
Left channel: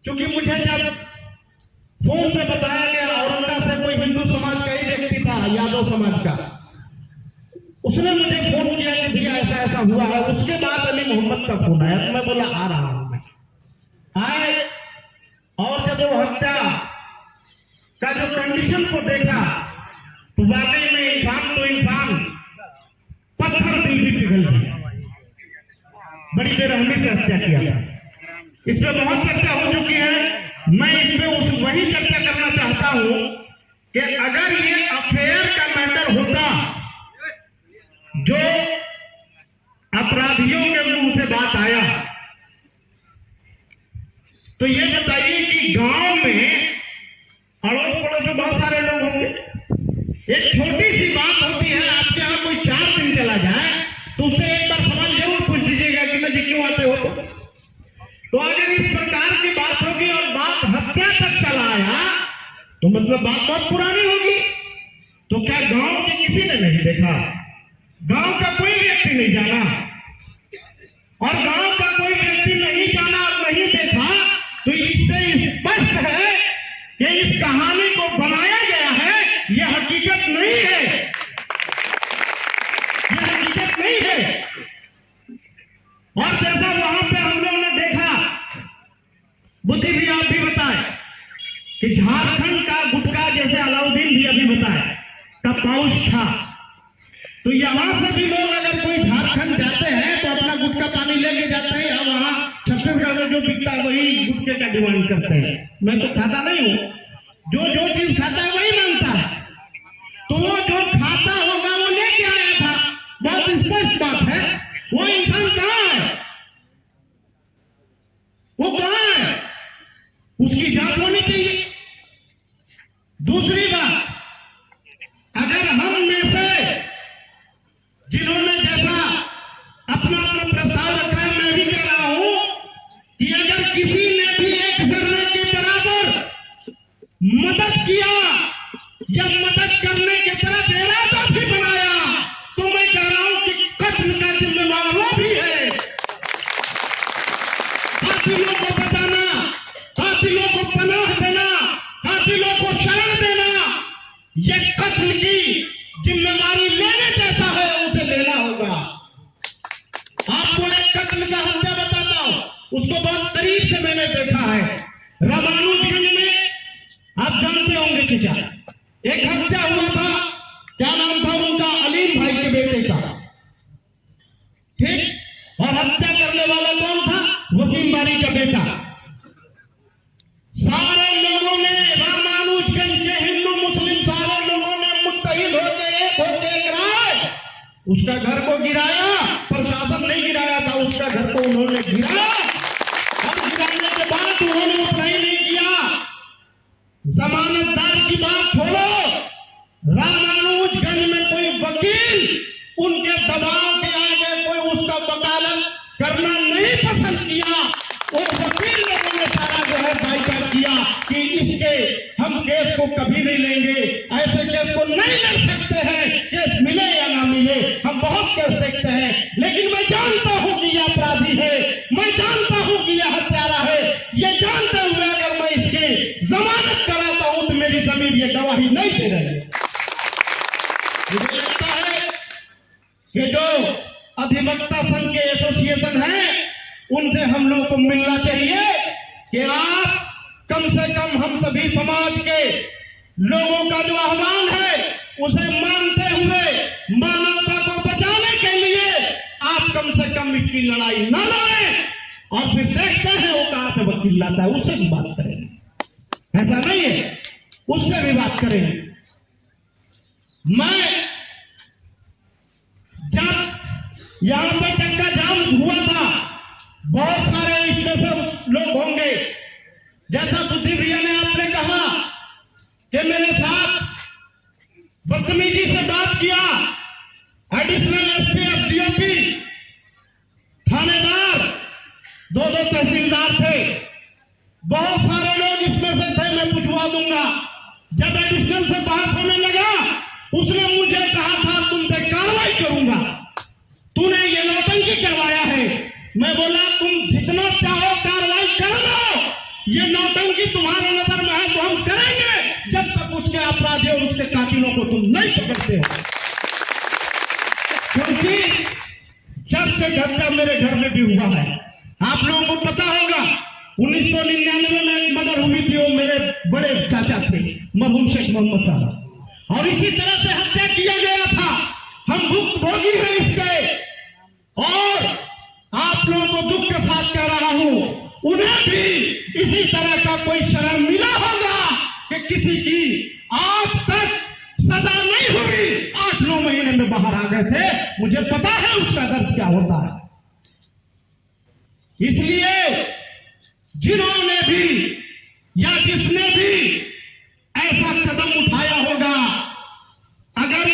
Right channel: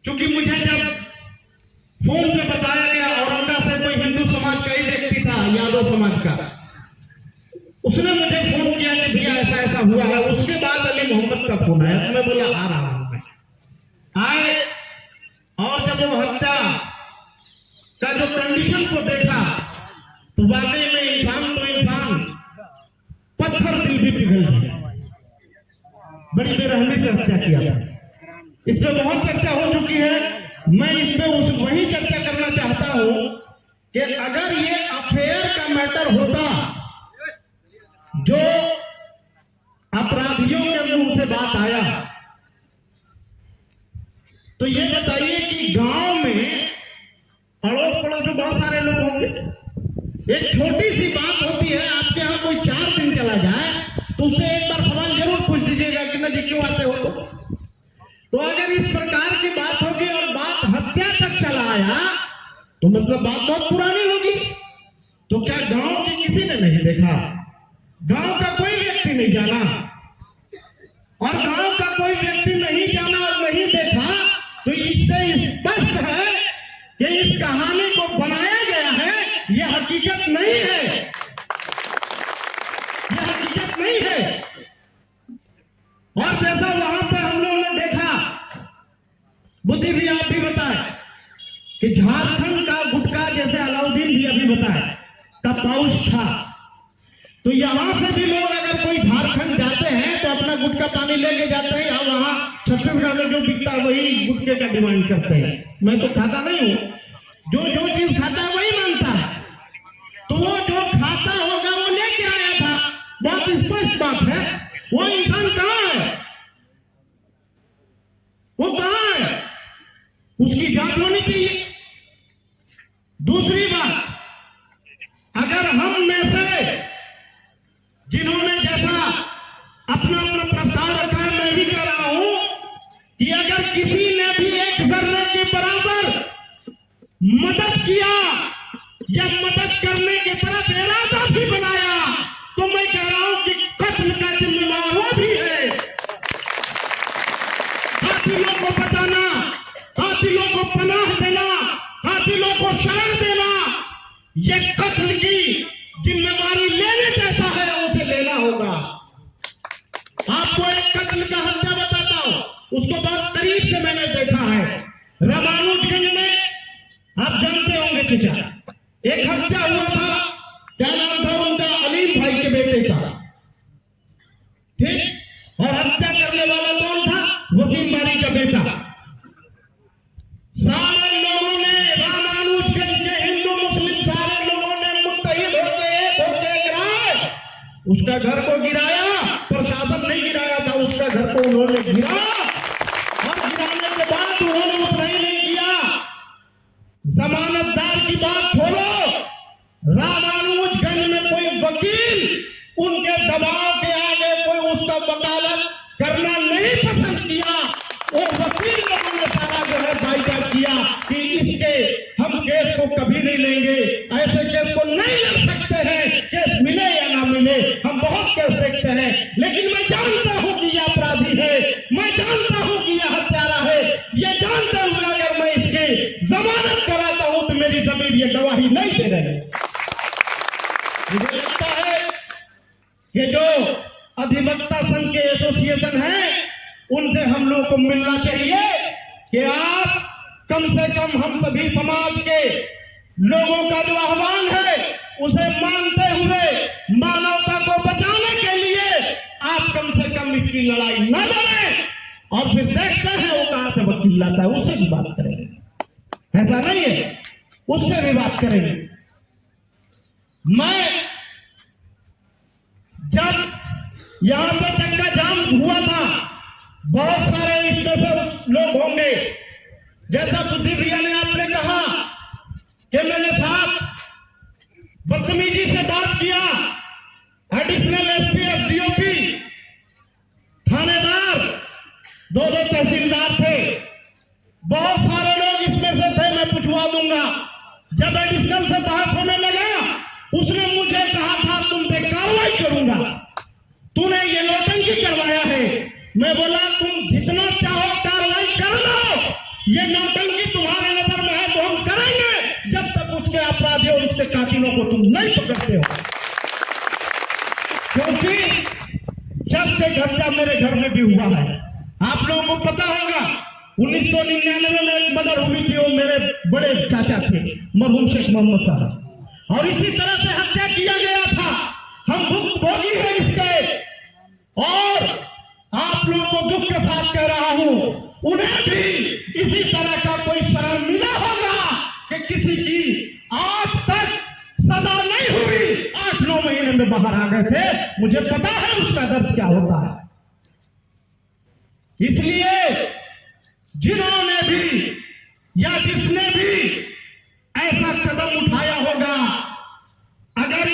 क्योंकि मुझे जब फोन पे बताया गया औरंगा से कोई हिंदू समाज का ही व्यक्ति था, यादव समाज का, उसने मुझे फोन किया कि भैया ऐसा ऐसा हुआ है। उसके बाद अली मोहम्मद का फोन आया, मैं बोला आ रहा हूं मैं। आए और जब वो हत्या का जो कंडीशन को देखा तो वाकई में इंसान तो इंसान, पत्थर दिल भी पिघल गया। बड़ी बेरहमी से हत्या किया था। इस पे बहुत चर्चा हो चुकी है, मैं इस पे वही चर्चा करना चाहता हूं कि अगर ये अफेयर का मैटर होता, जो अपराधियों के मुंह से बात आया, तो ये बताइए कि गांव में अड़ोस पड़ोस में बहुत सारे लोग होंगे, एक छोटी सी बात होती है, आपके यहाँ कोई 4 दिन चला जाए तो उसे एक बार सवाल जरूर पूछ दीजिएगा कि जी क्यों आते हो। तो अगर इस प्रकार की बात होगी और बात हत्या तक चला आया तो मतलब बात बहुत पुरानी होगी। तो क्या गांव के किसी ने नहीं देखा, गांव का कोई व्यक्ति नहीं जाना, और गांव का कोई व्यक्ति नहीं जाना और नहीं देखा, तो इससे स्पष्ट है कि इस कहानी को बनाया गया है, यह हकीकत नहीं है, यह हकीकत नहीं है। और जैसा वहां पे हम लोगों ने देखा, बुद्धि भी आप भी बताए कि झारखंड का गुटखा, जैसे अलाउद्दीन भी अभी बताए, का पाउच था, तो यहां से भी लोग अगर कोई झारखंड जाते हैं तो अपना गुटखा पानी लेके जाते हैं, या वहां छत्तीसगढ़ में जो बिकता वही गुटखे का डिमांड करते हैं। मैं तो खाता नहीं हूं, जो चीज खाता है वही मांगता है, तो वो जो खाता होगा वो लेके आया था। बहुत स्पष्ट बात है, वो इंसान कहां है, वो कहां है, उसकी जांच होनी चाहिए। दूसरी बात, अगर हम में से जिन्होंने जैसा अपना अपना प्रस्ताव रखा है, मैं भी कह रहा हूं कि अगर किसी ने भी 1 जर्रे के बराबर मदद किया या मदद करने के तरफ इरादा भी बनाया, तो मैं कह रहा हूं कि कत्ल का जिम्मेवार वो भी है। कातिलों को बचाना, कातिलों को पनाह देना, कातिलों को शरण देना, यह कत्ल की जिम्मेवारी लेने जैसा है, उसे लेना होगा। आपको एक कत्ल का हत्या बताता हूं, उसको बहुत करीब से मैंने देखा है। रामानुजगंज में आप जानते होंगे कि क्या एक हत्या हुआ था, क्या नाम था उनका, अलीम भाई के बेटे का, ठीक, और हत्या करने वाला कौन था, वसीम बारी का बेटा। सारे लोगों ने, रामानुजगंज के हिंदू मुस्लिम सारे लोगों ने मुत्तहिद होकर उसका घर को गिराया, प्रशासन नहीं गिराया था, उसका घर को उन्होंने गिरा, और गिराने के बाद उन्होंने उतना ही नहीं किया, जमानतदार की बात छोड़ो, रामानुजगंज में कोई वकील उनके दबाव के आगे कोई उसका वकालत करना नहीं पसंद किया, कि इसके हम केस को कभी नहीं लेंगे, ऐसे केस को नहीं लड़ सकते हैं, केस मिले या ना मिले। हम बहुत केस देखते हैं, लेकिन मैं जानता हूं कि यह अपराधी है, मैं जानता हूं कि यह हत्यारा है। ये जानते हुए अगर मैं इसके जमानत कराता हूं तो मेरी जमीन ये गवाही नहीं दे रहे। मुझे लगता है कि जो अधिवक्ता संघ के एसोसिएशन है उनसे हम लोग को मिलना चाहिए कि आप कम से कम हम सभी समाज के लोगों का जो आह्वान है उसे मानते हुए मानवता को बचाने के लिए आप कम से कम इसकी लड़ाई न लड़ें और फिर देखते हैं वो कहां से वकील लाता है, उससे भी बात करेंगे। ऐसा नहीं है, उससे भी बात करेंगे। मैं जब यहां पे चक्का जाम हुआ था, बहुत सारे इसमें से लोग होंगे, जैसा सुधीर भैया ने आपने कहा कि मेरे साथ बदतमीजी से बात किया, एडिशनल एसपी, एसडीओपी, थानेदार, दो तहसीलदार थे, बहुत सारे लोग इसमें से थे। मैं पूछवा दूंगा। जब एडिशनल से बहस होने लगा, उसने मुझे कहा था तुम पे कार्रवाई करूंगा, तूने ये नौटंकी करवाया है। मैं बोला तुम जितना चाहो कार्रवाई कर लो, ये नौटंकी तुम्हारे नजर में है तो हम करेंगे जब तक उसके अपराधियों और उसके कातिलों को तुम नहीं पकड़ते हो। क्योंकि जब से घटना मेरे घर में भी हुआ है, आप लोगों को पता होगा 1999 में एक मर्डर हुई थी, वो मेरे बड़े चाचा थे मरहूम शेख मोहम्मद साहब, और इसी तरह से हत्या किया गया था। हम भुक्तभोगी हैं इसके, और आप लोगों को दुख के साथ कह रहा हूं, उन्हें भी इसी तरह का कोई शर्म मिला होगा कि किसी की आज तक सजा नहीं हुई, 8-9 महीने में बाहर आ गए थे। मुझे पता है उसका दर्द क्या होता है। इसलिए जिन्होंने भी या जिसने भी ऐसा कदम उठाया होगा, अगर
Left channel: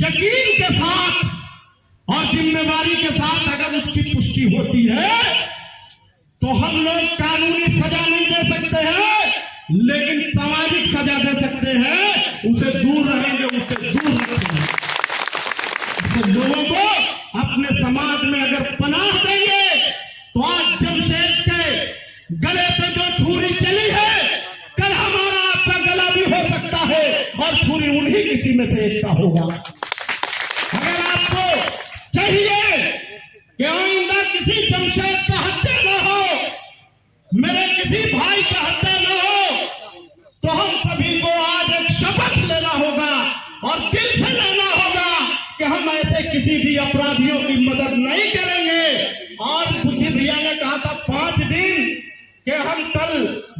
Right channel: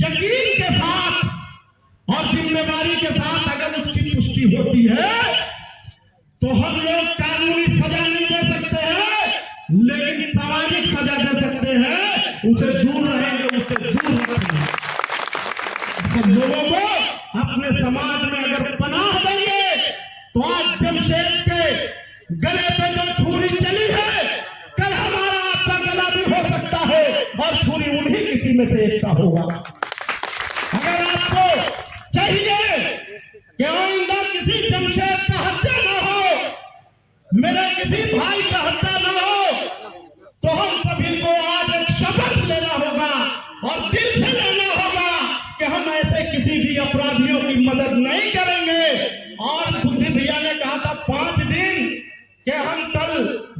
यकीन के साथ और जिम्मेदारी के साथ अगर उसकी पुष्टि होती है तो हम लोग कानूनी सजा नहीं दे सकते हैं, लेकिन सामाजिक सजा दे सकते हैं। उसे दूर रहेंगे, उससे दूर रखेंगे। लोगों को अपने समाज में अगर पनाह देंगे तो आज जमशेद के गले पे जो छुरी चली है, कल हमारा आपका गला भी हो सकता है और छुरी उन्हीं किसी में से एक का होगा। अगर आपको चाहिए कि आइंदा किसी जमशेद का हत्या न हो, मेरे किसी भाई का हत्या न हो, तो हम सभी को आज एक शपथ लेना होगा और दिल से लेना होगा कि हम ऐसे किसी भी अपराधियों की मदद नहीं करेंगे। और बुद्धि भैया ने कहा था 5 दिन कि हम कल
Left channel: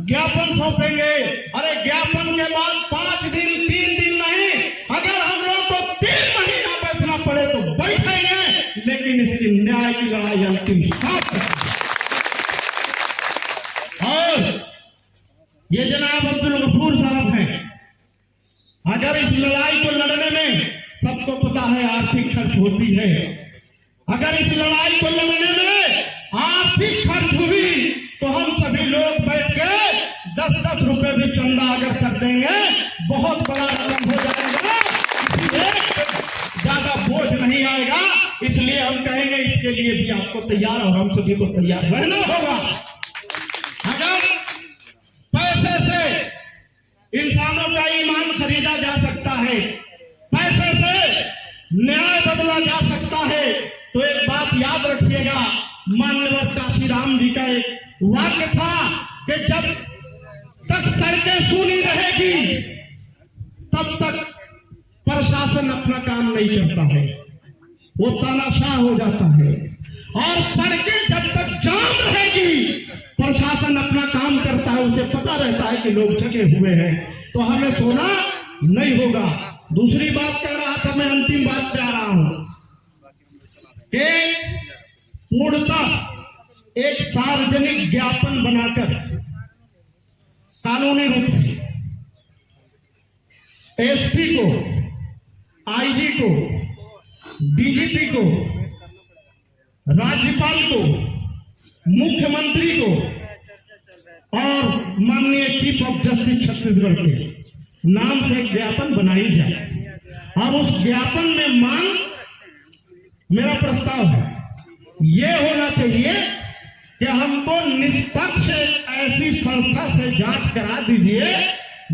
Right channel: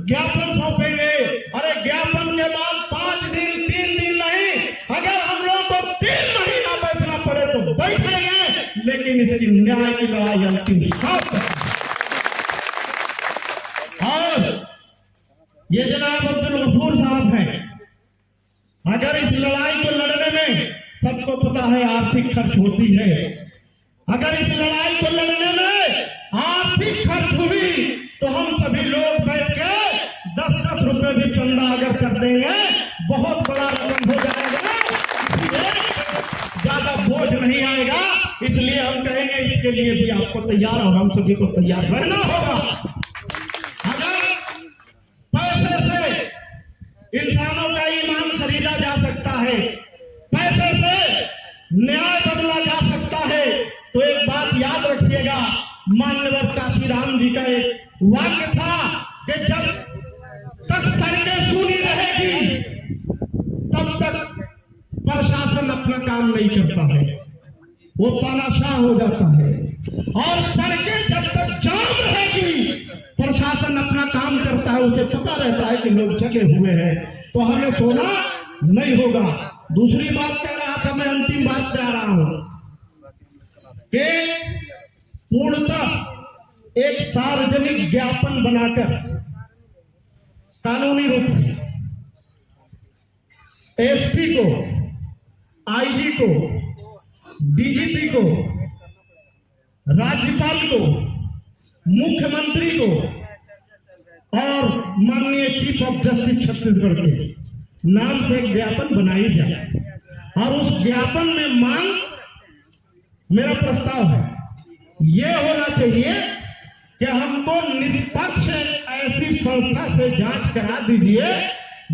ज्ञापन सौंपेंगे। अरे ज्ञापन के बाद 5 दिन, 3 दिन नहीं, अगर हम लोग को 3 महीना बैठना पड़े तो बैठेंगे, लेकिन इसकी न्याय की लड़ाई अंतिम साथ है। और ये जनाब अब्दुल गफूर साहब हैं, अगर इस लड़ाई को लड़ने में सबको पता है आर्थिक खर्च होती है, अगर इस लड़ाई को लड़ने में आर्थिक खर्च हुई तो हम सभी लोग बैठ के 10-10 रुपए भी चंदा अगर कर देंगे, बहुत बड़ा रकम हो जाएगा, इसलिए ज्यादा बोझ नहीं आएगा। इसलिए हम कहेंगे इसके लिए भी आपको तैयार और हम सभी को तैयार रहना होगा। अगर पैसे से इंसानों का ईमान खरीदा जा सकता है, पैसे से न्याय बदला जा सकता है, तो एक बात याद रखिएगा, मान्यवर काशीराम जी का एक वाक्य था कि जब तक सड़कें सूनी रहेगी तब तक प्रशासन अपना काम नहीं करता है, वो तानाशाह हो जाता है। और सड़कें जब तक जाम रहेगी प्रशासन अपना काम करता है, उसे पता रहता है कि लोग जगे हुए हैं, तो हमें सोना नहीं होगा। दूसरी बात कह रहा था, मैं अंतिम बात पे आ रहा हूं कि पूर्णतः एक सार्वजनिक ज्ञापन बनाकर कानूनी रूप से एसपी को, आईजी को, डीजीपी को, राज्यपाल को, मुख्यमंत्री को और माननीय चीफ ऑफ जस्टिस छत्तीसगढ़ के नाम से एक ज्ञापन बनाई जाए और उस ज्ञापन में मांग, मेरा प्रस्ताव है ये होना चाहिए कि हमको निष्पक्ष ऐसी संस्था से जांच करा दीजिए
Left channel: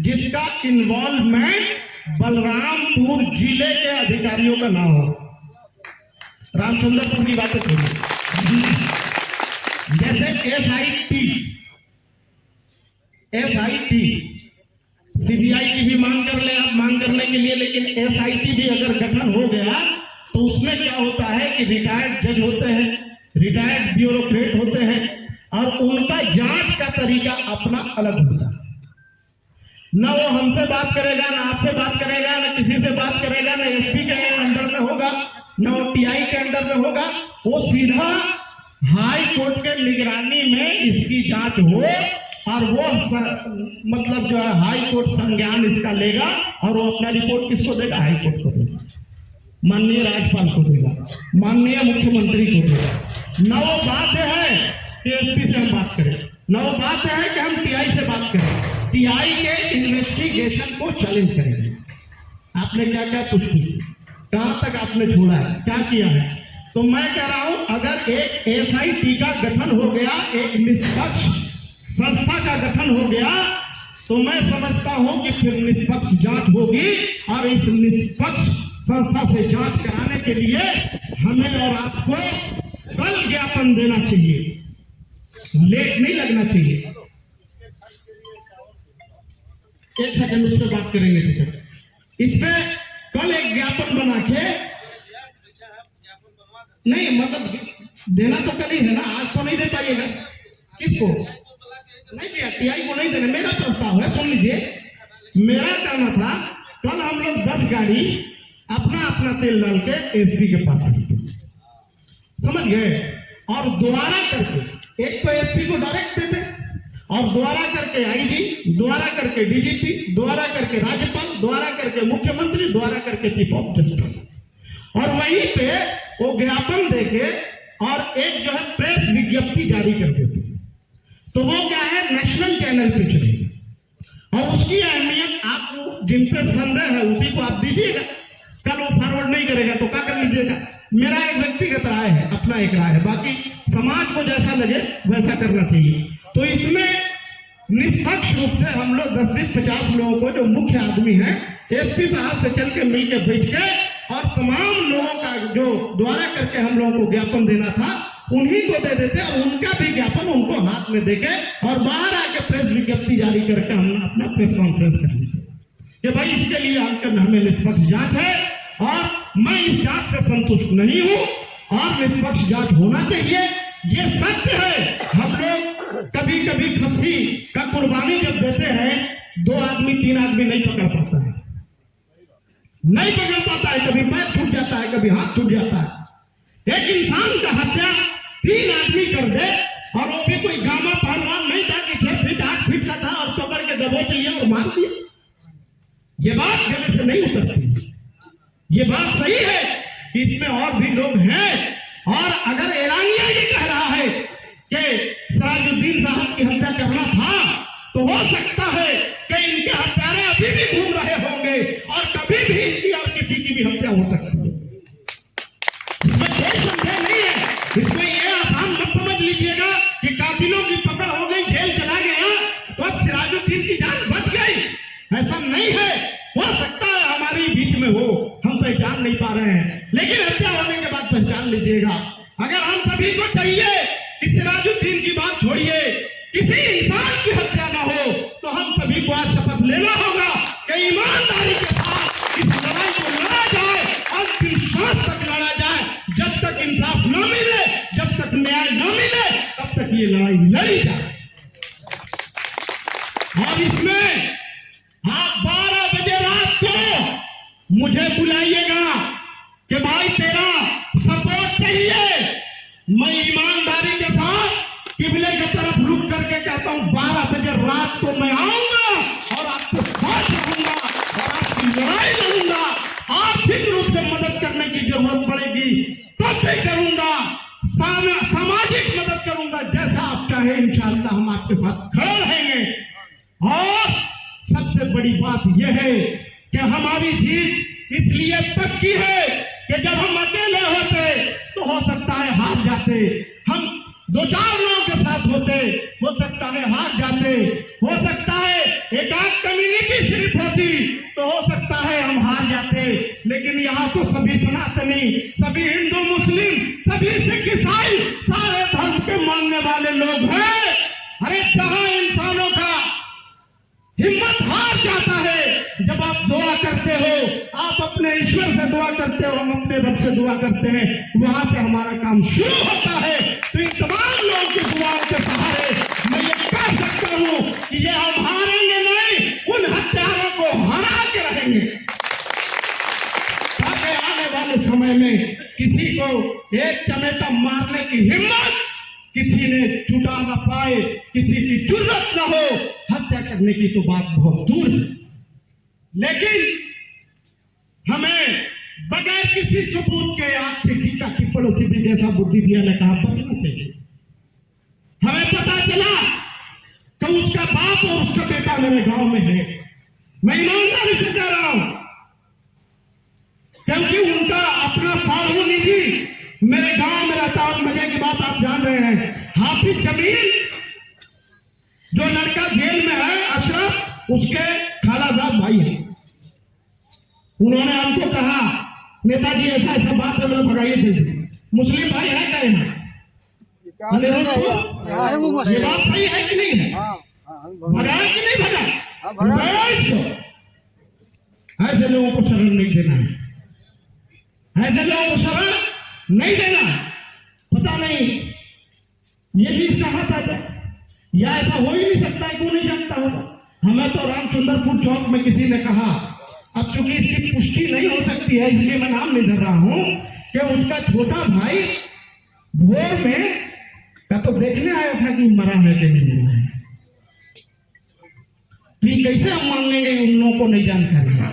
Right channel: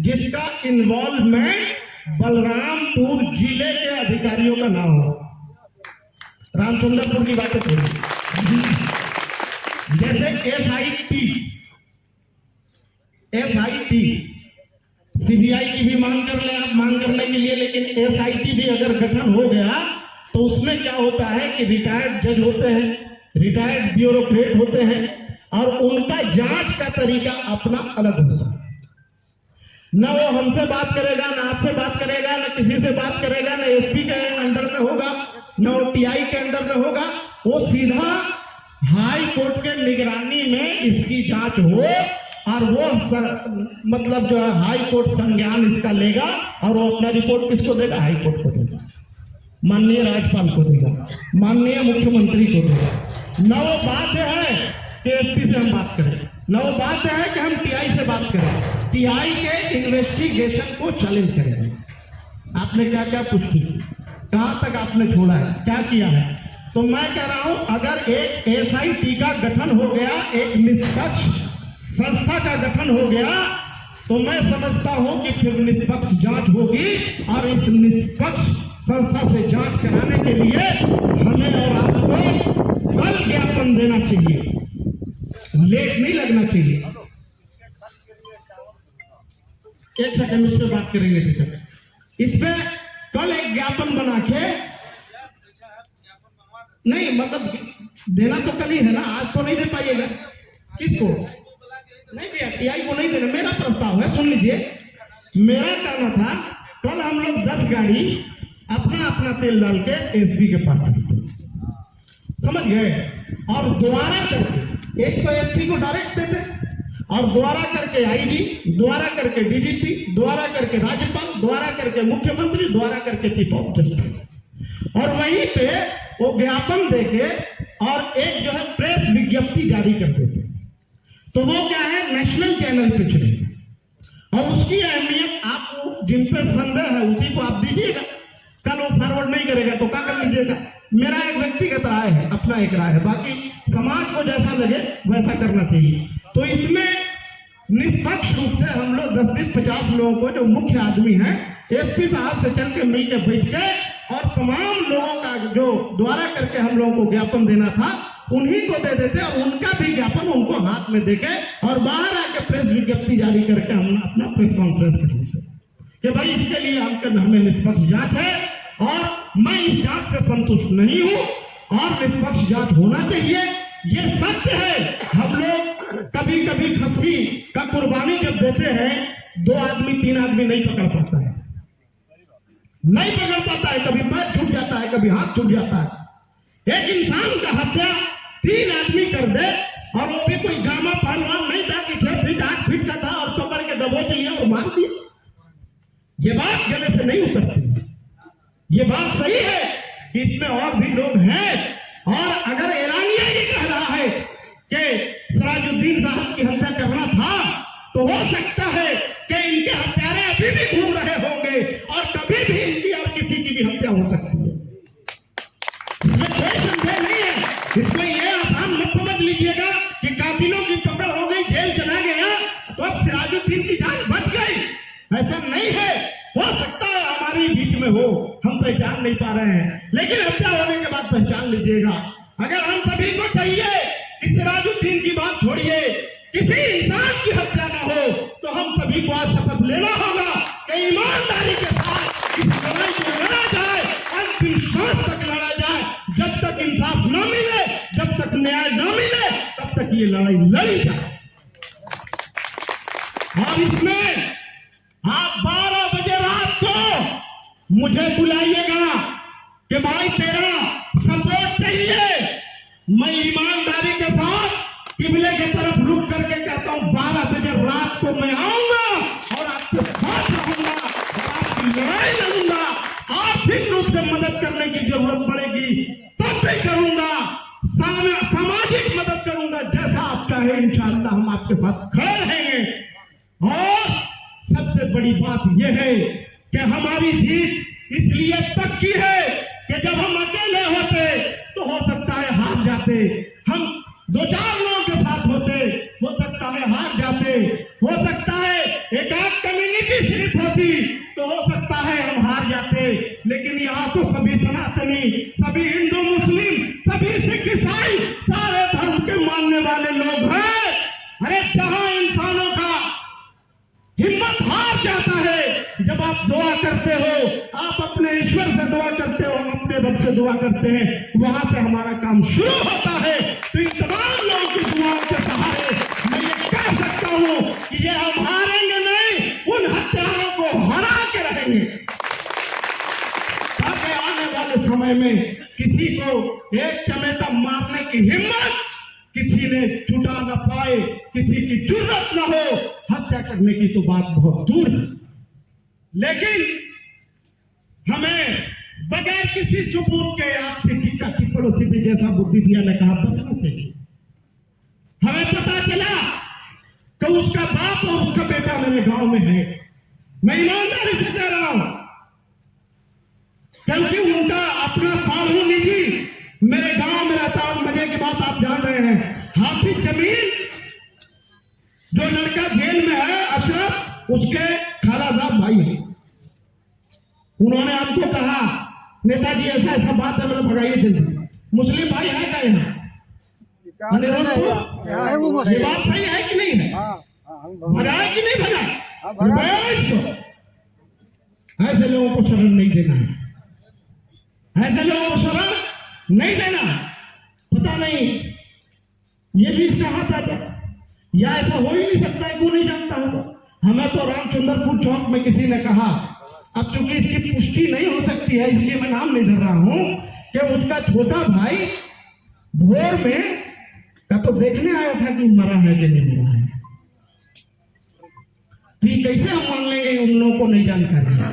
जिसका इन्वॉल्वमेंट बलरामपुर जिले के अधिकारियों का ना हो। रामचंद्रपुर की बातें थोड़ी, जैसे एसआईटी सीबीआई की भी मांग कर ले आप, मांग करने के लिए, लेकिन एसआईटी भी अगर गठन हो गया तो उसमें क्या होता है कि रिटायर्ड जज होते हैं, रिटायर्ड ब्यूरोक्रेट होते हैं और उनका जांच का तरीका अपना अलग होता है। न वो हमसे बात करेगा, न आपसे बात करेगा, न किसी से बात करेगा, न एसपी के अंडर में होगा, न वो टीआई के अंडर में होगा। वो सीधा हाई कोर्ट के निगरानी में इसकी जांच हो और वो मतलब जो है हाई कोर्ट संज्ञान इसका लेगा और वो अपना रिपोर्ट किसको देगा? हाई कोर्ट को देगा, माननीय राज्यपाल को देगा, माननीय मुख्यमंत्री को देगा। न वो बात है कि एसपी से हम बात करें, न वो बात है कि हम टीआई से बात करें, टीआई के इन्वेस्टिगेशन को चैलेंज करेंगे। आपने क्या क्या पुष्टि, कहां तक आपने छोड़ा है, क्या किया है? तो मैं कह रहा हूं अगर एक एसआईटी का गठन हो गया, एक निष्पक्ष संस्था का गठन हो गया, तो मैं समझता हूं कि फिर निष्पक्ष जांच होगी और इस निष्पक्ष संस्था से जांच कराने के लिए हमें और आपको कल ज्ञापन देना चाहिए, लेट नहीं लगना चाहिए। एक सेकंड उस पर बात करेंगे। इसमें कल एक ज्ञापन बना के, नहीं मतलब देना तो कल ही है ना, आज तो नहीं दे पाइएगा। किसको नहीं दिया? टीआई को नहीं देना। मेरा प्रस्ताव है, सुन लीजिए, मेरा कहना था कल हम लोग 10 गाड़ी अपना अपना तेल डाल के एसपी के पास समझ गए, और द्वारा करके एक तो एसपी को डायरेक्ट देते और द्वारा करके आईजी, द्वारा करके डीजीपी, द्वारा करके राज्यपाल, द्वारा करके मुख्यमंत्री, द्वारा करके चीफ ऑफ जस्टिस, और वहीं पे वो ज्ञापन देके और एक जो है प्रेस विज्ञप्ति जारी कर देते। तो वो क्या है, नेशनल चैनल पे चलेगी और उसकी अहमियत आपको जिन पे संदेह है उसी को आप दीजिएगा। कल वो फॉरवर्ड नहीं करेगा तो क्या कर लीजिएगा। मेरा एक व्यक्तिगत राय है, अपना एक राय है, बाकी समाज को जैसा लगे वैसा करना चाहिए। तो इसमें निष्पक्ष रूप से हम लोग 10-50 लोगों को, जो मुख्य आदमी है, एसपी साहब से चल के मिलकर बैठ के और तमाम लोगों का जो द्वारा करके हम लोगों को ज्ञापन देना था उन्हीं को दे देते और उनका भी ज्ञापन उनको हाथ में देके और बाहर आके प्रेस विज्ञप्ति जारी करके हम अपना प्रेस कॉन्फ्रेंस कर लीजिए कि भाई इसके लिए हमें निष्पक्ष जांच है और मैं इस जांच से संतुष्ट नहीं हूं और निष्पक्ष जांच होना चाहिए। ये सत्य है, हम लोग कभी कभी खस्सी का कुर्बानी जब देते हैं 2 आदमी 3 आदमी नहीं पकड़ पाता है, नहीं पकड़ पाता है, कभी पैर छूट जाता है, कभी हाथ छूट जाता है। एक इंसान का हत्या 3 आदमी कर दे और वो भी कोई गामा पहलवान नहीं था कि 6 फीट 8 फीट का था और पकड़ के दबोच लिया और मार दिया। ये बात गले से नहीं उतरती। ये बात सही है कि इसमें और भी लोग हैं और अगर एलानिया ये कह रहा है कि सिराजुद्दीन साहब की हत्या करना था तो हो सकता है कि इनके हत्यारे अभी भी घूम रहे होंगे और कभी भी इनकी और किसी की भी हत्या हो सकती है। इसमें कोई संदेह नहीं है। इसमें ये आसान मत समझ लीजिएगा कि कातिलों की पकड़ हो गई, जेल चला गया तो अब सिराजुद्दीन की जान बच गई, ऐसा नहीं है। हो सकता है हमारी बीच में हो, हम पहचान नहीं पा रहे हैं, लेकिन हत्या होने के बाद पहचान लीजिएगा। अगर हम सभी को चाहिए कि सिराजुद्दीन की बात छोड़िए, किसी इंसान की हत्या ना हो, तो हम सभी को आज शपथ लेना होगा कि ईमानदारी के साथ इस लड़ाई को लड़ा जाए, अंतिम सांस तक लड़ा जाए। जब तक इंसाफ न मिले, जब तक न्याय न मिले, तब तक ये लड़ाई लड़ी जाए। और इसमें आप 12 बजे रात को मुझे बुलाइएगा कि भाई तेरा सपोर्ट चाहिए। मैं ईमानदारी के साथ किबले की तरफ रुक करके कहता हूं 12 बजे रात को मैं आऊंगा और आपको साथ रखूंगा और आपकी लड़ाई लड़ूंगा। आर्थिक रूप से मदद करने की जरूरत पड़ेगी तब भी करूंगा, सामाजिक मदद करूंगा, जैसा आप चाहे इंशाअल्लाह हम आपके साथ खड़े रहेंगे। और सबसे बड़ी बात यह है कि हमारी जीत इसलिए तक की है कि जब हम अकेले होते तो हो सकता है हार जाते, हम 2-4 लोगों के साथ होते हो सकता है हार जाते, हो सकता है एक आध कम्युनिटी सिर्फ होती तो हो सकता है हम हार जाते। लेकिन यहाँ तो सभी सनातनी, सभी हिंदू मुस्लिम, सभी सिख ईसाई, सारे धर्म के मानने वाले लोग हैं। अरे जहां इंसानों का हिम्मत हार जाता है, जब आप दुआ करते हो, आप अपने ईश्वर से दुआ करते हो, हम अपने रब से दुआ करते हैं, वहां से हमारा काम शुरू होता है। तो इन तमाम लोगों की दुआ के सहारे मैं ये कह सकता हूं कि ये हम हारेंगे नहीं, उन हत्यारों को हरा के रहेंगे, ताकि आने वाले समय में किसी को एक चमेटा मारने की हिम्मत किसी ने छुटा न पाए, किसी की जुर्रत न हो। हत्या करने की तो बात बहुत दूर है, लेकिन हमें बगैर किसी सबूत के आपसे टीका टिप्पणी थी, जैसा बुद्धि दिया ने कहा, बचना चाहिए। हमें पता चला कि उसका बाप और उसका बेटा मेरे गांव में है। मैं ईमानदारी से कह रहा हूं, क्योंकि उनका अपना साधु निधि मेरे गांव में रहता है। मजे की बात आप जान रहे हैं, हाफिज जमील जो लड़का जेल में है अशरफ, उसके खालाजाद भाई है। उन्होंने हमको कहा, नेताजी ऐसा ऐसा बात है, मैंने भगाइए थे। मुस्लिम भाई है क्या यहाँ? ये बात सही है कि नहीं है? भगाया कि नहीं भगा? ऐसे लोगों को शरण नहीं देना है, ऐसे लोगों को शरण नहीं देना। पता नहीं ये भी इसका हाथ आता या ऐसा हो ही नहीं सकता है, क्यों नहीं जानता हूं। हमें तो रामचंद्रपुर चौक में किसी ने कहा, अब चूंकि इसकी पुष्टि नहीं हो सकती है इसलिए मैं नाम नहीं धर रहा हूं, कि उसका छोटा भाई भोर में का तो देखने आया था कि मरा है कि नहीं मरा है। तो कैसे हम मान लेंगे उन लोगों को नहीं जानकारी है?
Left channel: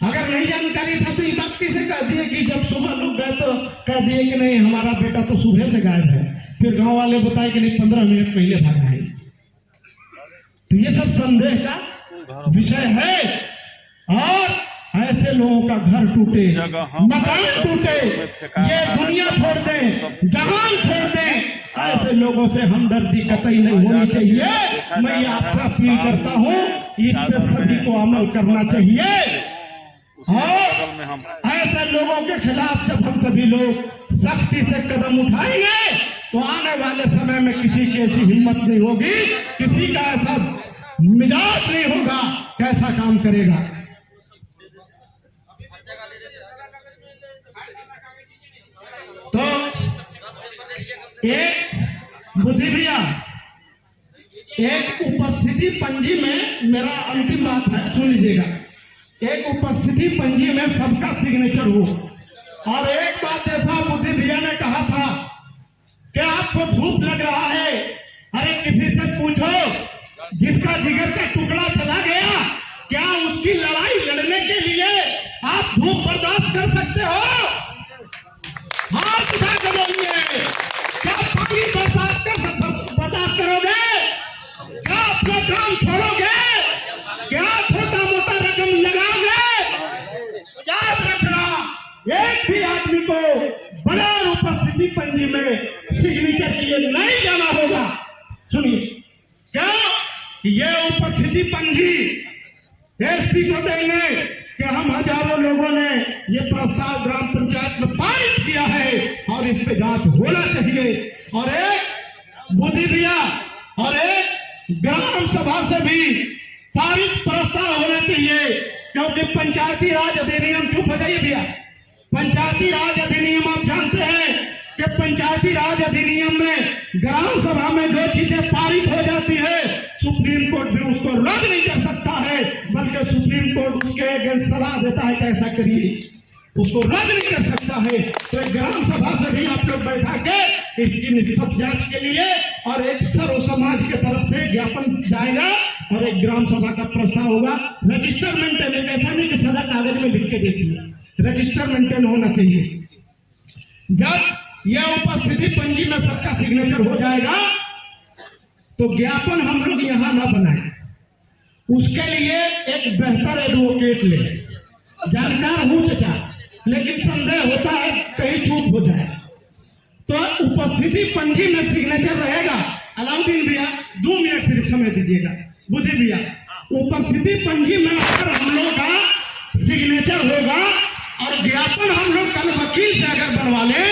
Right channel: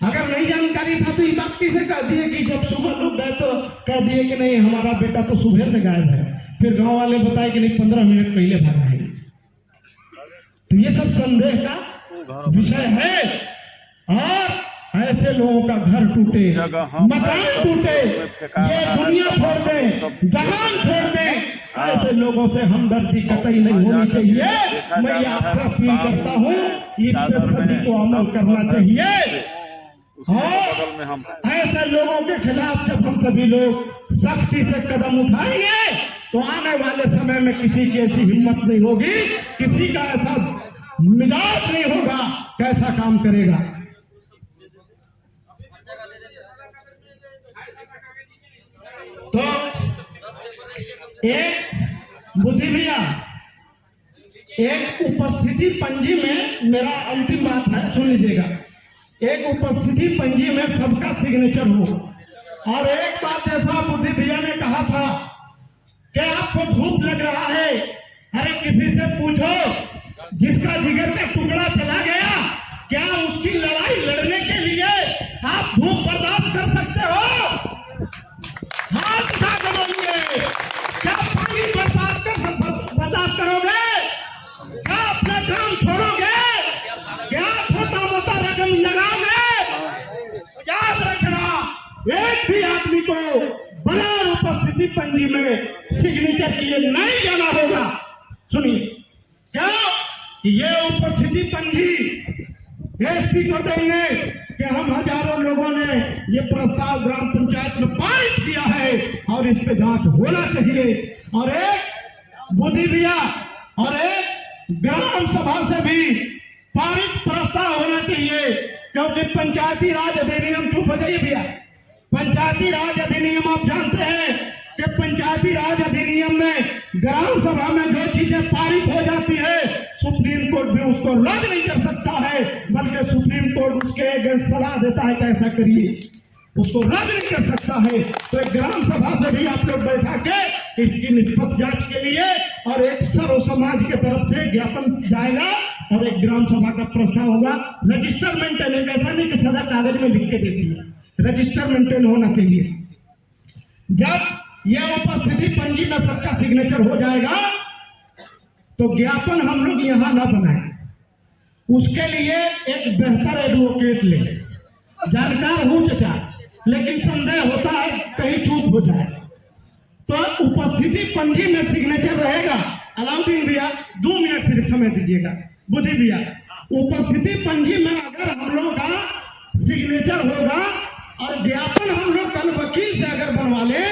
अगर नहीं जानकारी था तो इस बात किसे कह दिए कि जब सुबह लोग गए तो कह दिए कि नहीं हमारा बेटा तो सुबह से गायब है, फिर गांव वाले बताए कि नहीं 15 मिनट पहले भागा है। तो ये सब संदेह का विषय है। और ऐसे लोगों का घर टूटे, मकान टूटे, ये दुनिया छोड़ दे, जहान छोड़ दे, ऐसे लोगों से हमदर्दी कतई नहीं होनी चाहिए। मैं आपका अपील करता हूँ, इस पर सभी को अमल करना चाहिए। और ऐसे लोगों के खिलाफ जब हम सभी लोग सख्ती से कदम उठाएंगे तो आने वाले समय में किसी की ऐसी हिम्मत नहीं होगी, किसी का ऐसा मिजाज नहीं होगा, कैसा काम करेगा। तो एक बुद्धि भैया, एक उपस्थिति पंजी में मेरा अंतिम बात है, सुन लीजिएगा। एक उपस्थिति पंजी में सबका सिग्नेचर हो। और एक बात ऐसा बुद्धि भैया ने कहा था कि आपको धूप लग रहा है, अरे किसी से पूछो जिसका जिगर का टुकड़ा चला गया, क्या उसकी लड़ाई लड़ने के लिए आप धूप बर्दाश्त कर सकते हो? हाथ उठा कर बोलिए, क्या पानी बर्दाश्त करोगे? क्या अपना काम छोड़ोगे? क्या छोटा मोटा रकम लगाओगे? याद रखना, एक भी आदमी को बगैर उपस्थिति पंजी में सिग्नेचर के लिए नहीं जाना होगा। सुनिए, क्या ये उपस्थिति पंजी एसपी को देंगे कि हम हजारों लोगों ने ये प्रस्ताव ग्राम पंचायत में पारित किया है और इस पे जांच होना चाहिए। और एक बुद्धि भैया और एक ग्राम सभा से भी पारित प्रस्ताव होना चाहिए, क्योंकि पंचायती राज अधिनियम, चुप हो जाइए भैया, पंचायती राज अधिनियम आप जानते हैं कि पंचायती राज अधिनियम में ग्राम सभा में जो चीजें पारित हो जाती है सुप्रीम कोर्ट भी उसको रद्द नहीं कर सकता है, बल्कि सुप्रीम कोर्ट उसके अगेंस्ट सलाह देता है कि ऐसा करिए, उसको रद्द नहीं कर सकता है। तो एक ग्राम सभा से भी आप लोग बैठा के इसकी निष्पक्ष जांच के लिए और एक सर्व समाज के तरफ से ज्ञापन जाएगा और एक ग्राम सभा का प्रस्ताव होगा। रजिस्टर मेंटेन, ऐसा नहीं कि सदा कागज में लिख के देती, रजिस्टर मेंटेन होना चाहिए। जब यह उपस्थिति पंजी में सबका सिग्नेचर हो जाएगा तो ज्ञापन हम लोग यहाँ न बनाए, उसके लिए एक बेहतर एडवोकेट ले, जानकार हो चचा, लेकिन संदेह होता है कहीं चूक हो जाए तो उपस्थिति पंजी में सिग्नेचर रहेगा। अलाउद्दीन भैया 2 मिनट सिर्फ समय दीजिएगा। बुद्धि भैया, उपस्थिति पंजी में अगर हम लोग का सिग्नेचर होगा और ज्ञापन हम लोग कल वकील से अगर बनवा ले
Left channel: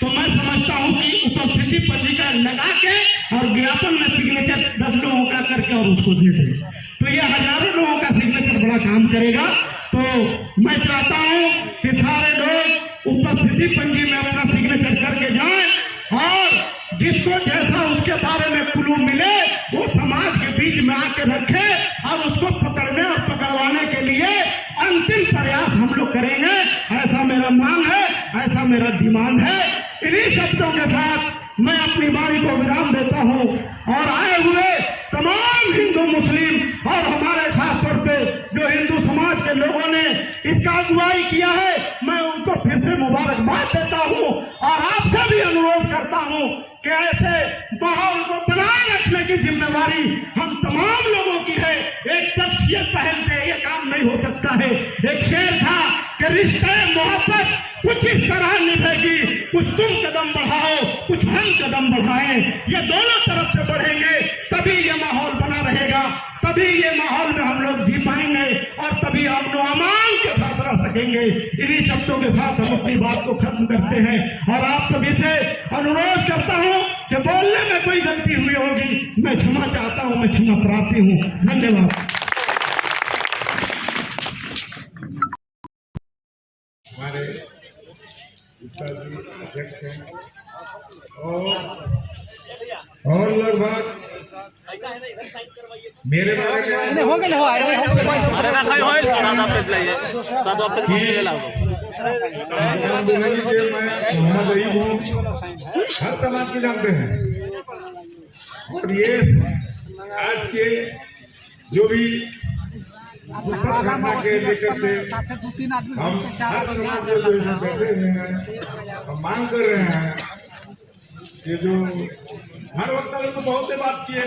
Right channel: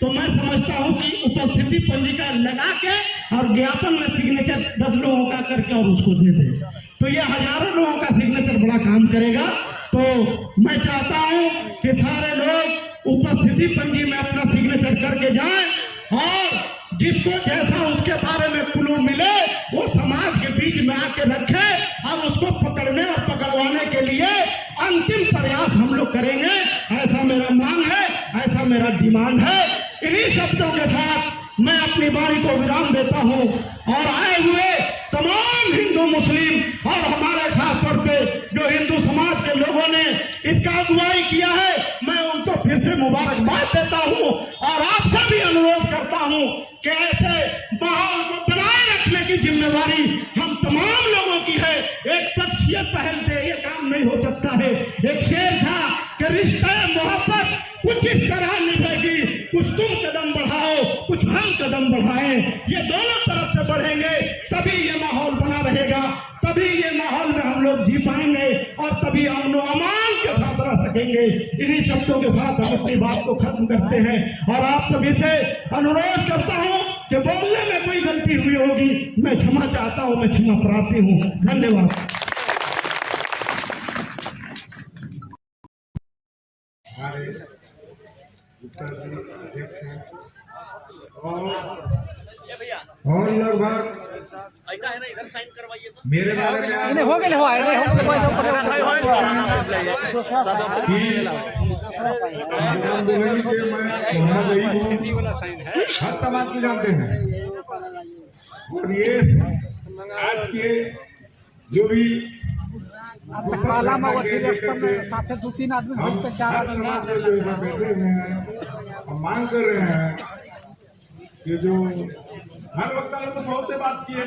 तो मैं समझता हूं कि उपस्थिति पंजिका लगा के और ज्ञापन में सिग्नेचर 10 लोगों का करके और उसको दे दे तो ये हजारों लोगों का सिग्नेचर बड़ा काम करेगा। तो मैं चाहता हूं कि सारे लोग उपस्थिति पंजी में अपना सिग्नेचर करके जाएं और जिसको जैसा उसके बारे में क्लू मिले वो समाज के बीच में आके रखे और उसको पकड़ने और पकड़वाने के लिए अंतिम प्रयास हम लोग करेंगे। ऐसा मेरा मांग है, ऐसा मेरा डिमांड है। इन्हीं शब्दों के साथ मैं अपनी वाणी को विराम देता हूं और आए हुए तमाम हिंदू मुस्लिम और हमारे खास तौर पे जो हिंदू समाज के लोगों ने इसका अगुवाई किया है मैं उनको फिर से मुबारकबाद देता हूं और आपसे भी अनुरोध करता हूं कि ऐसे माहौल को बनाए रखने की जिम्मेदारी हम तमाम लोगों की है। एक शख्सियत पहल से ये काम नहीं हो सकता है। एक शेर था कि रिश्ते मोहब्बत कुछ इस तरह निभेगी, कुछ तुम कदम बढ़ाओ कुछ हम कदम बढ़ाएं, ये दोनों तरफ से बढ़ेंगे तभी ये माहौल बना रहेगा, तभी ये माहौल में हम लोग जी पाएंगे और तभी हम लोग अमान के साथ रह सकेंगे। इन्हीं शब्दों के साथ हम अपनी बात को खत्म करते हैं और आप सभी से अनुरोध करता हूं कि बोलने में कोई गलती हुई होगी मैं क्षमा चाहता हूं, मैं क्षमा प्रार्थी हूं। धन्यवाद। हमारे गुप्ता जी अध्यक्ष हैं और लगभग ऐसा है ना, इधर साइन करवाइए तो। मेरे बारे में हो गए मोहम्मद अईब हूँ, हर समाज को जानते हैं और ये आज के जो भी घटना के लेकर के हम हर समाज में जो है बैठे हुए हैं हम मांग कर रहे हैं कि जो हर वक्त ने तो बहुत से बात की है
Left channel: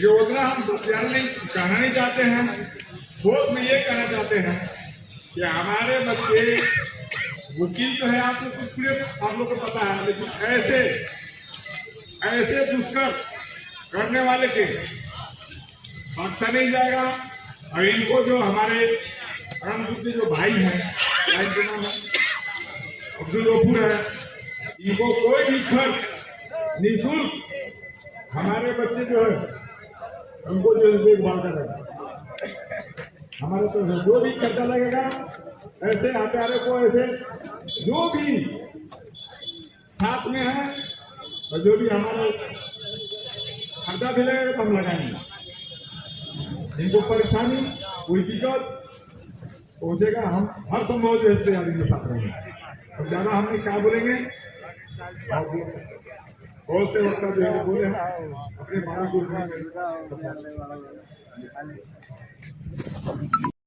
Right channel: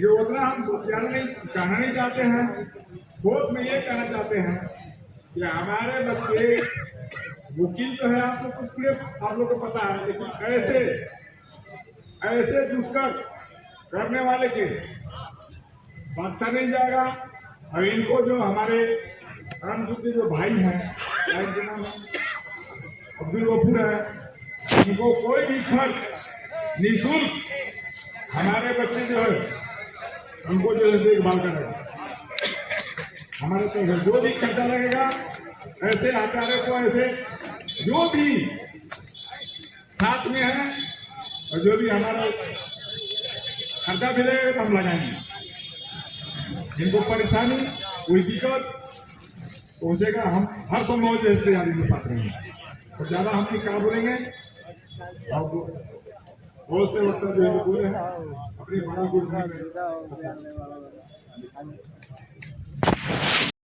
जो उतना हम कहना नहीं चाहते हैं। ठोस में ये कहना चाहते हैं कि हमारे बच्चे वकील तो है आप लोग को पता है, लेकिन ऐसे दुष्कर करने वाले के बख्शा नहीं जाएगा। और इनको जो हमारे रामपुर जो भाई हैं अब्दुल गफूर है, इनको कोई भी खर्च निःशुल्क हमारे बच्चे जो है उनको जो है देखभाल करेगा। हमारे तो जो भी खर्चा लगेगा ऐसे हत्यारे को ऐसे जो भी साथ में है और जो भी हमारा खर्चा भी लगेगा तो हम लगाएंगे। जिनको परेशानी कोई दिक्कत पहुंचेगा हम हर संभव जो है तैयारी के साथ रहेंगे और ज़्यादा हम नहीं क्या बोलेंगे। बहुत से वक्त जो है बोले अपने बड़ा गुरु